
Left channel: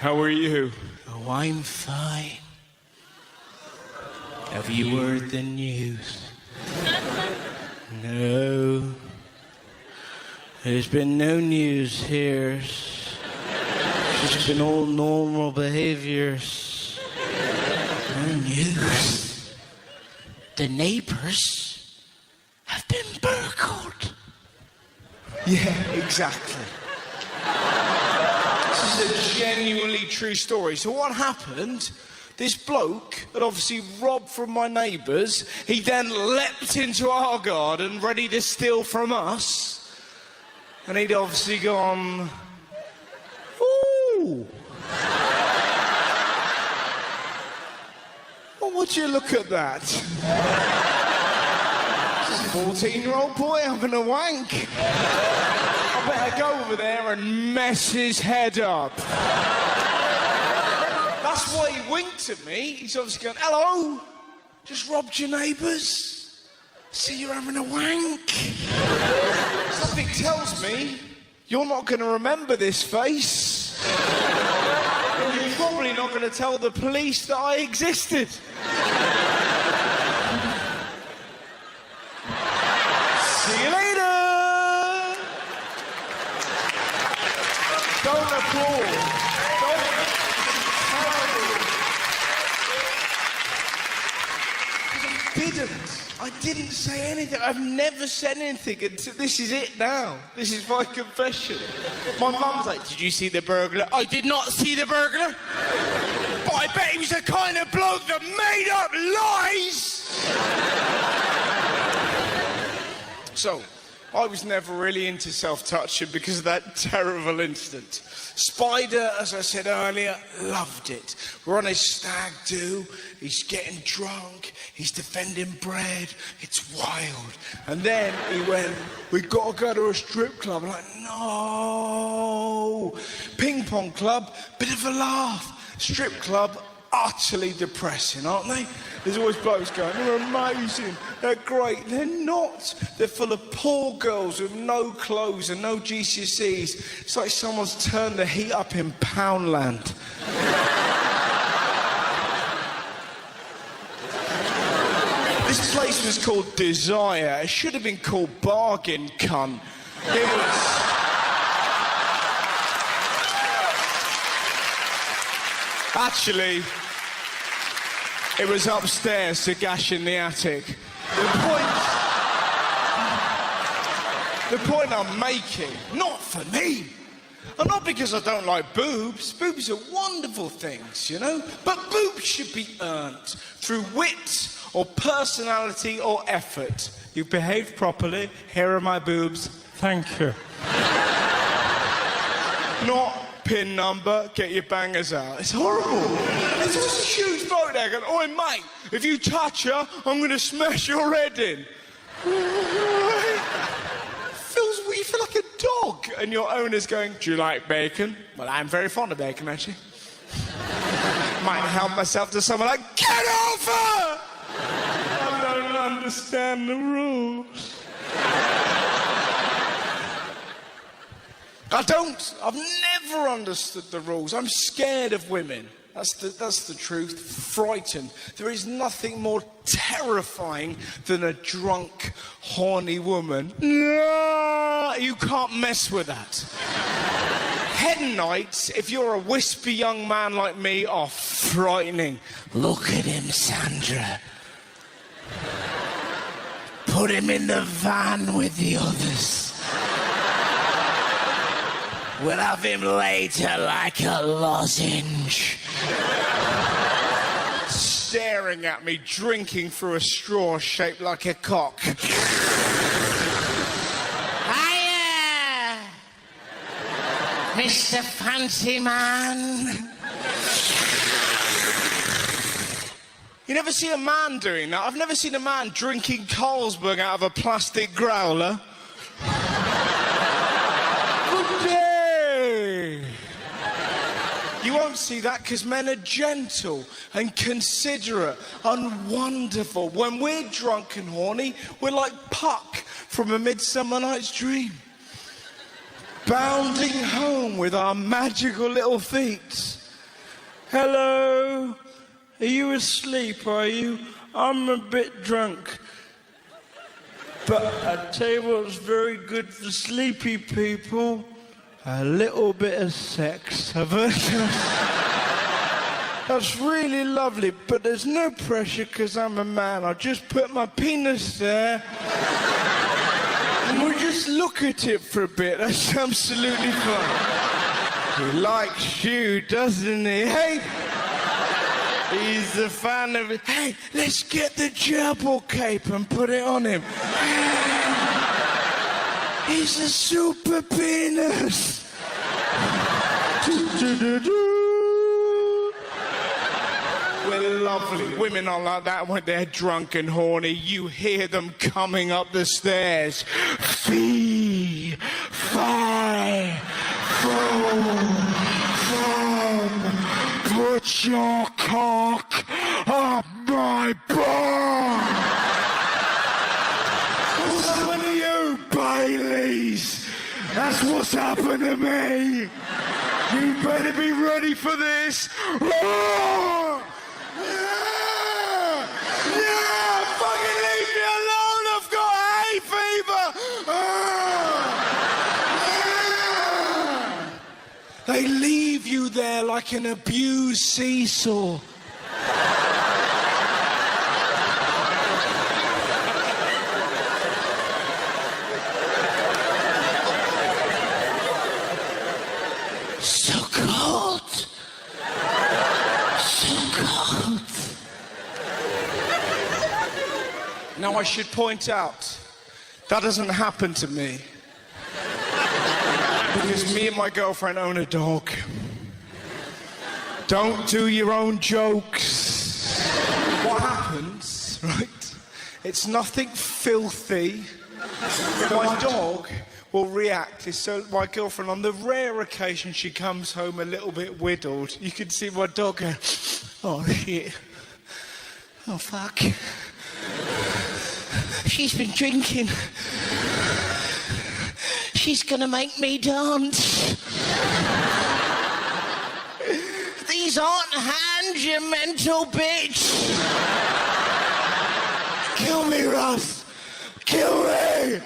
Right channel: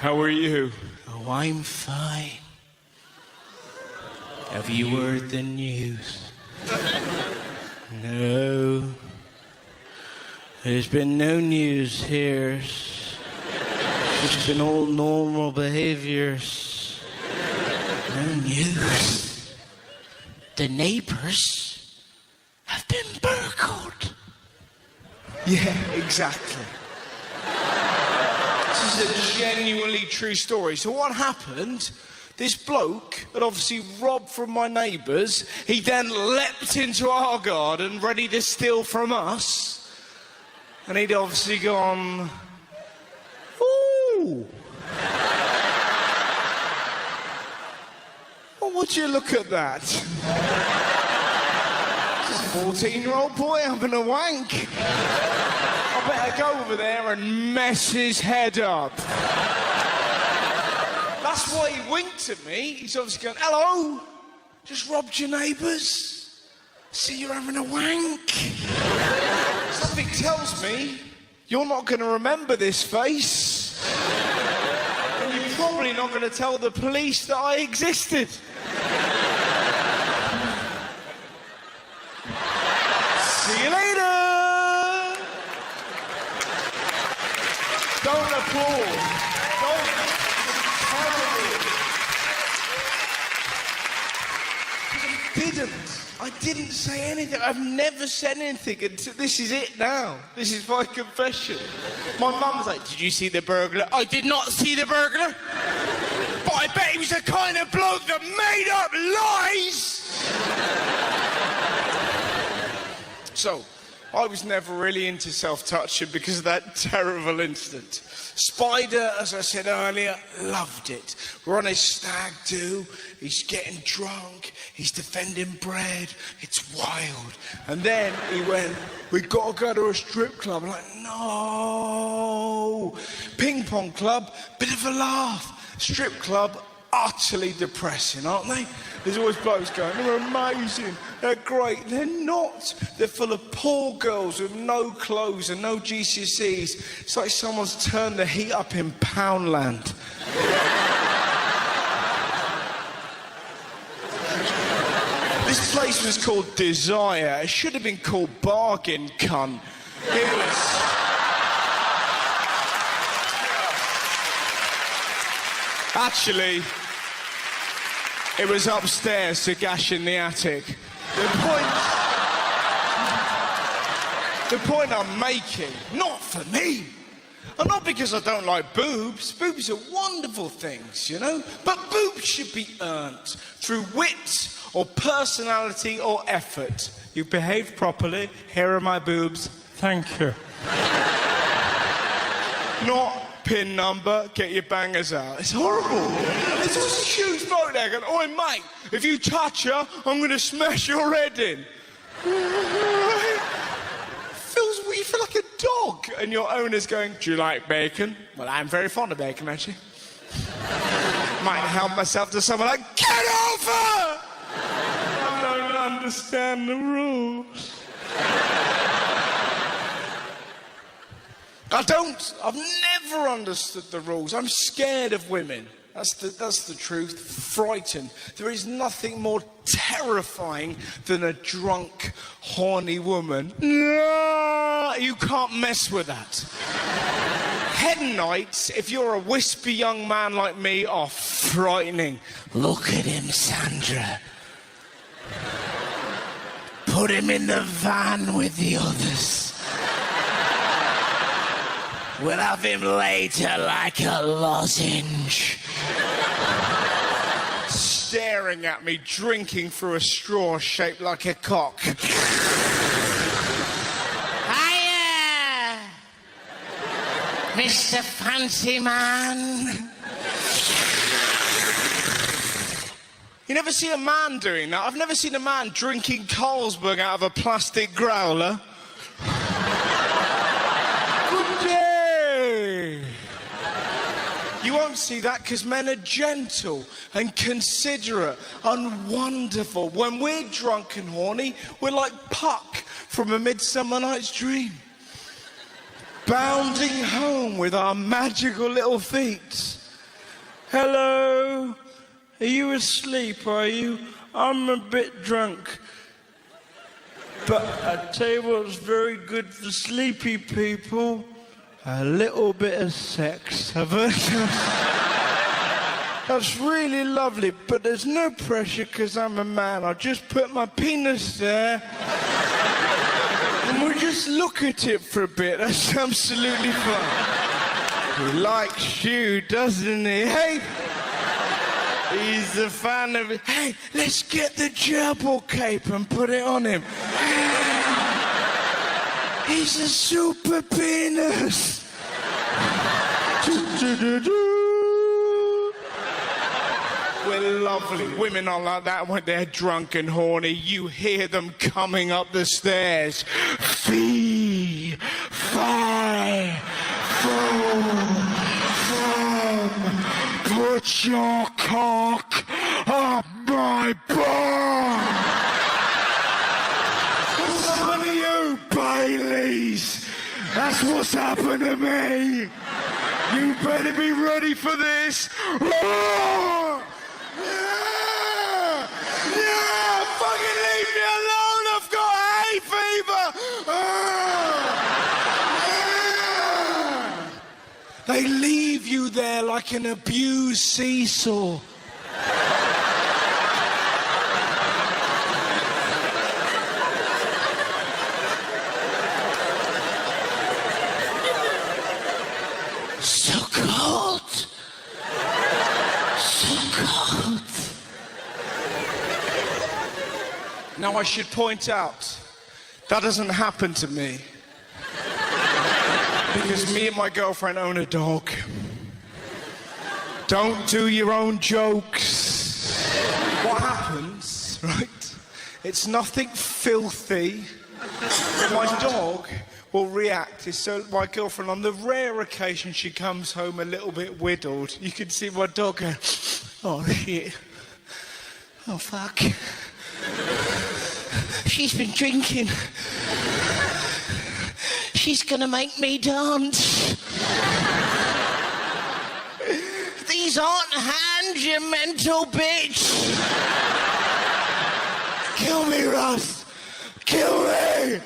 How are you? Oh, I'm fine. Have you heard the news? No. There's been no news here. It's been all normal behaviours. No news. The neighbours have been burgled. Yeah, exactly. This is a genuinely true story. So what happened? This bloke had obviously robbed from my neighbours. He then leapt into our garden, ready to steal from us. And he'd obviously gone, ooh. Well, would you look at that? This is a 14-year-old boy having a wank. I better go over there and mess his head up. That's why he winked at me. He's obviously going, hello, just robbed your neighbours. See, you're having a wank. Something tells me you're not going to remember this face. And you're probably not going to tell the police that I existed. See you later. Don't applaud. I didn't say anything. I've never said anything. This is it now. This is my confession. My mum's like, did you see the burglar? I did not see the burglar. But I bet he was the kind of bloke that made up lies. So, I was never really into self-touching because of that terrible incident. Spider, as I said earlier, loved it. We're on his stag do. He's getting drunk. He's defending bread. It's wild. And then he went, we've got to go to a strip club. I'm like, no. Ping pong club, bit of a laugh. Strip club, utterly depressing, aren't they? There's always blokes going, they're amazing, they're great. They're not. They're full of poor girls with no clothes and no GCSEs. It's like someone's turned the heat up in Poundland. This place was called Desire. It should have been called Bargain Cunt. It was... Actually, it was upstairs to Gash in the attic. The point I'm making, not for me. And not because I don't like boobs. Boobs are wonderful things, you know? But boobs should be earned through wit or personality or effort. You behave properly. Here are my boobs. Thank you. Not pin number, get your bangers out. It's horrible. It's just a huge bodeg. And, oi, mate, if you touch her, I'm going to smash your head in. You feel like a dog, and your owner's going, do you like bacon? Well, I'm very fond of bacon, actually. Might help myself to someone like, get over! I don't understand the rules. I've never understood the rules. I'm scared of women. That's the truth. Frightened. There is nothing more terrifying than a drunk, horny woman. No, you can't mess with that. Hen nights, if you're a wispy young man like me, are frightening. Look at him, Sandra. Put him in the van with the others. We'll have him later like a lozenge. Staring at me, drinking through a straw shaped like a cock. Hiya! Mr. Fancy Man. You never see a man doing that. I've never seen a man drinking Carlsberg out of a plastic growler. You won't see that because men are gentle and considerate and wonderful. When we're drunk and horny, we're like Puck from A Midsummer Night's Dream. Bounding home with our magical little feet. Hello? Are you asleep, are you? I'm a bit drunk. But I tell you what's very good for sleepy people. A little bit of sex, have I? That's really lovely, but there's no pressure because I'm a man. I just put my penis there and we just look at it for a bit. That's absolutely fine. He likes you, doesn't he? Hey! He's a fan of it. Hey, let's get the gerbil cape and put it on him. He's a super penis. We're lovely. Women are like that when they're drunk and horny. You hear them coming up the stairs. Fee, fi, foam, foam. Put your cock up my bum. What's happened to you, Baileys? That's what's happened to me. You better be ready for this. Yeah! Yeah! Yeah! Fucking leave me alone. I've got hay fever. Yeah! They leave you there like an abused seesaw. So cold. So cold. Now I should point out, that doesn't happen to me. Because me and my girlfriend own a dog. Don't do your own jokes. What happens, right? It's nothing filthy. My dog will react. So my girlfriend, on the rare occasion she comes home a little bit whittled, you can see my dog going, oh shit, oh fuck, she's been drinking, she's gonna make me dance. These aren't hands, you mental bitch. Kill me, Russ, kill me.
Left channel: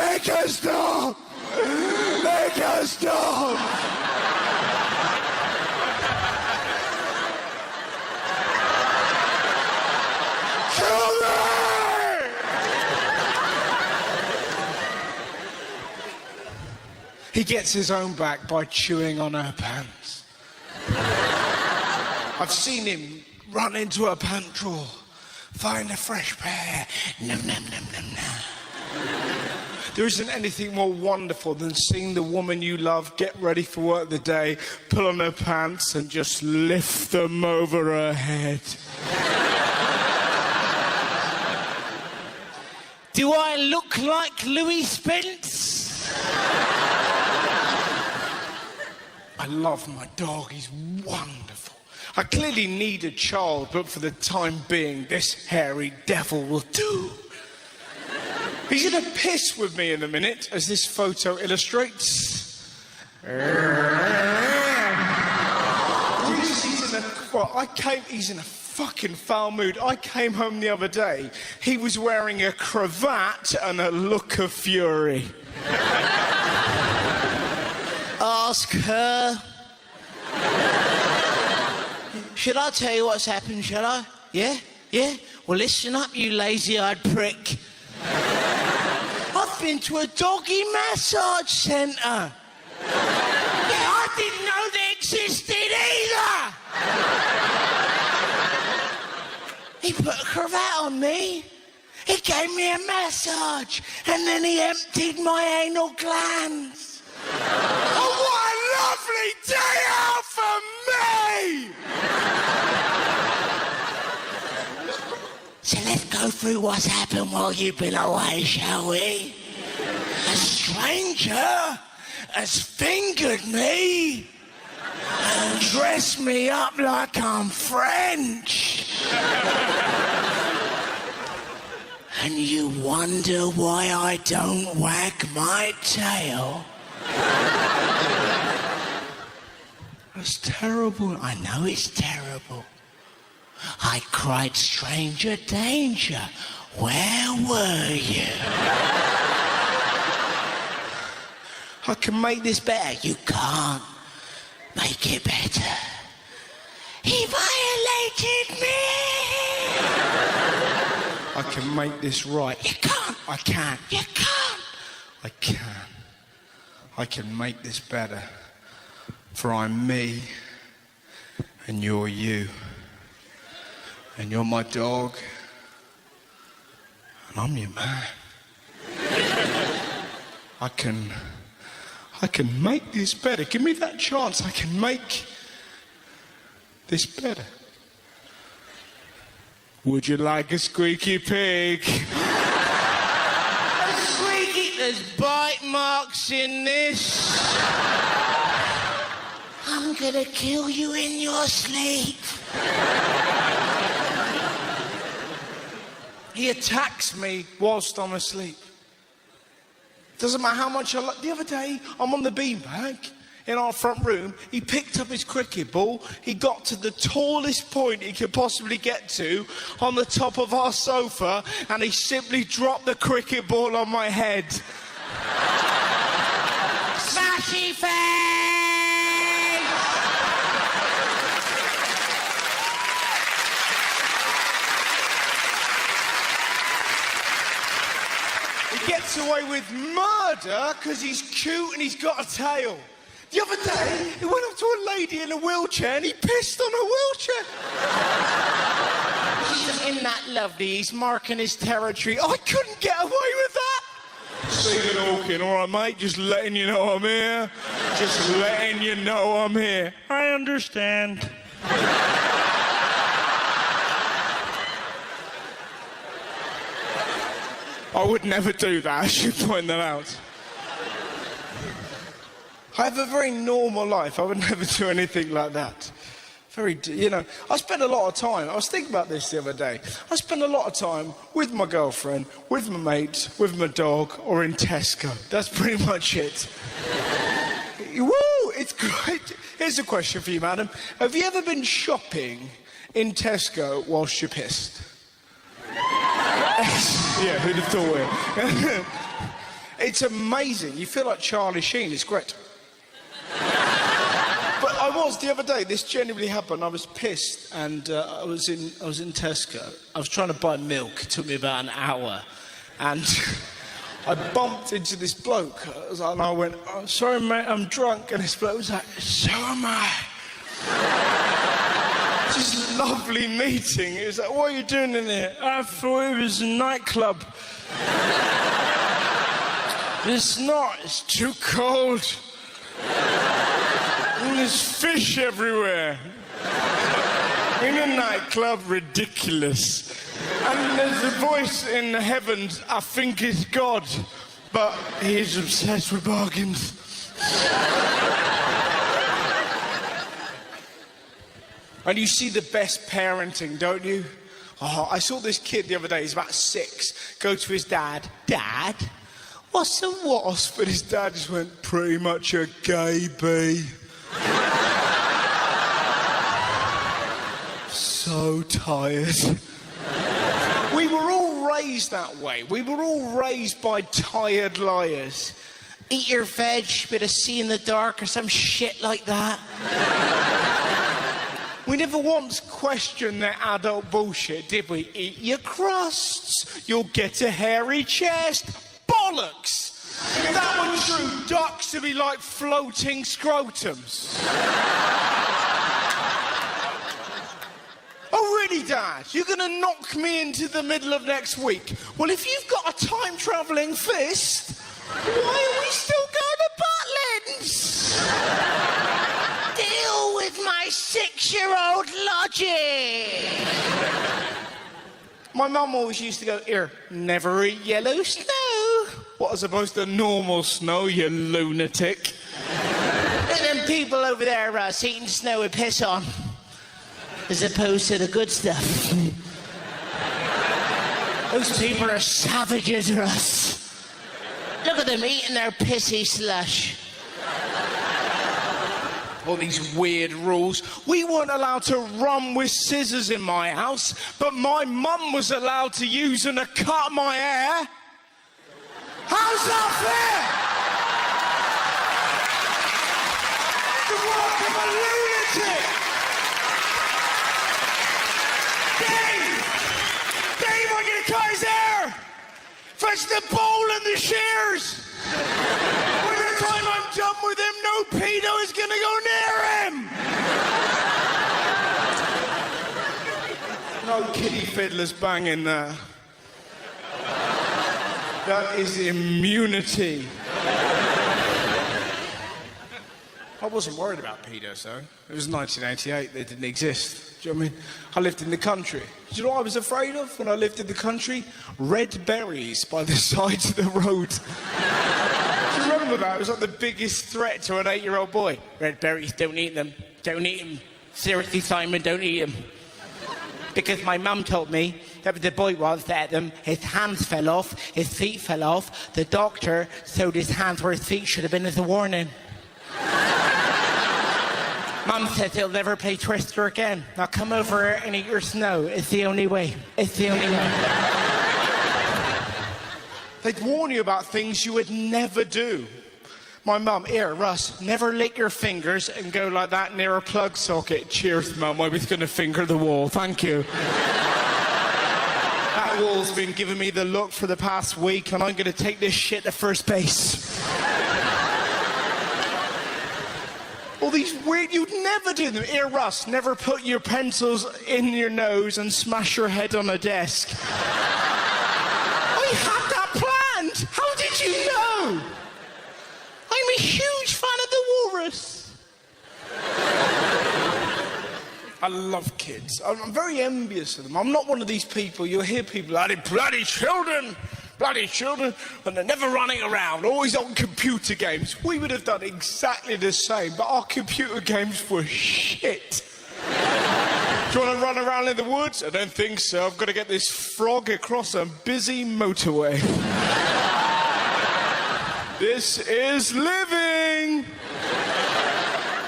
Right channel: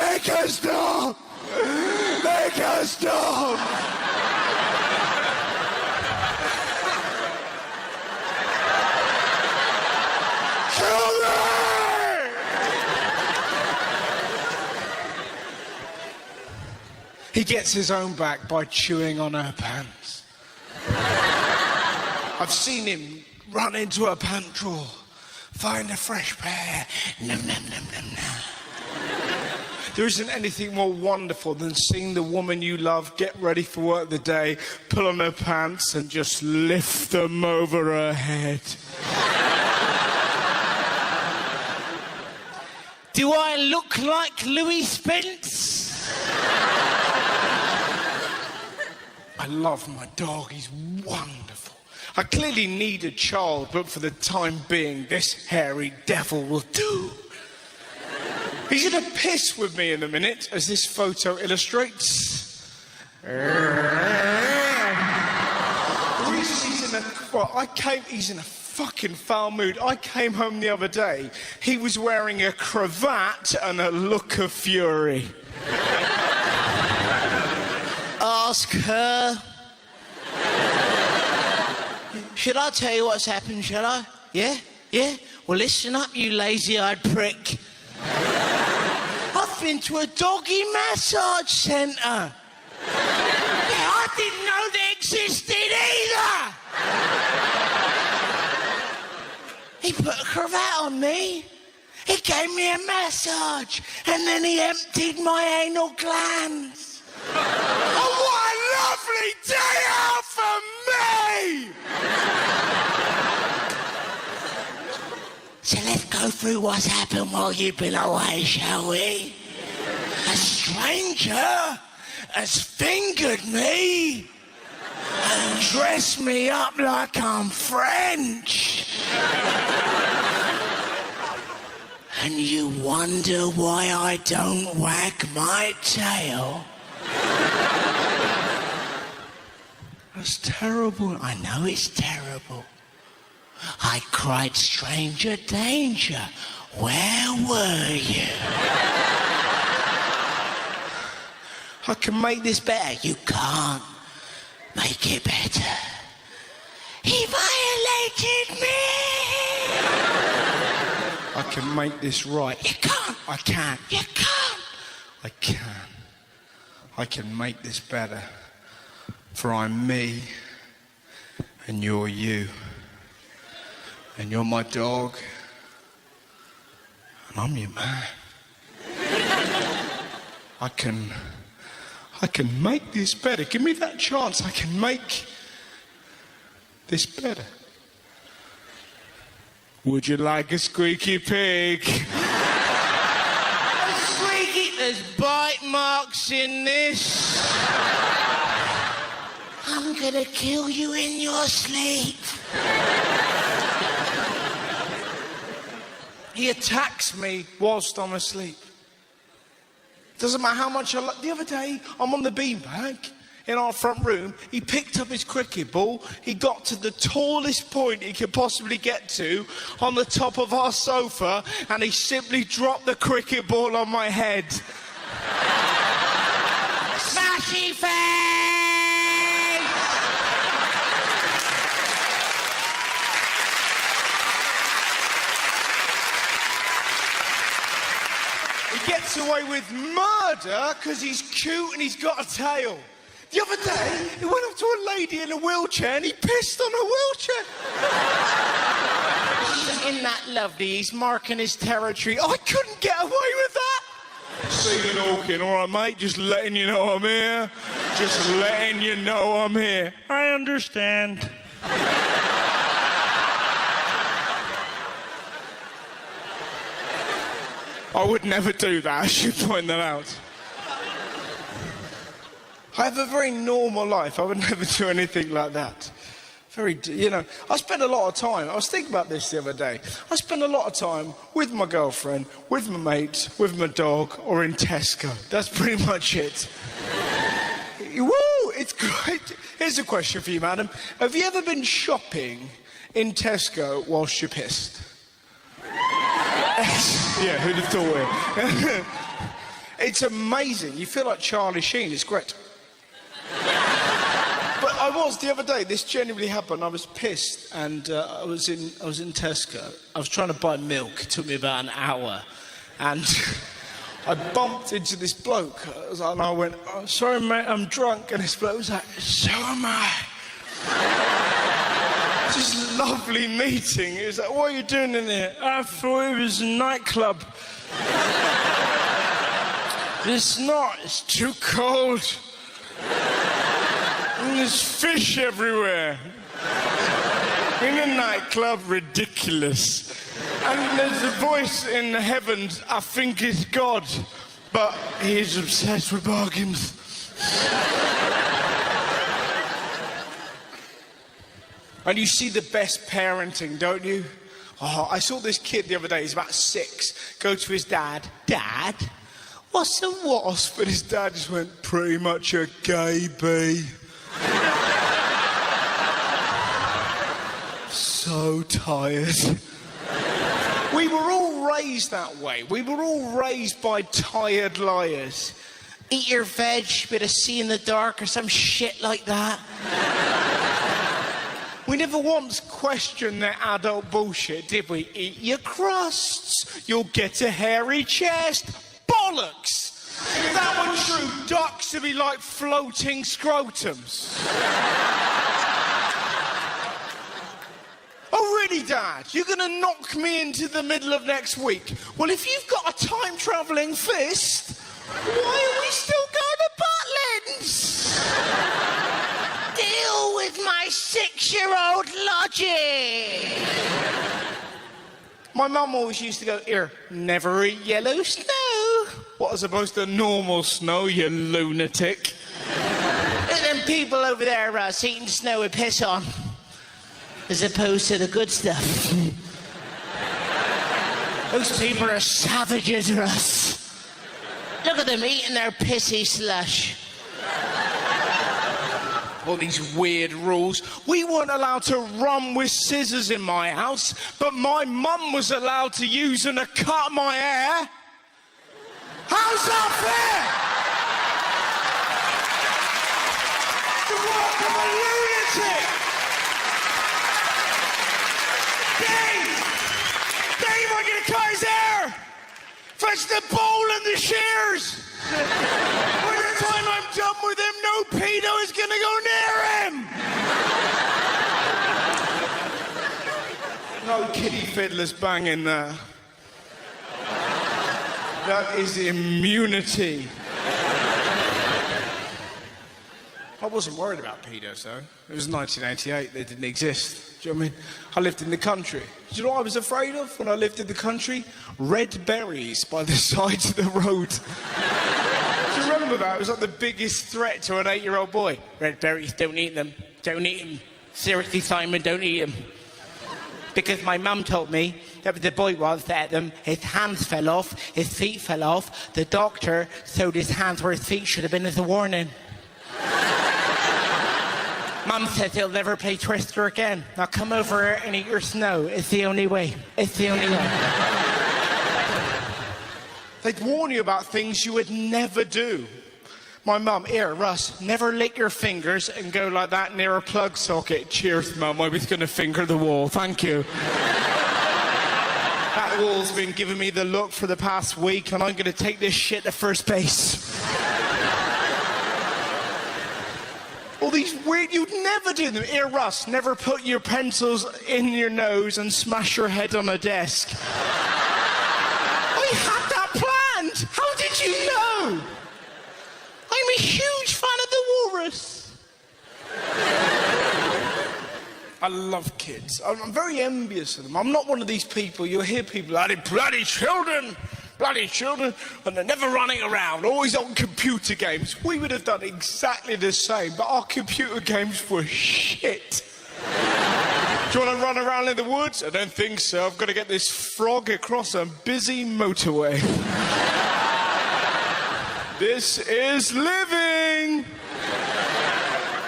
Make her stop! Make her stop! Kill me! He gets his own back by chewing on her pants. I've seen him run into a pant drawer, find a fresh pair. Nom, nom, nom, nom, nom. There isn't anything more wonderful than seeing the woman you love get ready for work of the day, pull on her pants and just lift them over her head. Do I look like Louis Spence? I love my dog, he's wonderful. I clearly need a child, but for the time being, this hairy devil will do. He's gonna piss with me in a minute, as this photo illustrates. He's in a fucking foul mood. I came home the other day. He was wearing a cravat and a look of fury. Ask her. Should I tell you what's happened, shall I? Yeah? Yeah? Well, listen up, you lazy-eyed prick. I've been to a doggy massage centre. I didn't know they existed either. He put a cravat on me. He gave me a massage. And then he emptied my anal glands. Oh, what a lovely day out for me! So let's go through what's happened while you've been away, shall we? A stranger has fingered me and dressed me up like I'm French. And you wonder why I don't wag my tail? It's terrible. I know it's terrible. I cried stranger danger. Where were you? I can make this better. You can't make it better. He violated me. I can make this right. You can't. I can. You can't. I can. I can make this better. For I'm me, and you're you. And you're my dog, and I'm your man. I can make this better. Give me that chance. I can make this better. Would you like a squeaky pig? Squeaky, there's bite marks in this. I'm gonna kill you in your sleep. He attacks me whilst I'm asleep. Doesn't matter how much the other day, I'm on the beanbag in our front room. He picked up his cricket ball. He got to the tallest point he could possibly get to on the top of our sofa, and he simply dropped the cricket ball on my head. Sassy face! He gets away with murder because he's cute and he's got a tail. The other day, he went up to a lady in a wheelchair and he pissed on her wheelchair. Isn't that lovely? He's marking his territory. I couldn't get away with that. Stephen Hawking, all right, mate? Just letting you know I'm here. Just letting you know I'm here. I understand. I would never do that. I should point that out. I have a very normal life. I would never do anything like that. I spend a lot of time. I was thinking about this the other day. I spend a lot of time with my girlfriend, with my mates, with my dog, or in Tesco. That's pretty much it. Woo! It's great. Here's a question for you, madam. Have you ever been shopping in Tesco whilst you're pissed? Yeah, who'd have thought it? It's amazing. You feel like Charlie Sheen. It's great. But I was the other day. This genuinely happened. I was pissed, and I was in Tesco. I was trying to buy milk. It took me about an hour, and I bumped into this bloke. And I went, "Oh, sorry, mate, I'm drunk." And this bloke was like, "So am I." Just a lovely meeting. He was like, "What are you doing in here?" "I thought it was a nightclub." "It's not, it's too cold. And there's fish everywhere." In a nightclub, ridiculous. And there's a voice in the heavens, I think it's God, but he is obsessed with bargains. And you see the best parenting, don't you? Oh, I saw this kid the other day, he's about 6, go to his dad. "Dad, what's a wasp?" But his dad just went, "Pretty much a gay bee." So tired. We were all raised that way. We were all raised by tired liars. "Eat your veg, bit of see in the dark," or some shit like that. We never once questioned that adult bullshit, did we? "Eat your crusts, you'll get a hairy chest." Bollocks! If that were true, ducks would be like floating scrotums. "Oh, really, Dad? You're going to knock me into the middle of next week?" "Well, if you've got a time-travelling fist, why are we still going to Butlins?" Deal with my 6-year-old logic. My mum always used to go, "Here, never eat yellow snow." What, as opposed to normal snow, you lunatic? And them people over there, Russ, eating snow with piss on. As opposed to the good stuff. Those people are savages, Russ. Look at them eating their pissy slush. All these weird rules. We weren't allowed to run with scissors in my house, but my mum was allowed to use them to cut my hair. How's that fair? You fucking lunatic! Dave, I'm gonna cut his hair! Fetch the bowl and the shears! By the time I'm done with him, no pedo is gonna go near him! No kitty fiddlers banging there. That is immunity. I wasn't worried about pedos, though. It was 1988, they didn't exist. Do you know what I mean? I lived in the country. Do you know what I was afraid of when I lived in the country? Red berries by the sides of the road. Do you remember that? It was like the biggest threat to an 8-year-old boy. Red berries, don't eat them. Don't eat them. Seriously, Simon, don't eat them. Because my mum told me that the boy was that his hands fell off, his feet fell off. The doctor showed his hands where his feet should have been as a warning. Mum says he'll never play Twister again. Now come over and eat your snow. It's the only way. It's the only way. They'd warn you about things you would never do. My mum, "Here, Russ, never lick your fingers and go like that near a plug socket." Cheers, Mum, I was going to finger the wall. Thank you. That wall's been giving me the look for the past week, and I'm going to take this shit to first base. All these weird, you'd never do them. "Here, Russ, never put your pencils in your nose and smash your head on a desk." I had that planned. How did you know? I'm a huge fan of the walrus. I love kids. I'm very envious of them. I'm not one of these people, you'll hear people, bloody children, and they're never running around, always on computer games. We would have done exactly the same, but our computer games were shit. Do you want to run around in the woods? I don't think so. I've got to get this frog across a busy motorway. This is living!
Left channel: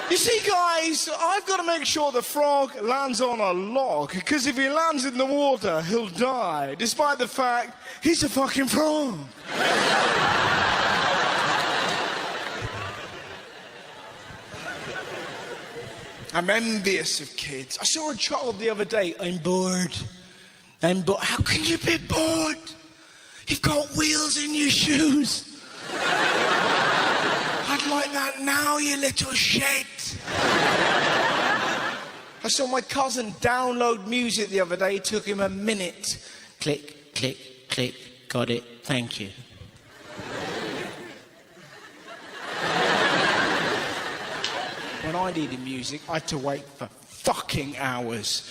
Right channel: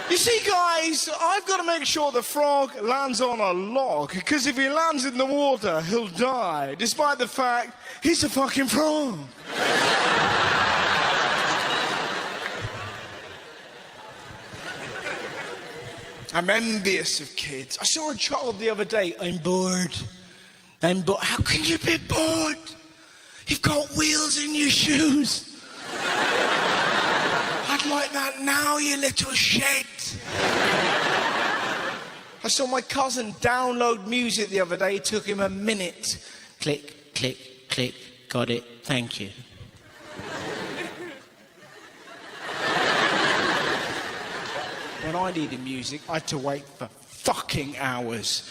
You see, guys, I've got to make sure the frog lands on a log, because if he lands in the water, he'll die, despite the fact he's a fucking frog. I'm envious of kids. I saw a child the other day. I'm bored. How can you be bored? You've got wheels in your shoes. I'd like that now, you little shit. I saw my cousin download music the other day. It took him a minute. Click, click, click. Got it. Thank you. When I needed music, I had to wait for fucking hours.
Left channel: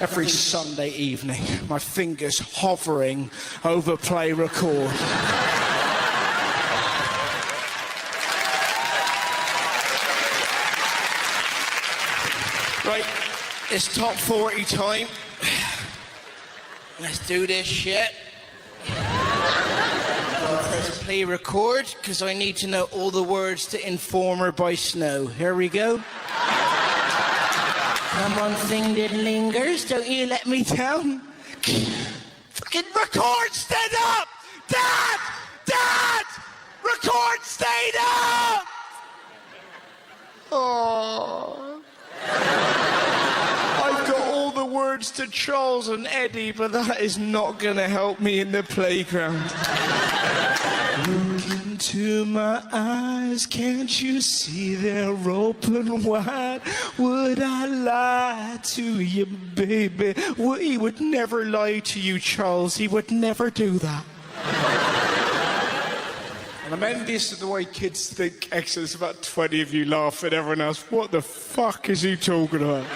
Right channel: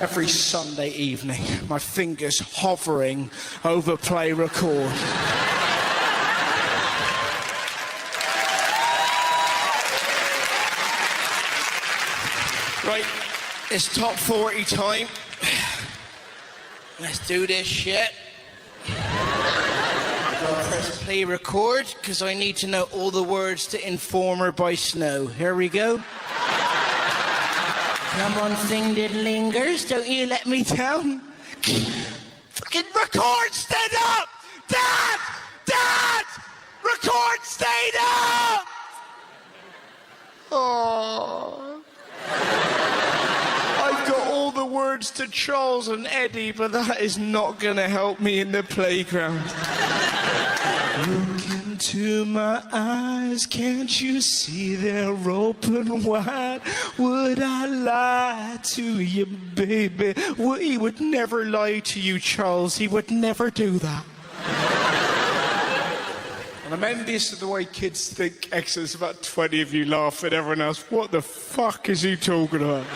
Every Sunday evening, my fingers hovering over play record. Right, it's top 40 time. Let's do this shit. I'll press play record because I need to know all the words to Informer by Snow. Here we go. Come on, thing that lingers. Don't you let me down. Fucking record, stand up! Dad! Dad! Record, stand up! Oh. I've got all the words to Charles and Eddie, but that is not going to help me in the playground. Look into my eyes, can't you see they're open wide? Would I lie to you, baby? Well, he would never lie to you, Charles. He would never do that. And I'm envious of the way kids think. There's about 20 of you laugh at everyone else. What the fuck is he talking about?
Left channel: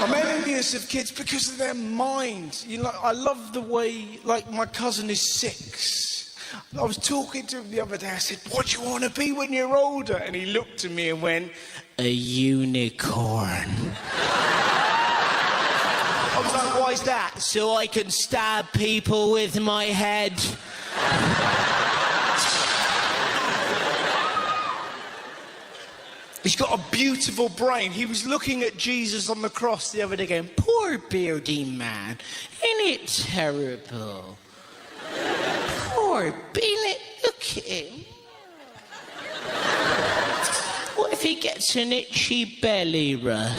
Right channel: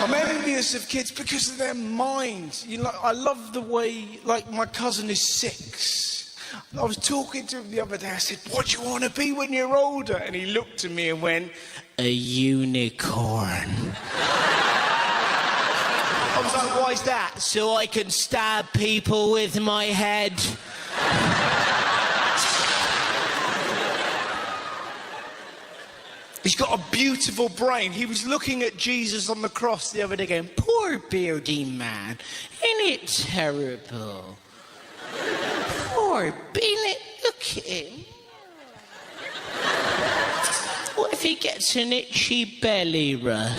I'm envious of kids because of their minds. You know, I love the way, like, my cousin is 6. I was talking to him the other day. I said, what do you want to be when you're older? And he looked at me and went, a unicorn. I was like, why is that? So I can stab people with my head. He's got a beautiful brain. He was looking at Jesus on the cross the other day going, poor beardy man, isn't it terrible? Poor Bennett, look at him. What if he gets an itchy belly rub?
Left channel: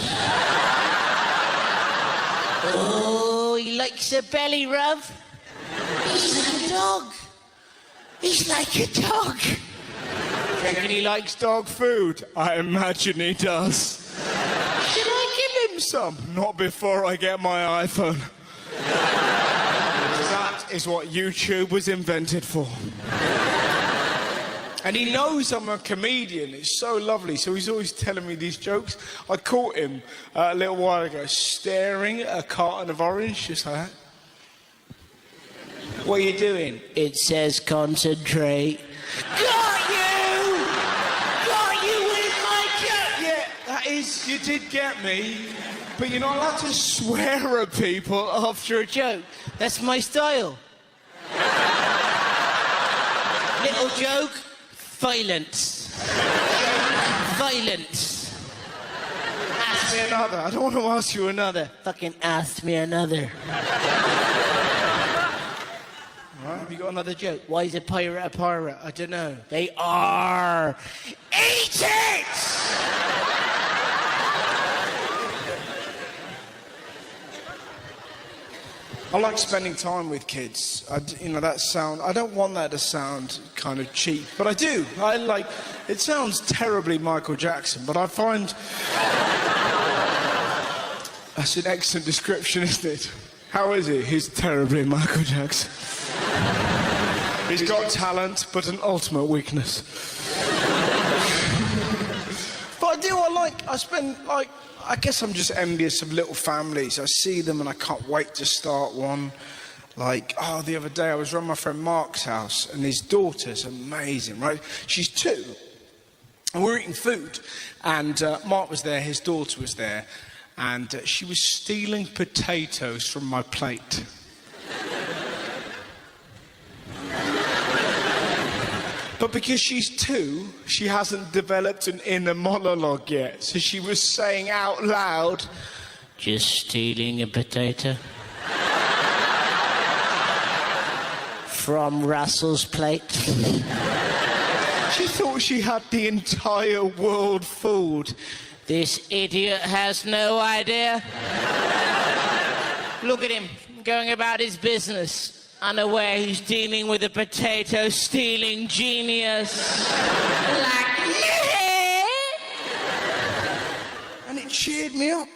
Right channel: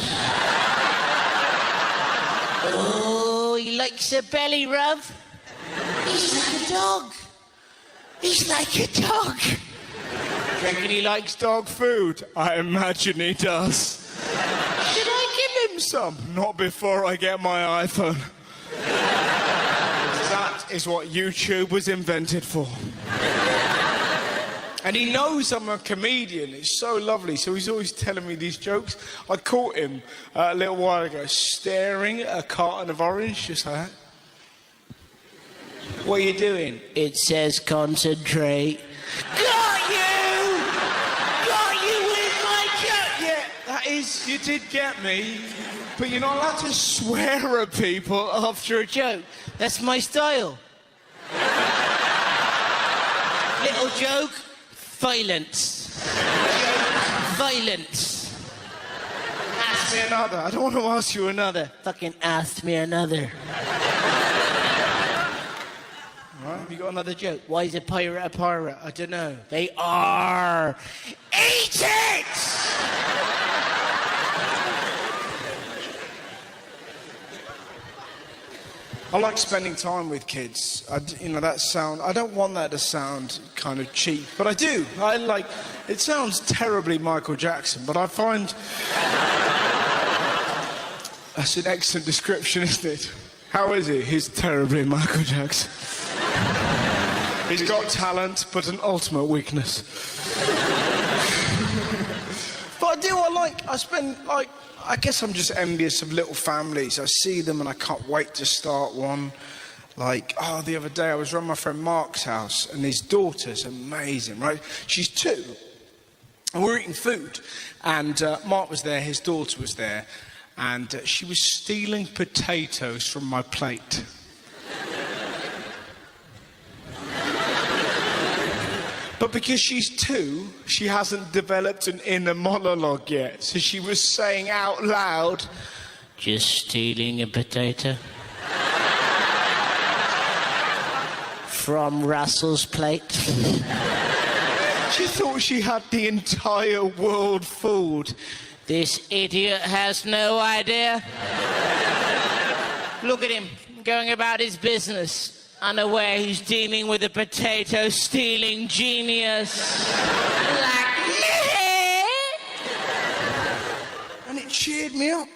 Oh, he likes a belly rub? He's like a dog. He's like a dog. You reckon he likes dog food? I imagine he does. Should I give him some? Not before I get my iPhone. That is what YouTube was invented for. And he knows I'm a comedian. It's so lovely. So he's always telling me these jokes. I caught him a little while ago staring at a carton of orange, just like that. What are you doing? It says concentrate. Got you! Got you in my joke! Yeah, that is, you did get me. But you're not allowed to swear at people after a joke. That's my style. Little joke, violence. Violence. Ask me another. I don't want to ask you another. Fucking ask me another. All right, have you got another joke? Why is a pirate a pirate? I don't know. They are. Eat it! I like spending time with kids. I don't want that to sound kind of cheap, but I do. It sounds terribly Michael Jackson, but I find that's an excellent description, isn't it? How is it? He's terribly Michael Jackson. He's got talent, but an ultimate weakness. But I guess I'm just envious of little families. I see them and I can't wait to start one. The other day I was around my friend Mark's house and his daughter's amazing, right? She's 2. And we're eating food. And Mark was there, his daughter was there. And she was stealing potatoes from my plate. But because she's 2, she hasn't developed an inner monologue yet. So she was saying out loud, just stealing a potato from Russell's plate. She thought she had the entire world fooled. This idiot has no idea. Look at him, going about his business. unaware he's dealing with a potato-stealing genius. Like, yeah. And it cheered me up.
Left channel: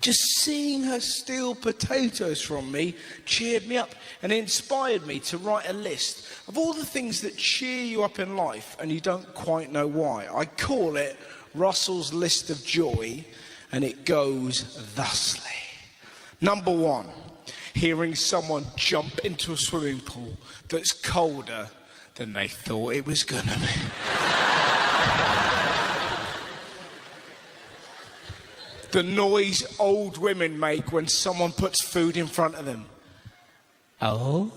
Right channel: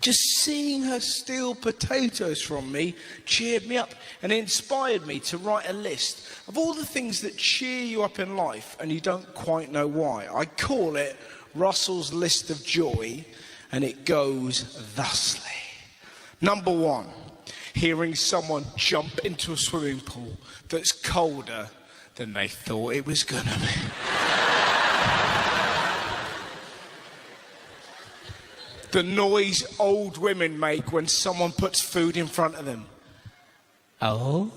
Just seeing her steal potatoes from me cheered me up and inspired me to write a list of all the things that cheer you up in life and you don't quite know why. I call it Russell's List of Joy, and it goes thusly. Number 1, hearing someone jump into a swimming pool that's colder than they thought it was gonna be. The noise old women make when someone puts food in front of them. Oh.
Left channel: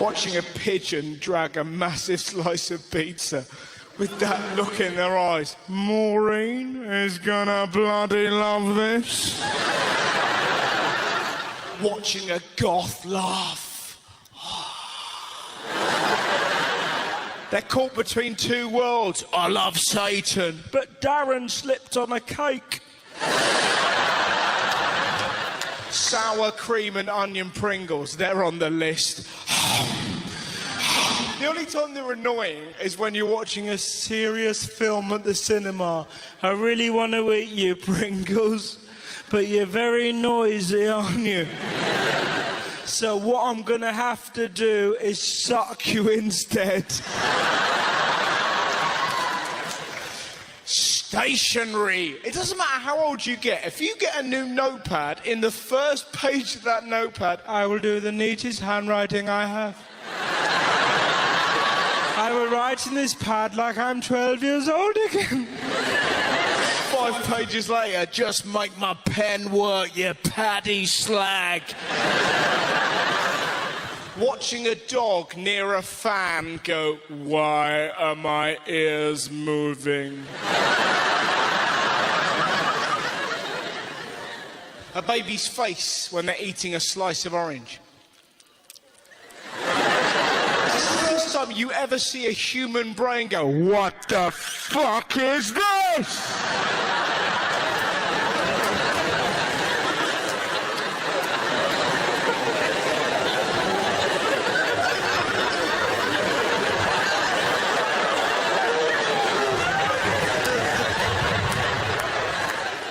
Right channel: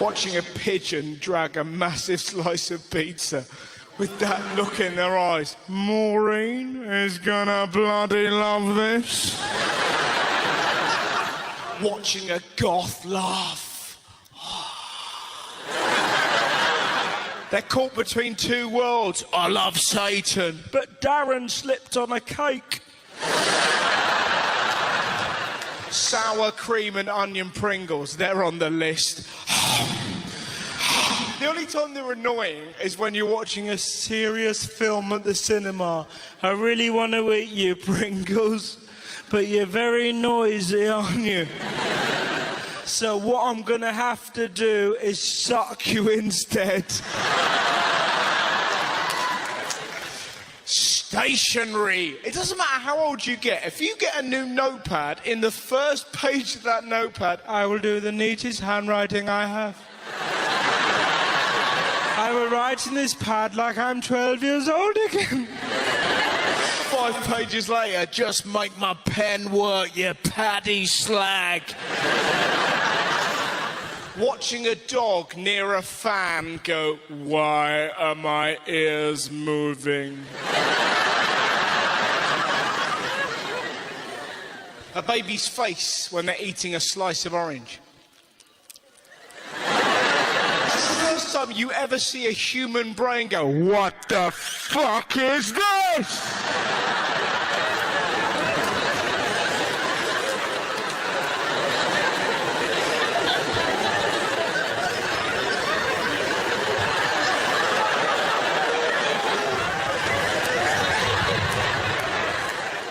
Watching a pigeon drag a massive slice of pizza with that look in their eyes. Maureen is gonna bloody love this. Watching a goth laugh. They're caught between two worlds. I love Satan, but Darren slipped on a cake. Sour cream and onion Pringles, they're on the list. The only time they're annoying is when you're watching a serious film at the cinema. I really want to eat you, Pringles, but you're very noisy, aren't you? So what I'm gonna have to do is suck you instead. Stationery. It doesn't matter how old you get. If you get a new notepad, in the first page of that notepad, I will do the neatest handwriting I have. I will write in this pad like I'm 12 years old again. 5 pages later, just make my pen work, you paddy slag. Watching a dog near a fan go, why are my ears moving? A baby's face when they're eating a slice of orange. This is the first time you ever see a human brain go, what the fuck is this?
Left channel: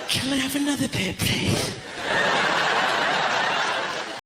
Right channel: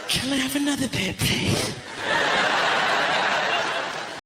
Can I have another bit, please?